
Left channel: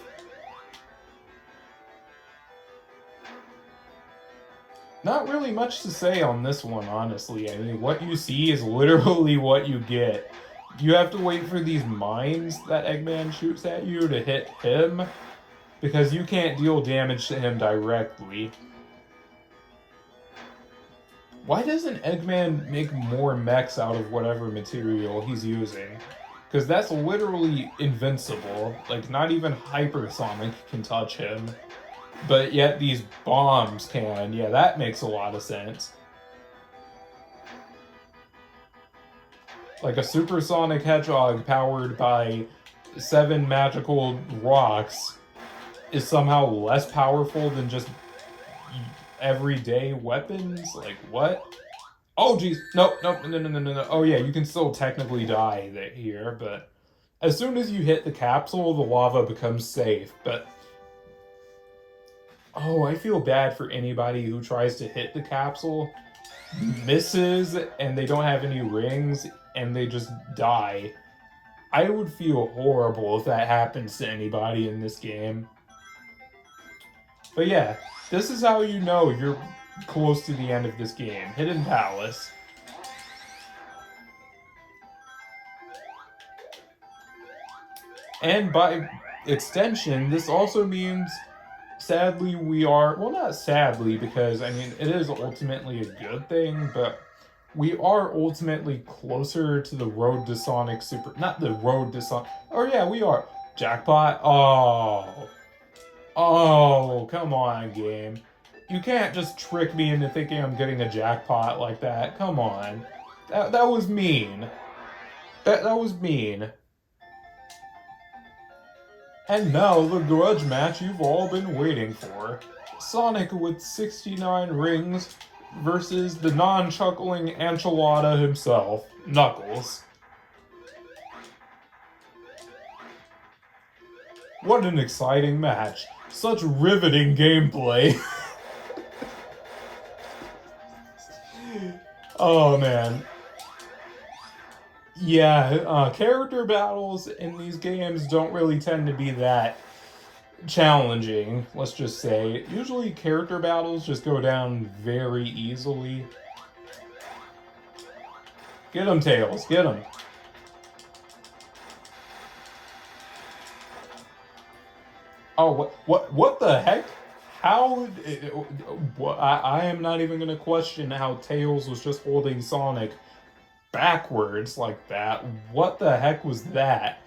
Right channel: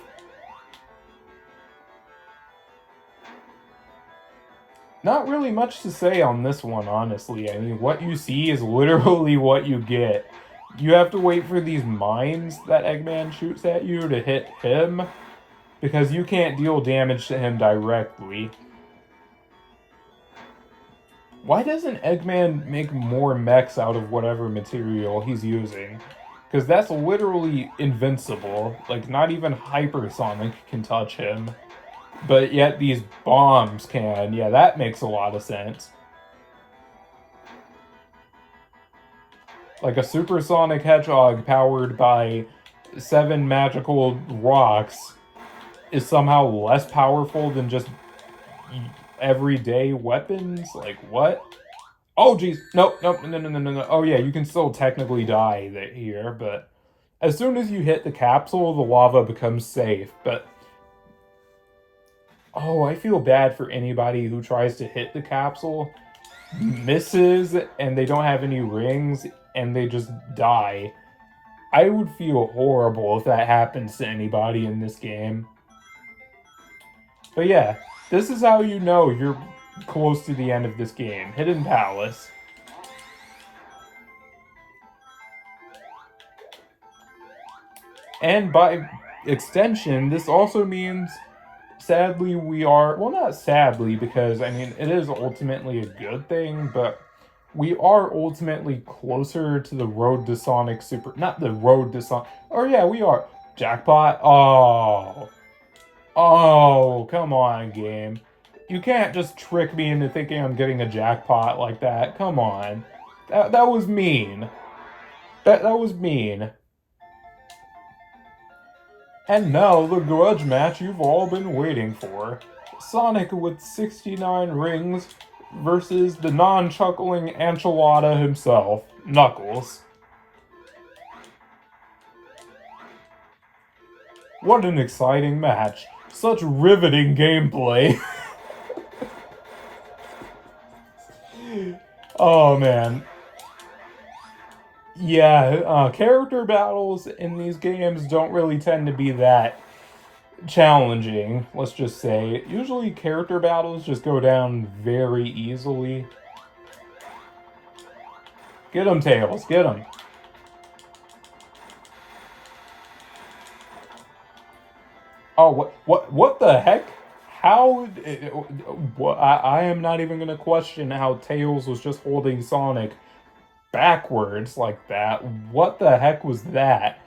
Not really much to say on this one, honestly. I mean, what you see is literally what you get. You have to wait for these mines that Eggman shoots at you to hit him, because you can't deal damage to him directly. Why doesn't Eggman make more mechs out of whatever material he's using? Because that's literally invincible. Like, not even Hypersonic can touch him. But yet these bombs can. Yeah, that makes a lot of sense. Like a supersonic hedgehog powered by 7 magical rocks is somehow less powerful than just everyday weapons? Like, what? Oh, geez. No. Oh, yeah, you can still technically die here, but as soon as you hit the capsule, the lava becomes safe, but... Oh, I feel bad for anybody who tries to hit the capsule, misses, and they don't have any rings, and they just die. I would feel horrible if that happens to anybody in this game. But yeah, this is how you know you're close to the end of this game. Hidden Palace. And by extension, this also means, sadly, we are... Well, not sadly, because, I mean, it is ultimately a good thing, but we are ultimately closer to the Road to Sonic Super... Not the Road to Sonic... Oh, yeah, we are. Jackpot? Oh... Oh, come on, game. You can't just trick me into thinking I'm getting a jackpot like that. Come on. That was mean. That was mean. And now, the grudge match you've all been waiting for. Sonic with 69 rings versus the non-chuckling enchilada himself, Knuckles. What an exciting match. Such riveting gameplay. Oh, man. Yeah, character battles in these games don't really tend to be that challenging, let's just say. Usually character battles just go down very easily. Get him, Tails, get him. Oh, what the heck? How... I am not even going to question how Tails was just holding Sonic backwards like that. What the heck was that?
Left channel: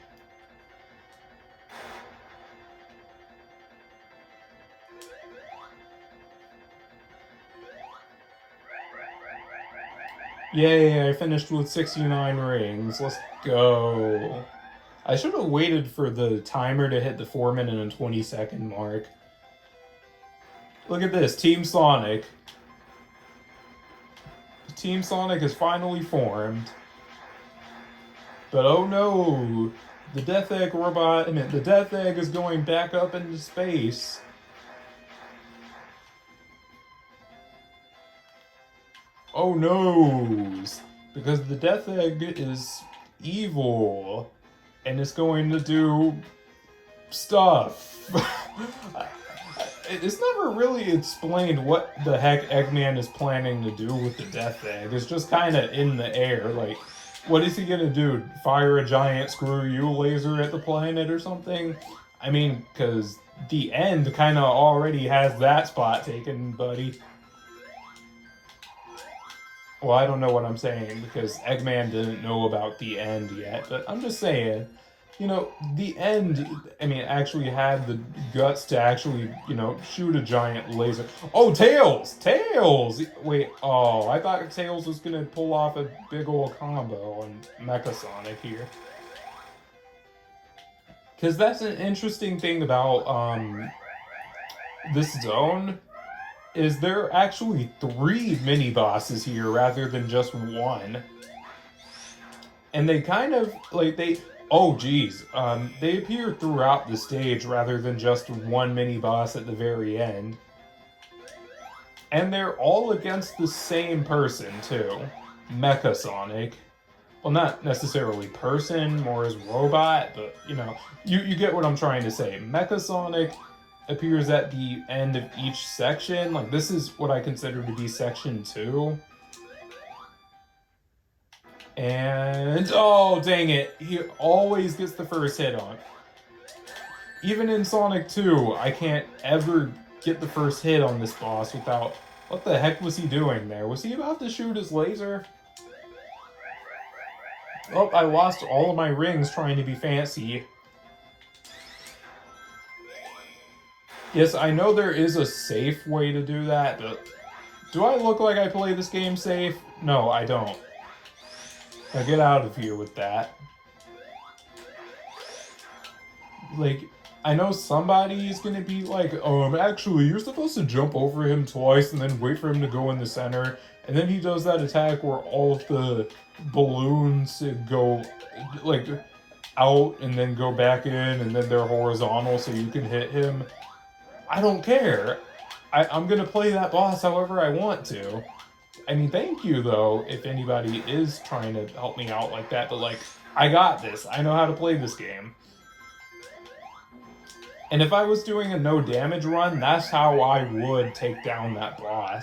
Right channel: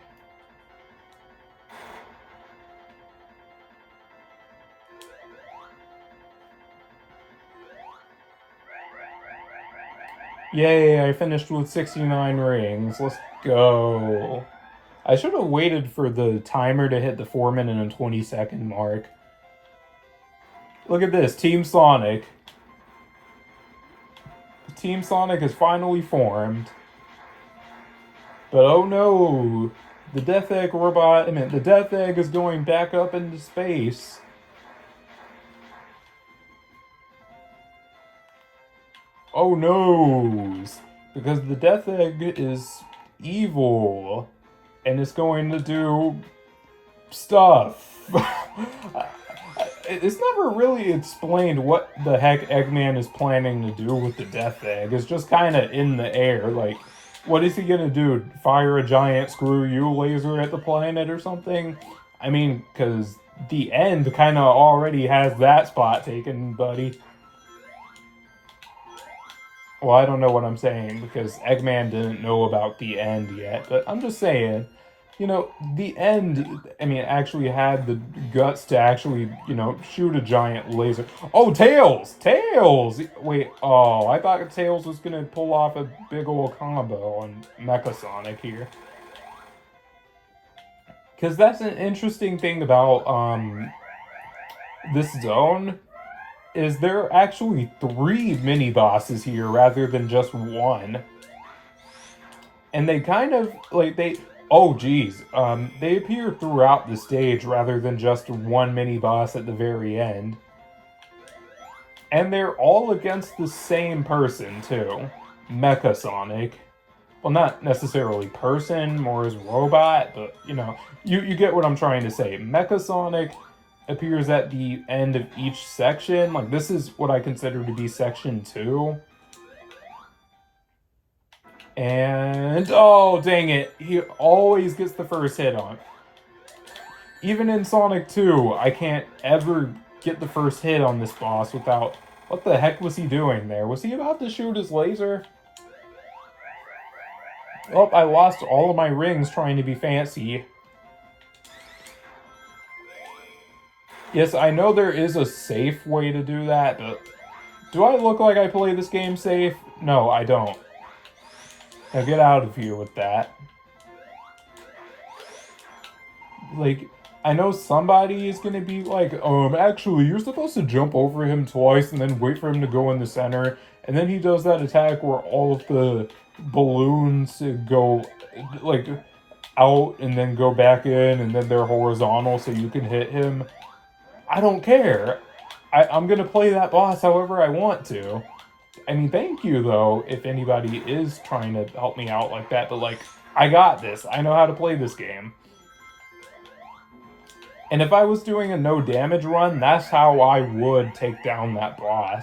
Yay, I finished with 69 rings. Let's go. I should have waited for the timer to hit the 4-minute and 20-second mark. Look at this, Team Sonic. Team Sonic is finally formed. But oh no, the Death Egg robot, the Death Egg is going back up into space. Oh no, because the Death Egg is evil, and it's going to do stuff. It's never really explained what the heck Eggman is planning to do with the Death Egg. It's just kind of in the air, like, what is he gonna do? Fire a giant screw-you laser at the planet or something? I mean, because the end kind of already has that spot taken, buddy. Well, I don't know what I'm saying, because Eggman didn't know about the end yet, but I'm just saying, you know, the end, actually had the guts to actually, shoot a giant laser. Oh, Tails! Tails! Wait, oh, I thought Tails was gonna pull off a big old combo on Mecha Sonic here. Because that's an interesting thing about, this zone, is there are actually 3 mini-bosses here rather than just 1. And they kind of, oh geez, they appear throughout the stage rather than just 1 mini-boss at the very end. And they're all against the same person, too. Mecha Sonic. Well, not necessarily person, more as robot, but, you get what I'm trying to say. Mecha Sonic appears at the end of each section. Like, this is what I consider to be section 2. And, oh, dang it. He always gets the first hit on. Even in Sonic 2, I can't ever get the first hit on this boss without... What the heck was he doing there? Was he about to shoot his laser? Oh, I lost all of my rings trying to be fancy. Yes, I know there is a safe way to do that, but... Do I look like I play this game safe? No, I don't. Now get out of here with that. Like, I know somebody is gonna be like, actually, you're supposed to jump over him twice and then wait for him to go in the center. And then he does that attack where all of the balloons go, like, out and then go back in and then they're horizontal so you can hit him. I don't care. I'm gonna play that boss however I want to. I mean, thank you, though, if anybody is trying to help me out like that, but, like, I got this. I know how to play this game. And if I was doing a no damage run, that's how I would take down that boss.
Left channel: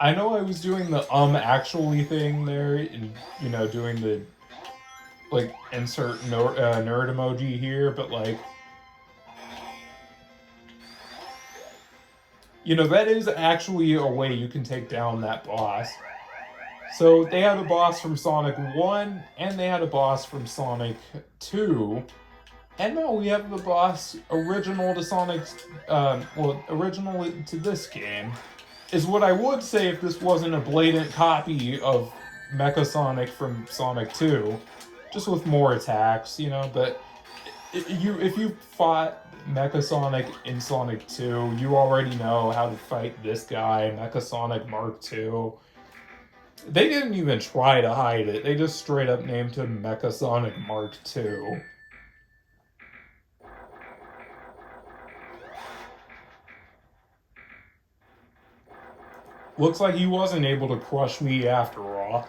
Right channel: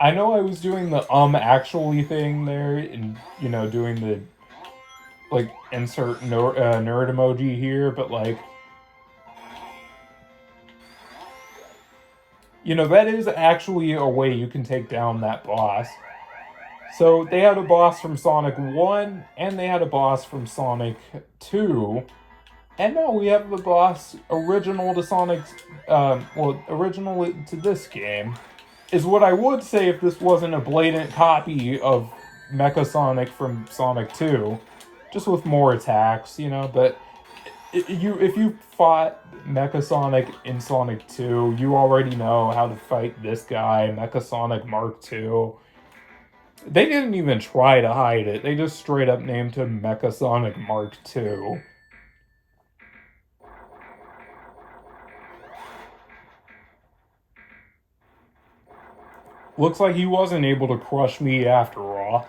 I know I was doing the actually thing there, and, doing the, like, insert nerd emoji here, but, like, that is actually a way you can take down that boss. So they had a boss from Sonic 1, and they had a boss from Sonic 2, and now we have the boss original to Sonic's, original to this game, is what I would say if this wasn't a blatant copy of Mecha Sonic from Sonic 2, just with more attacks, but if you fought Mecha Sonic in Sonic 2, you already know how to fight this guy, Mecha Sonic Mark II. They didn't even try to hide it. They just straight up named him Mecha Sonic Mark II. Looks like he wasn't able to crush me after all.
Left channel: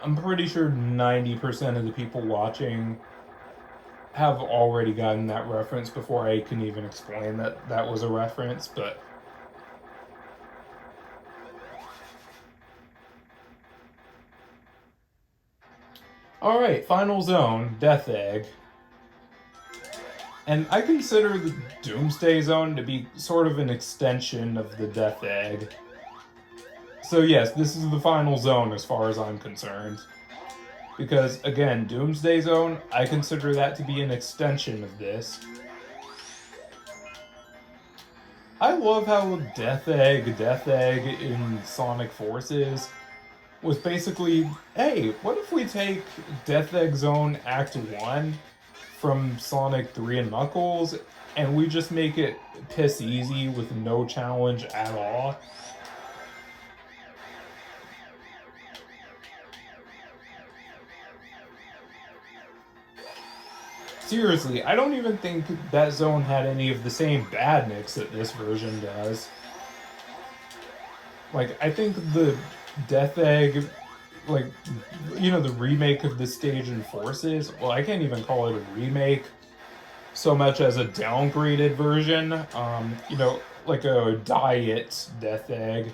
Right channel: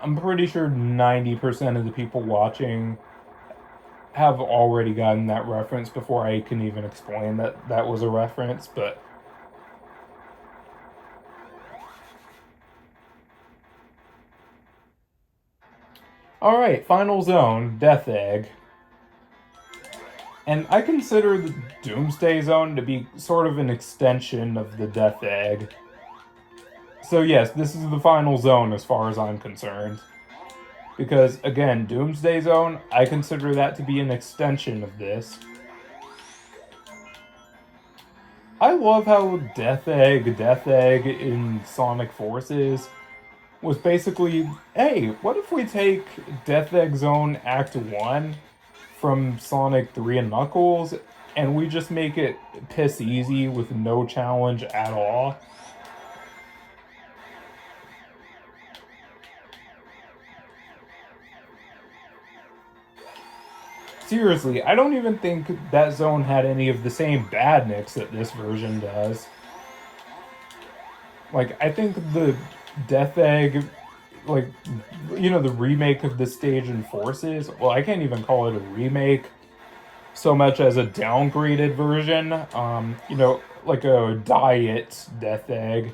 I'm pretty sure 90% of the people watching have already gotten that reference before I can even explain that that was a reference, but... Alright, final zone, Death Egg. And I consider the Doomsday Zone to be sort of an extension of the Death Egg. So yes, this is the final zone as far as I'm concerned. Because, again, Doomsday Zone, I consider that to be an extension of this. I love how Death Egg in Sonic Forces was basically, hey, what if we take Death Egg Zone Act 1 from Sonic 3 and Knuckles, and we just make it piss easy with no challenge at all? Seriously, I don't even think that zone had any of the same badniks that this version does. Like, I think the Death Egg, like, you know, the remake of this stage in Forces, well, I can't even call it a remake so much as a downgraded version. You know, like a diet Death Egg.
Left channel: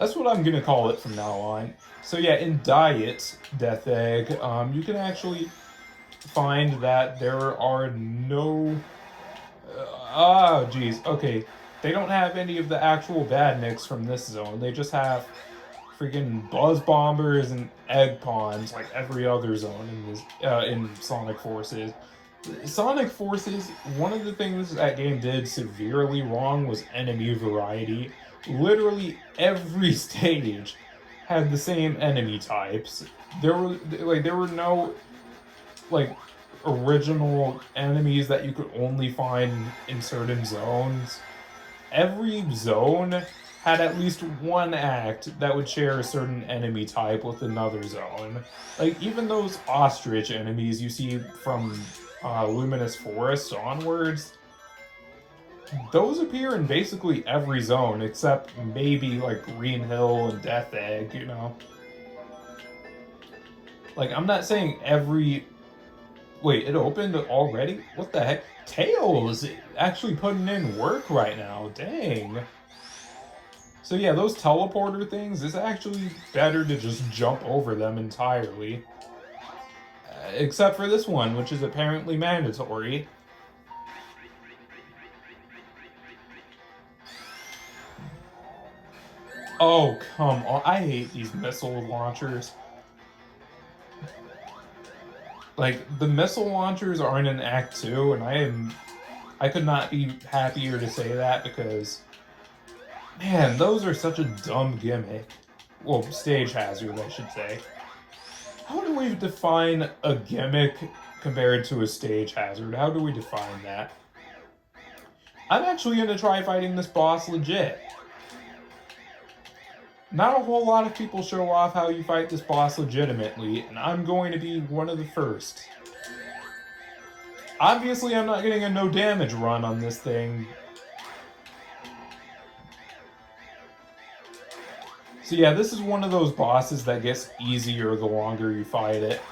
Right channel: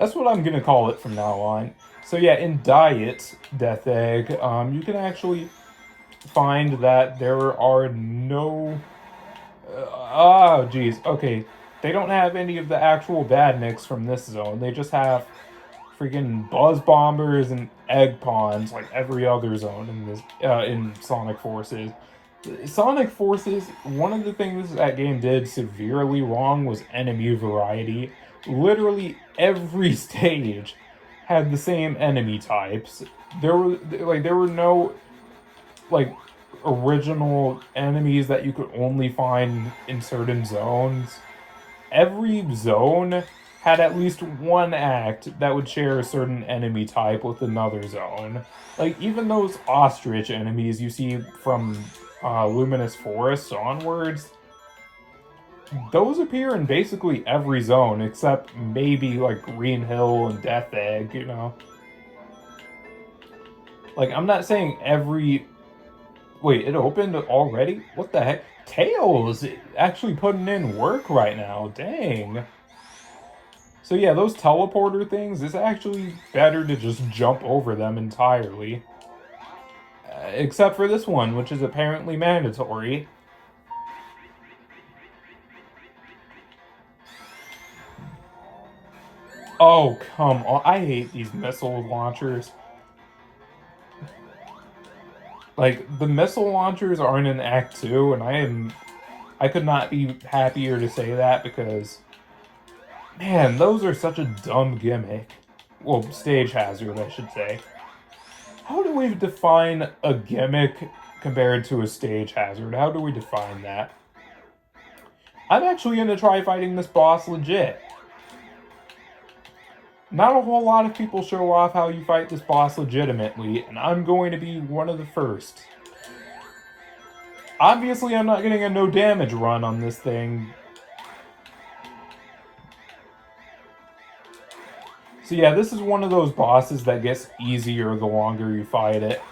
That's what I'm gonna call it from now on. So yeah, in Diet Death Egg, you can actually find that there are no oh geez, okay, they don't have any of the actual badniks from this zone. They just have freaking buzz bombers and egg pawns like every other zone in this in Sonic Forces. Sonic Forces, one of the things that game did severely wrong was enemy variety. Literally every stage had the same enemy types. There were no like original enemies that you could only find in certain zones. Every zone had at least one act that would share a certain enemy type with another zone. Like even those ostrich enemies you see from Luminous Forest onwards, those appear in basically every zone except maybe like Green Hill and Death Egg, you know? Like I'm not saying every wait, it opened already? What the heck? Tails actually putting in work right now. Dang. So yeah, those teleporter things, it's actually better to just jump over them entirely. Except for this one, which is apparently mandatory. Oh, come on. I hate these missile launchers. Like, the missile launchers aren't in Act 2, and I could not be happier to say that because, man, those are such a dumb gimmick. Well, stage hazard, I should say. How do we define a gimmick compared to a stage hazard? How do we define that? I'm actually going to try fighting this boss legit. Not a whole lot of people show off how you fight this boss legitimately, and I'm going to be one of the first. Obviously, I'm not getting a no damage run on this thing. So yeah, this is one of those bosses that gets easier the longer you fight it.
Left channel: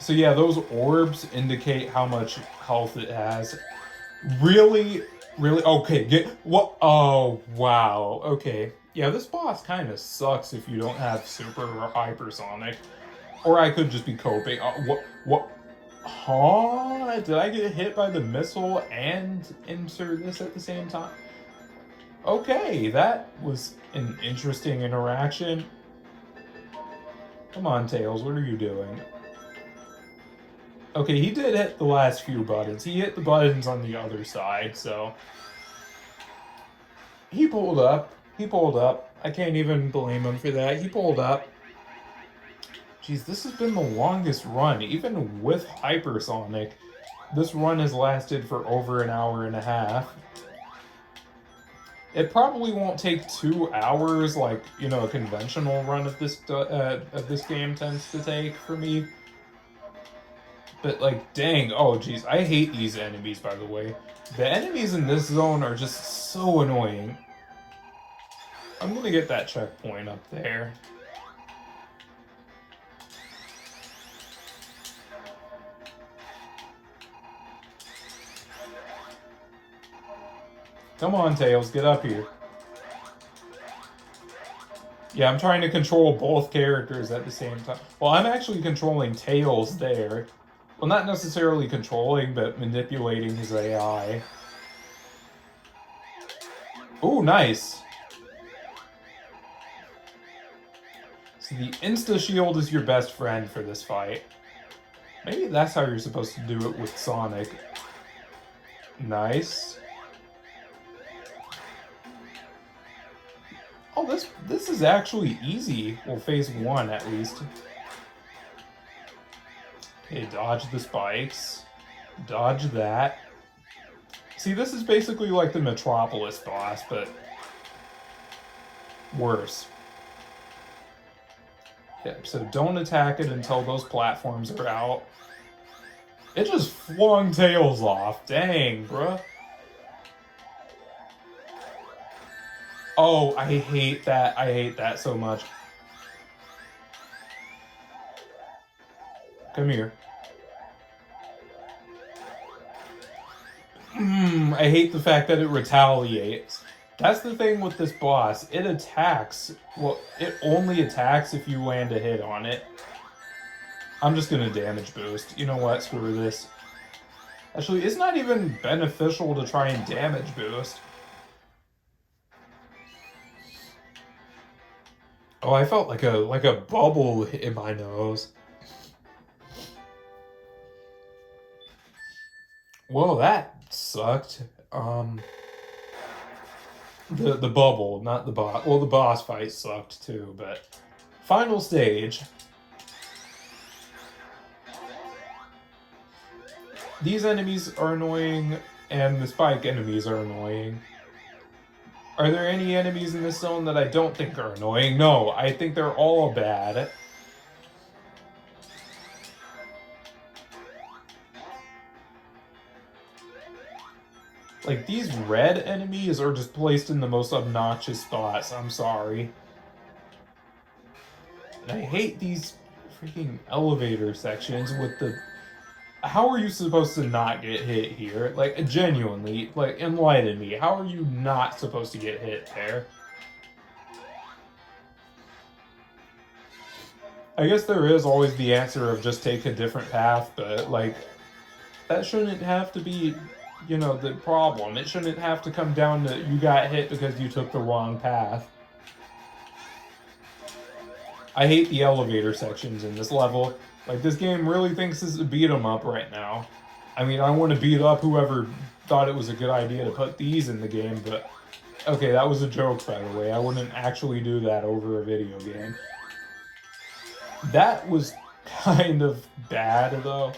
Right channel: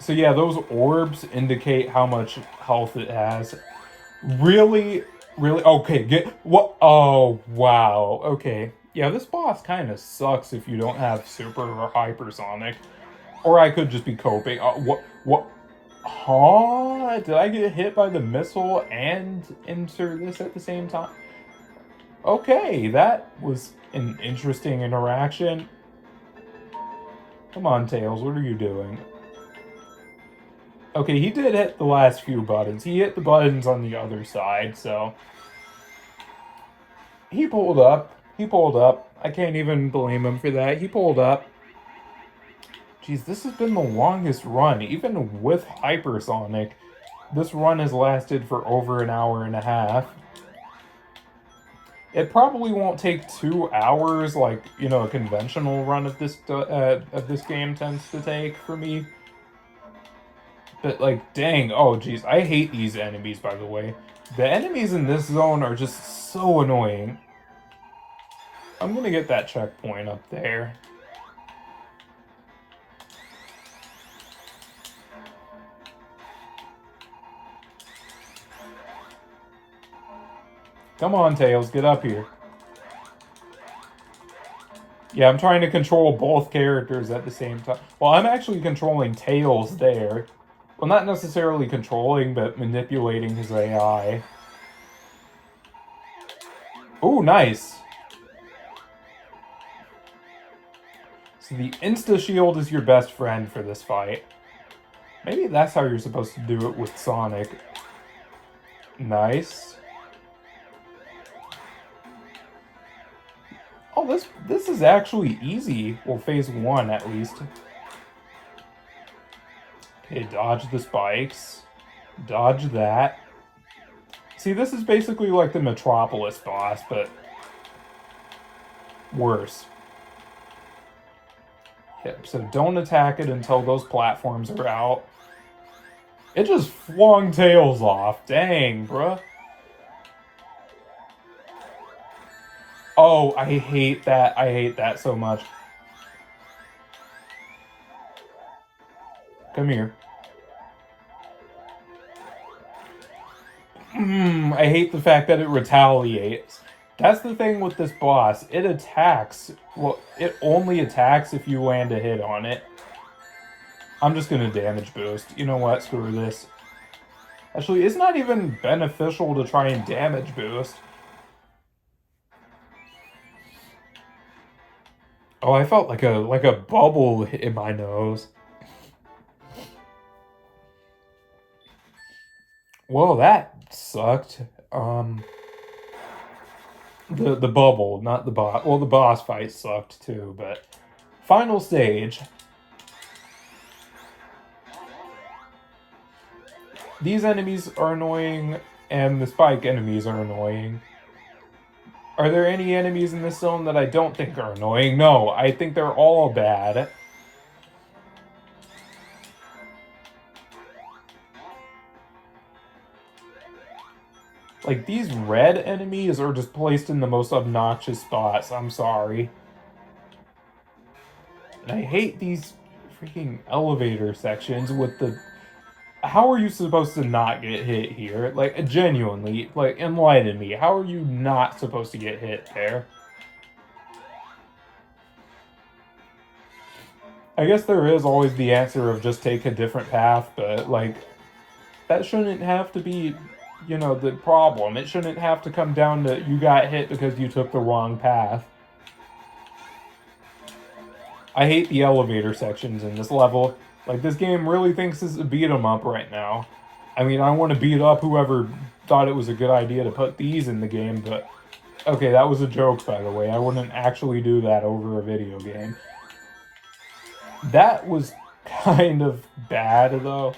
So yeah, those orbs indicate how much health it has. Really? Really? Okay, get what? Oh, wow. Okay. Yeah, this boss kind of sucks if you don't have super or hypersonic. Or I could just be coping. What? Huh? Did I get hit by the missile and insert this at the same time? Okay, that was an interesting interaction. Come on, Tails, what are you doing? Okay, he did hit the last few buttons. He hit the buttons on the other side, so... He pulled up. He pulled up. I can't even blame him for that. He pulled up. Jeez, this has been the longest run. Even with Hypersonic, this run has lasted for over an hour and a half. It probably won't take 2 hours like, you know, a conventional run of this game tends to take for me. But, like, dang, oh, geez, I hate these enemies, by the way. The enemies in this zone are just so annoying. I'm gonna get that checkpoint up there. Come on, Tails, get up here. Yeah, I'm trying to control both characters at the same time. Well, I'm actually controlling Tails there. Well, not necessarily controlling, but manipulating his AI. Oh, nice. So the insta-shield is your best friend for this fight. Maybe that's how you're supposed to do it with Sonic. Nice. Oh, this is actually easy. Well, phase 1 at least. Okay, dodge the spikes. Dodge that. See, this is basically like the Metropolis boss, but worse. Yep, so don't attack it until those platforms are out. It just flung Tails off. Dang, bruh. Oh, I hate that. I hate that so much. Come here. I hate the fact that it retaliates. That's the thing with this boss. It attacks. Well, it only attacks if you land a hit on it. I'm just gonna damage boost. You know what? Screw this. Actually, it's not even beneficial to try and damage boost. Oh, I felt like a bubble in my nose. Whoa, that sucked. The bubble, not the boss. Well, the boss fight sucked too, but final stage. These enemies are annoying, and the spike enemies are annoying. Are there any enemies in this zone that I don't think are annoying? No, I think they're all bad. Like, these red enemies are just placed in the most obnoxious spots. I'm sorry. And I hate these freaking elevator sections with the... How are you supposed to not get hit here? Like, genuinely, like, enlighten me. How are you not supposed to get hit there? I guess there is always the answer of just take a different path, but, like, that shouldn't have to be, you know, the problem. It shouldn't have to come down to you got hit because you took the wrong path. I hate the elevator sections in this level. Like, this game really thinks it's a beat 'em up right now. I mean, I want to beat up whoever thought it was a good idea to put these in the game, but... Okay, that was a joke, by the way. I wouldn't actually do that over a video game. That was kind of bad, though.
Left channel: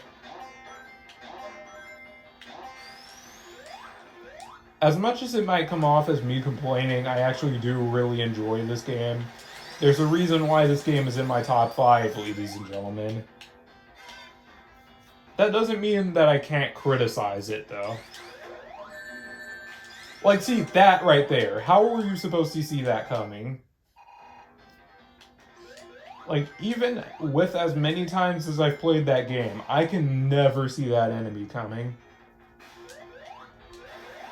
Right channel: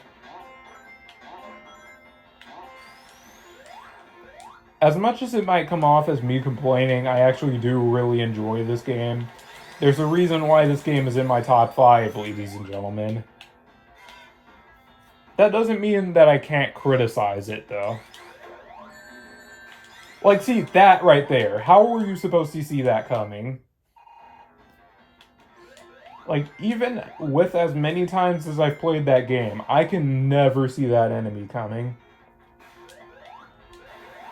As much as it might come off as me complaining, I actually do really enjoy this game. There's a reason why this game is in my top 5, ladies and gentlemen. That doesn't mean that I can't criticize it, though. Like, see, that right there. How were you supposed to see that coming? Like, even with as many times as I've played that game, I can never see that enemy coming.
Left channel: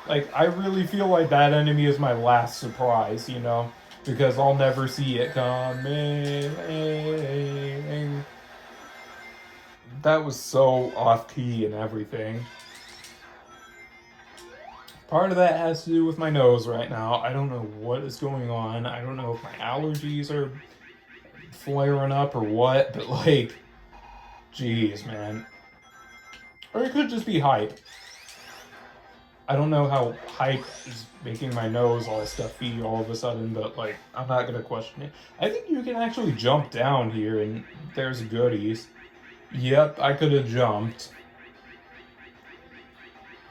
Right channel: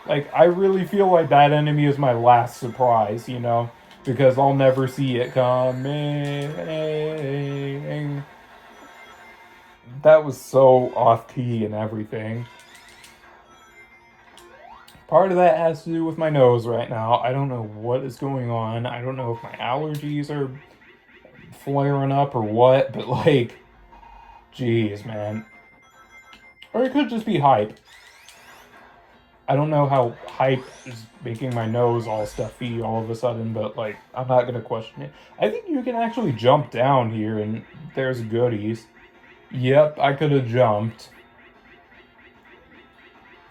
Like, I really feel like that enemy is my last surprise, you know? Because I'll never see it coming. That was so off-key and everything. Part of that has to do with my nose right now. I don't know what is going on. I don't know if my allergies are flaring up or what, but like, jeez, man. Or it could just be hype. I don't know how hype is making my nose all stuffy all of a sudden, but like, I'm not gonna question it. I think you can actually jump down here and there's goodies. Yep, I could have jumped.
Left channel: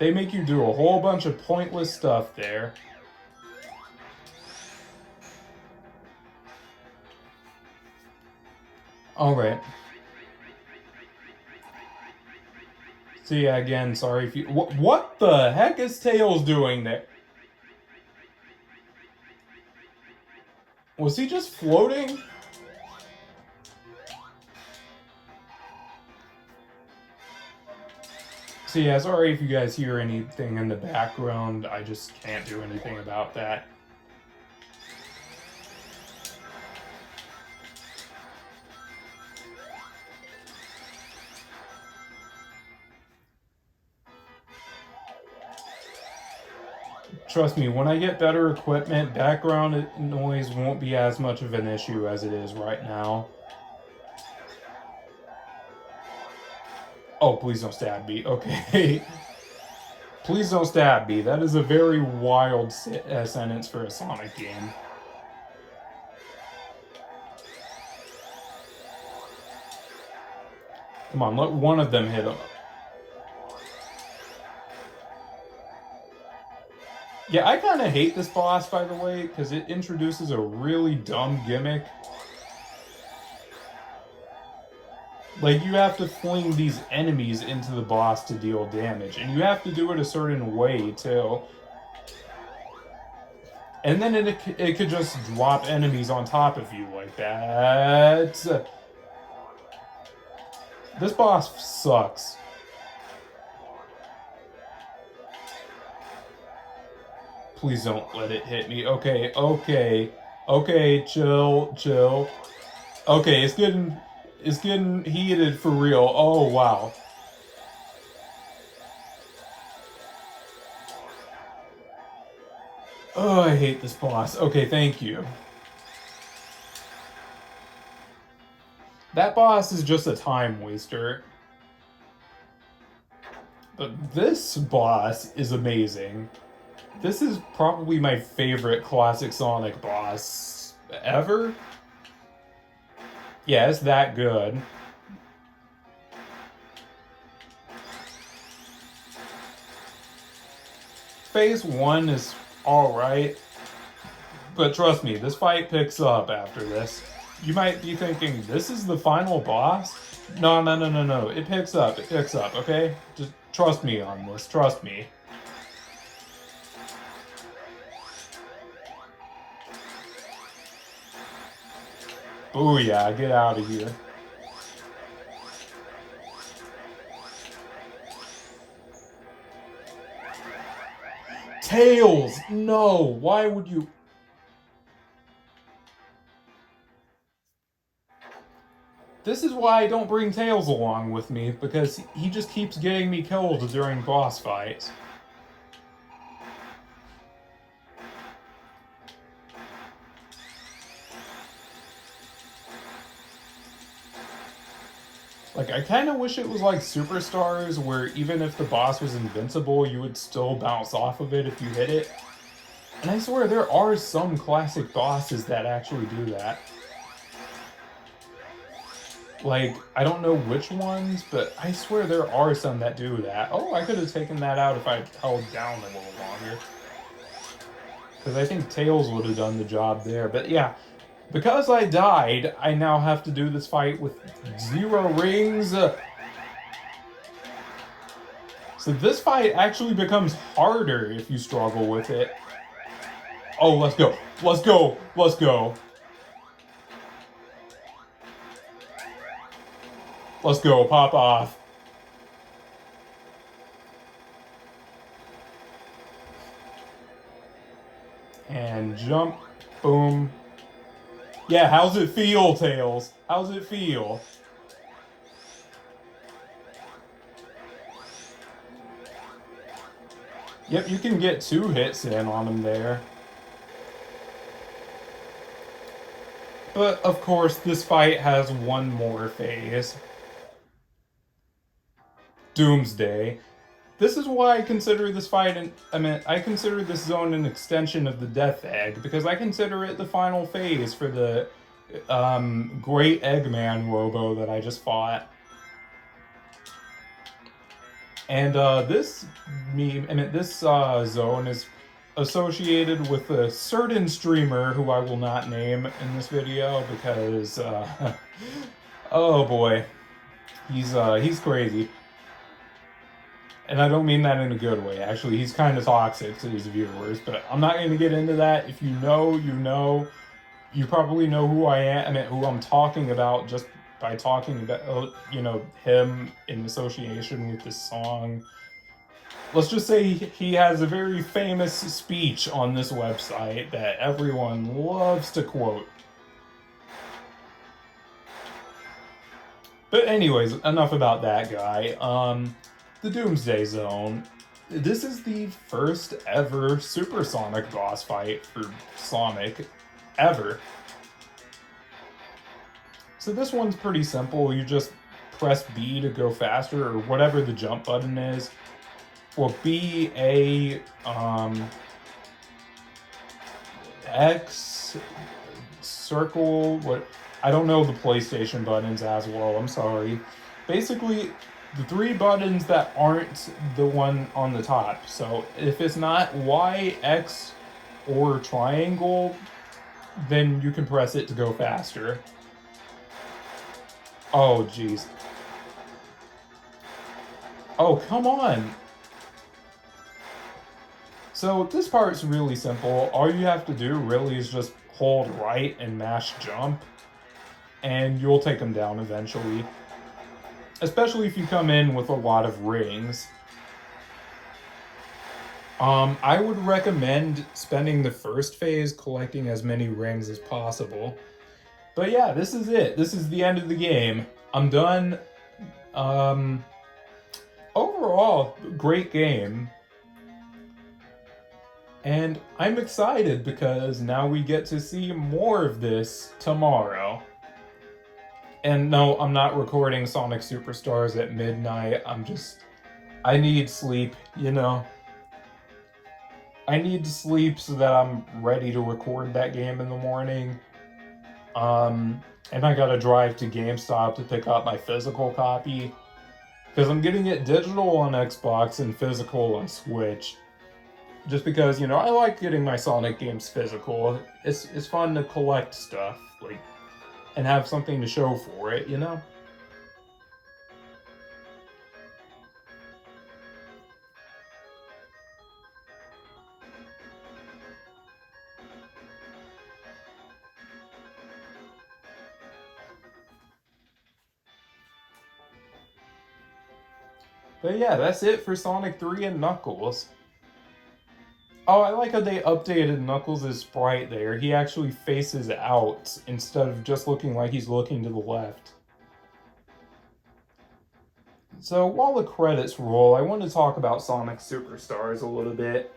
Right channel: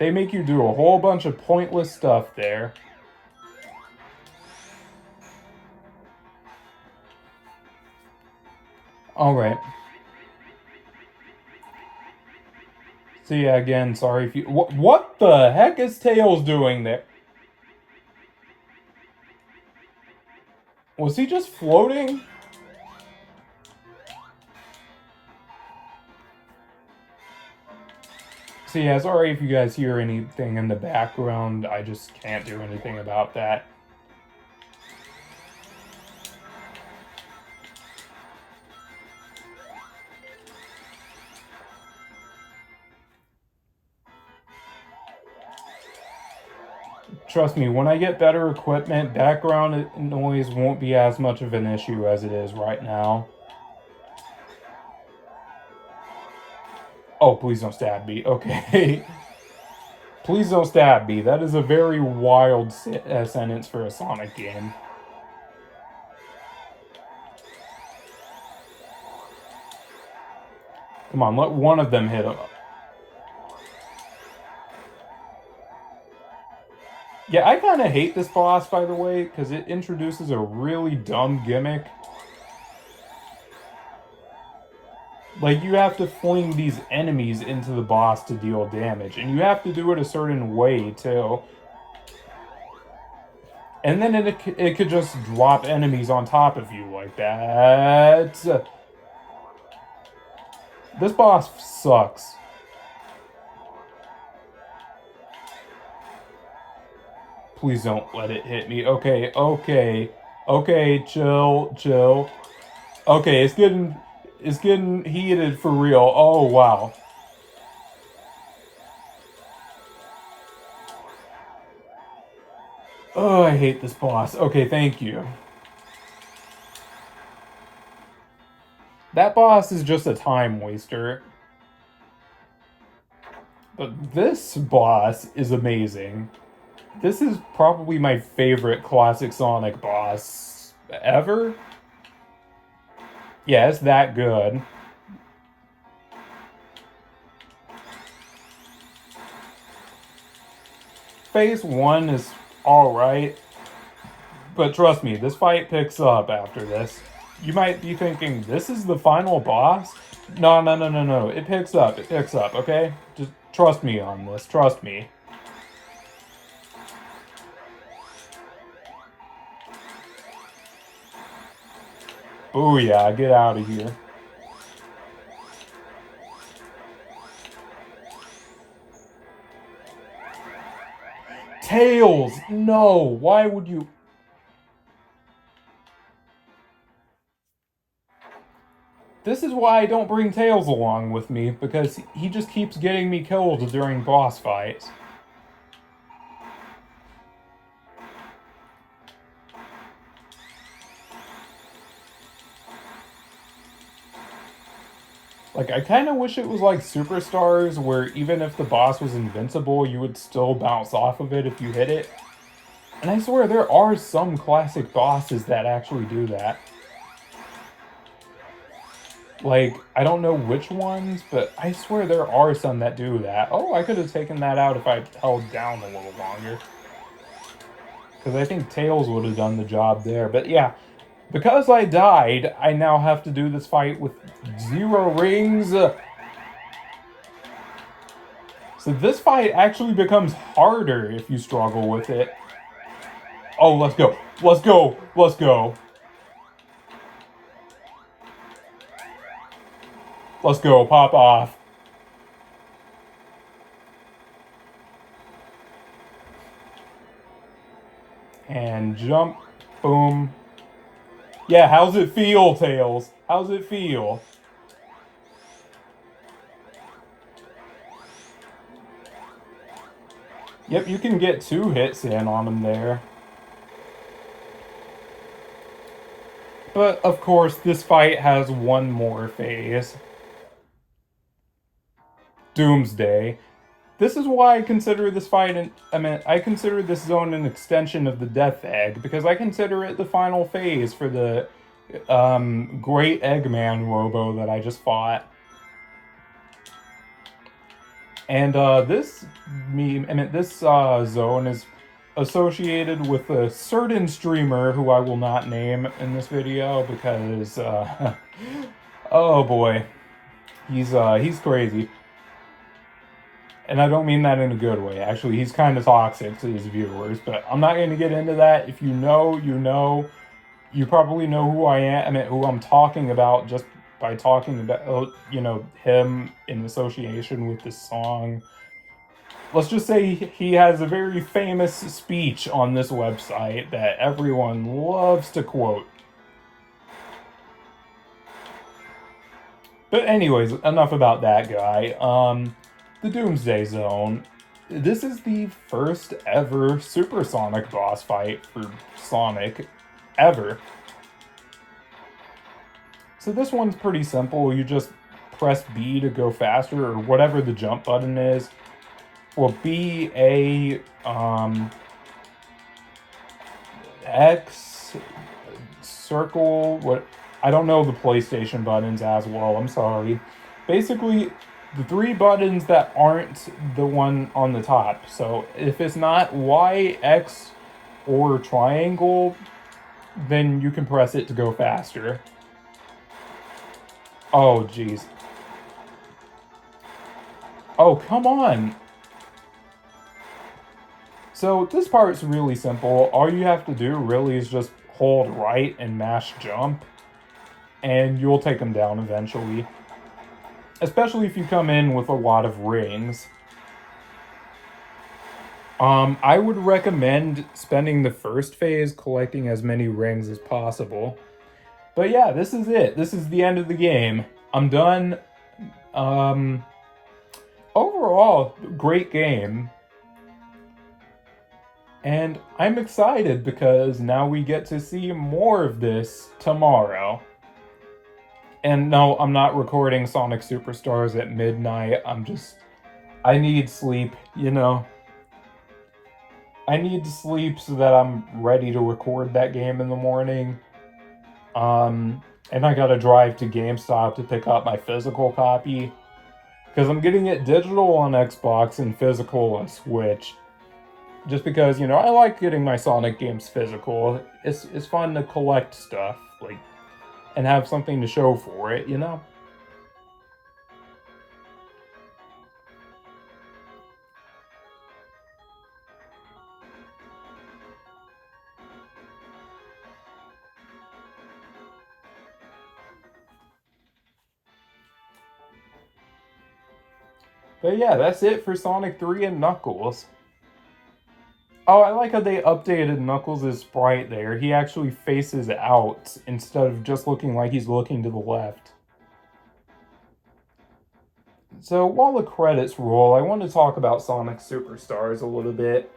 They make you do a whole bunch of pointless stuff there. Alright. So yeah, again, sorry if you... What the heck is Tails doing there? Was he just floating? So yeah, sorry if you guys hear anything in the background. I just can't do anything about that. trust me, when I get better equipment, background noise won't be as much of an issue as it is right now. Oh, please don't stab me. Okay. Please don't stab me. That is a very wild sentence for a Sonic game. Come on, let one of them hit him. Yeah, I kind of hate this boss, by the way, because it introduces a really dumb gimmick. Like, you have to fling these enemies into the boss to deal damage, and you have to do it a certain way, too. And then it could just drop enemies on top of you like that. This boss sucks. Please don't let it hit me. Okay, okay. Okay, chill, chill. Okay, it's getting heated for real. Oh, wow. Oh, I hate this boss. Okay, thank you. That boss is just a time waster. But this boss is amazing. This is probably my favorite classic Sonic boss ever. Yeah, it's that good. Phase 1 is alright. But trust me, this fight picks up after this. You might be thinking, this is the final boss? No, no, no, no, no. It picks up, okay? Just trust me on this, trust me. Booyah, get out of here. Tails! No, why would you... This is why I don't bring Tails along with me, because he just keeps getting me killed during boss fights. Like, I kind of wish it was like Superstars, where even if the boss was invincible, you would still bounce off of it if you hit it. And I swear, there are some classic bosses that actually do that. Like, I don't know which ones, but I swear there are some that do that. Oh, I could have taken that out if I held down a little longer. Because I think Tails would have done the job there. But yeah, because I died, I now have to do this fight with 0 rings. So this fight actually becomes harder if you struggle with it. Oh, let's go. Let's go. Let's go. Let's go. Pop off. And jump. Boom. Yeah, how's it feel, Tails? How's it feel? Yep, you can get 2 hits in on him there. But, of course, this fight has one more phase. Doomsday. This is why I consider this fight, I consider this zone an extension of the Death Egg, because I consider it the final phase for the Great Eggman Robo that I just fought. And this zone is associated with a certain streamer who I will not name in this video because, oh boy, he's crazy. And I don't mean that in a good way. Actually, he's kind of toxic to his viewers, but I'm not going to get into that. If you know, you know. You probably know who I am, who I'm talking about just by talking about, him in association with this song. Let's just say he has a very famous speech on this website that everyone loves to quote. But anyways, enough about that guy. The Doomsday Zone. this is the first ever supersonic boss fight for Sonic ever. So this one's pretty simple. You just press B to go faster, or whatever the jump button is. Well, B, A, X, circle, what, I don't know the PlayStation buttons as well, I'm sorry. Basically, the three buttons that aren't the one on the top. So if it's not Y, X, or triangle, then you can press it to go faster. Oh, jeez. Oh, come on. So this part's really simple. All you have to do really is just hold right and mash jump, and you'll take them down eventually. Especially if you come in with a lot of rings. I would recommend spending the first phase collecting as many rings as possible. But yeah, this is it. This is the end of the game. I'm done. Overall, great game. And I'm excited because now we get to see more of this tomorrow. And no, I'm not recording Sonic Superstars at midnight. I need sleep, you know. I need sleep so that I'm ready to record that game in the morning. And I gotta drive to GameStop to pick up my physical copy. Because I'm getting it digital on Xbox and physical on Switch. Just because, you know, I like getting my Sonic games physical. It's fun to collect stuff, like, and have something to show for it, you know? But yeah, that's it for Sonic 3 and Knuckles. Oh, I like how they updated Knuckles' sprite there. He actually faces out instead of just looking like he's looking to the left. So while the credits roll, I want to talk about Sonic Superstars a little bit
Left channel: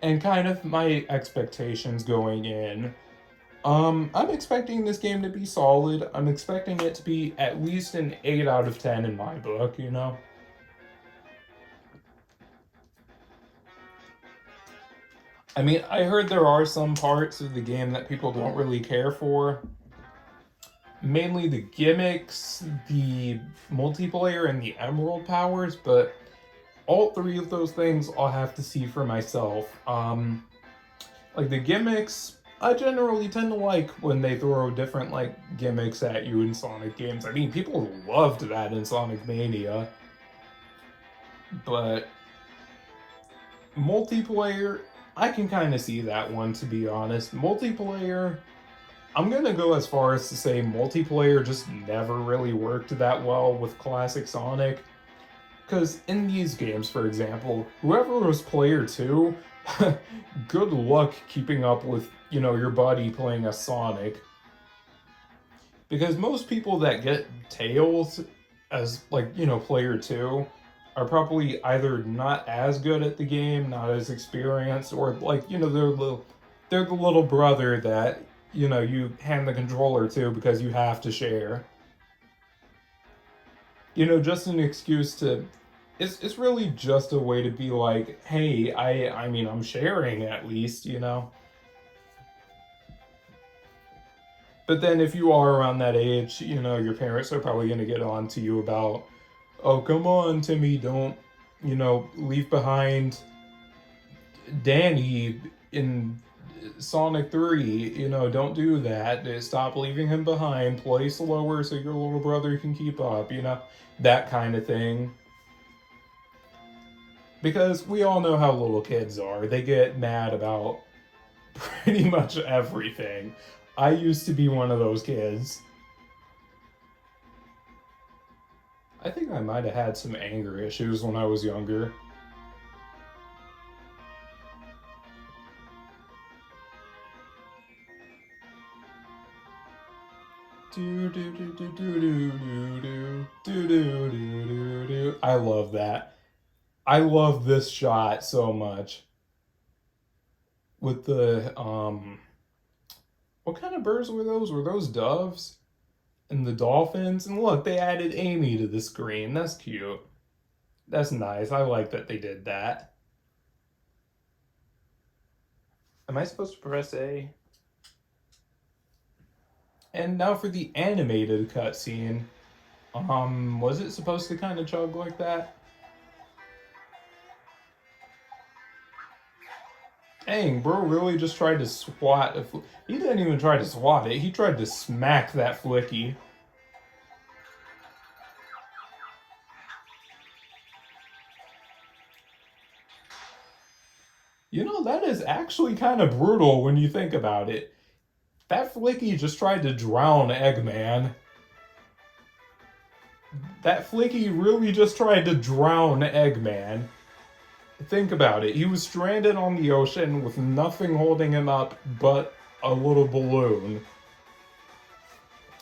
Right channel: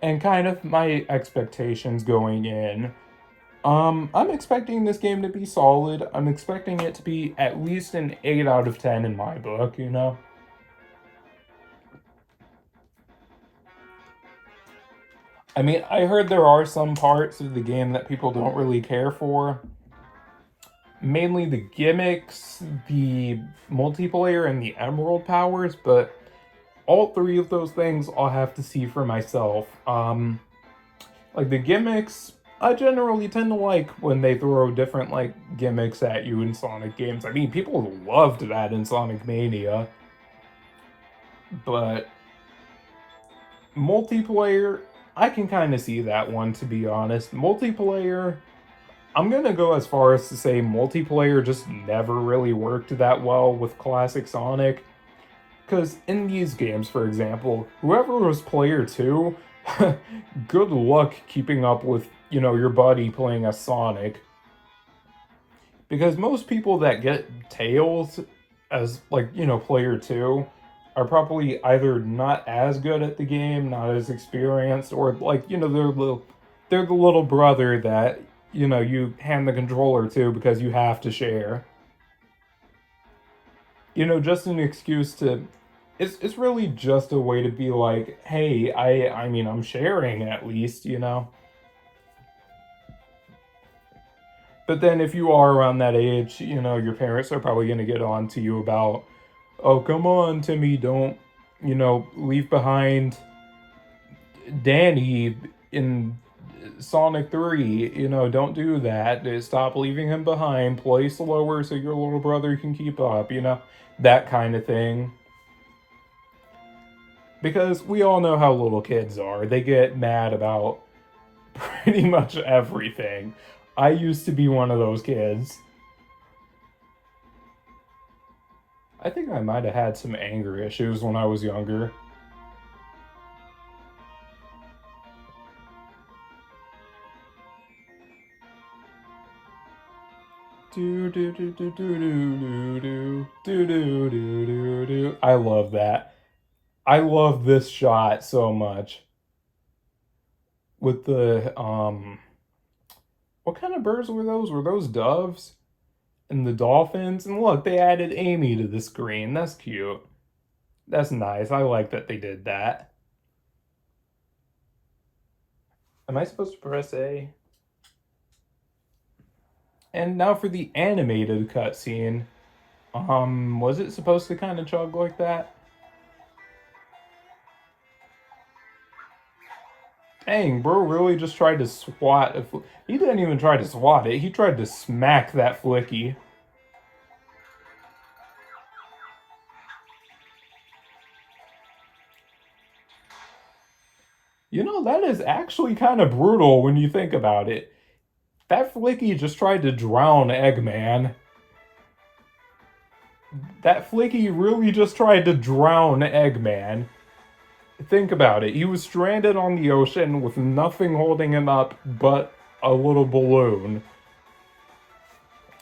and kind of my expectations going in. I'm expecting this game to be solid. I'm expecting it to be at least an 8 out of 10 in my book, you know? I mean, I heard there are some parts of the game that people don't really care for. Mainly the gimmicks, the multiplayer, and the emerald powers, but all three of those things I'll have to see for myself. Like the gimmicks, I generally tend to like when they throw different like gimmicks at you in Sonic games. I mean, people loved that in Sonic Mania. But multiplayer, I can kind of see that one, to be honest. Multiplayer, I'm gonna go as far as to say multiplayer just never really worked that well with classic Sonic. Because in these games, for example, whoever was player 2, good luck keeping up with, you know, your buddy playing a Sonic. Because most people that get Tails as, like, you know, player 2 are probably either not as good at the game, not as experienced, or like, you know, they're the little brother that, you know, you hand the controller to because you have to share. You know, just an excuse to, it's really just a way to be like, hey, I mean, I'm sharing at least, you know. But then if you are around that age, you know, your parents are probably going to get on to you about, oh, come on, Timmy, don't, you know, leave behind Danny in Sonic 3, you know, don't do that. Stop leaving him behind. Play slower so your little brother can keep up, you know, that kind of thing. Because we all know how little kids are. They get mad about pretty much everything. I used to be one of those kids. I think I might have had some anger issues when I was younger. Do do do do do do do do do do do do. I love that. I love this shot so much. With the, what kind of birds were those? Were those doves? And the dolphins? And look, they added Amy to the screen. That's cute. That's nice. I like that they did that. Am I supposed to press A? And now for the animated cutscene. Was it supposed to kind of chug like that? Dang, bro really just tried to swat. He didn't even try to swat it. He tried to smack that Flicky. You know, that is actually kind of brutal when you think about it. That Flicky just tried to drown Eggman. That Flicky really just tried to drown Eggman. Think about it. He was stranded on the ocean with nothing holding him up but a little balloon.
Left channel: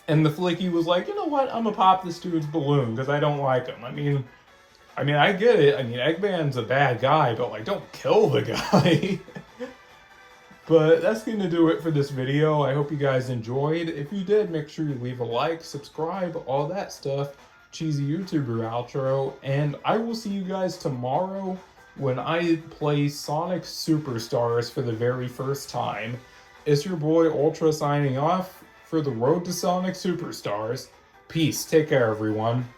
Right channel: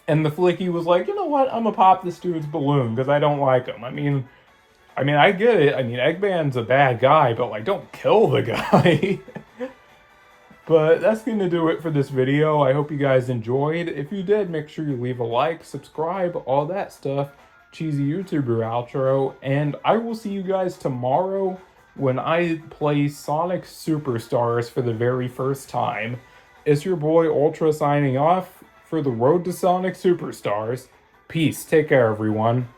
And the Flicky was like, you know what? I'm gonna pop this dude's balloon because I don't like him. I mean, I get it. I mean, Eggman's a bad guy, but like, don't kill the guy. But that's going to do it for this video. I hope you guys enjoyed. If you did, make sure you leave a like, subscribe, all that stuff. Cheesy YouTuber outro. And I will see you guys tomorrow when I play Sonic Superstars for the very first time. It's your boy Ultra signing off for the Road to Sonic Superstars. Peace. Take care, everyone.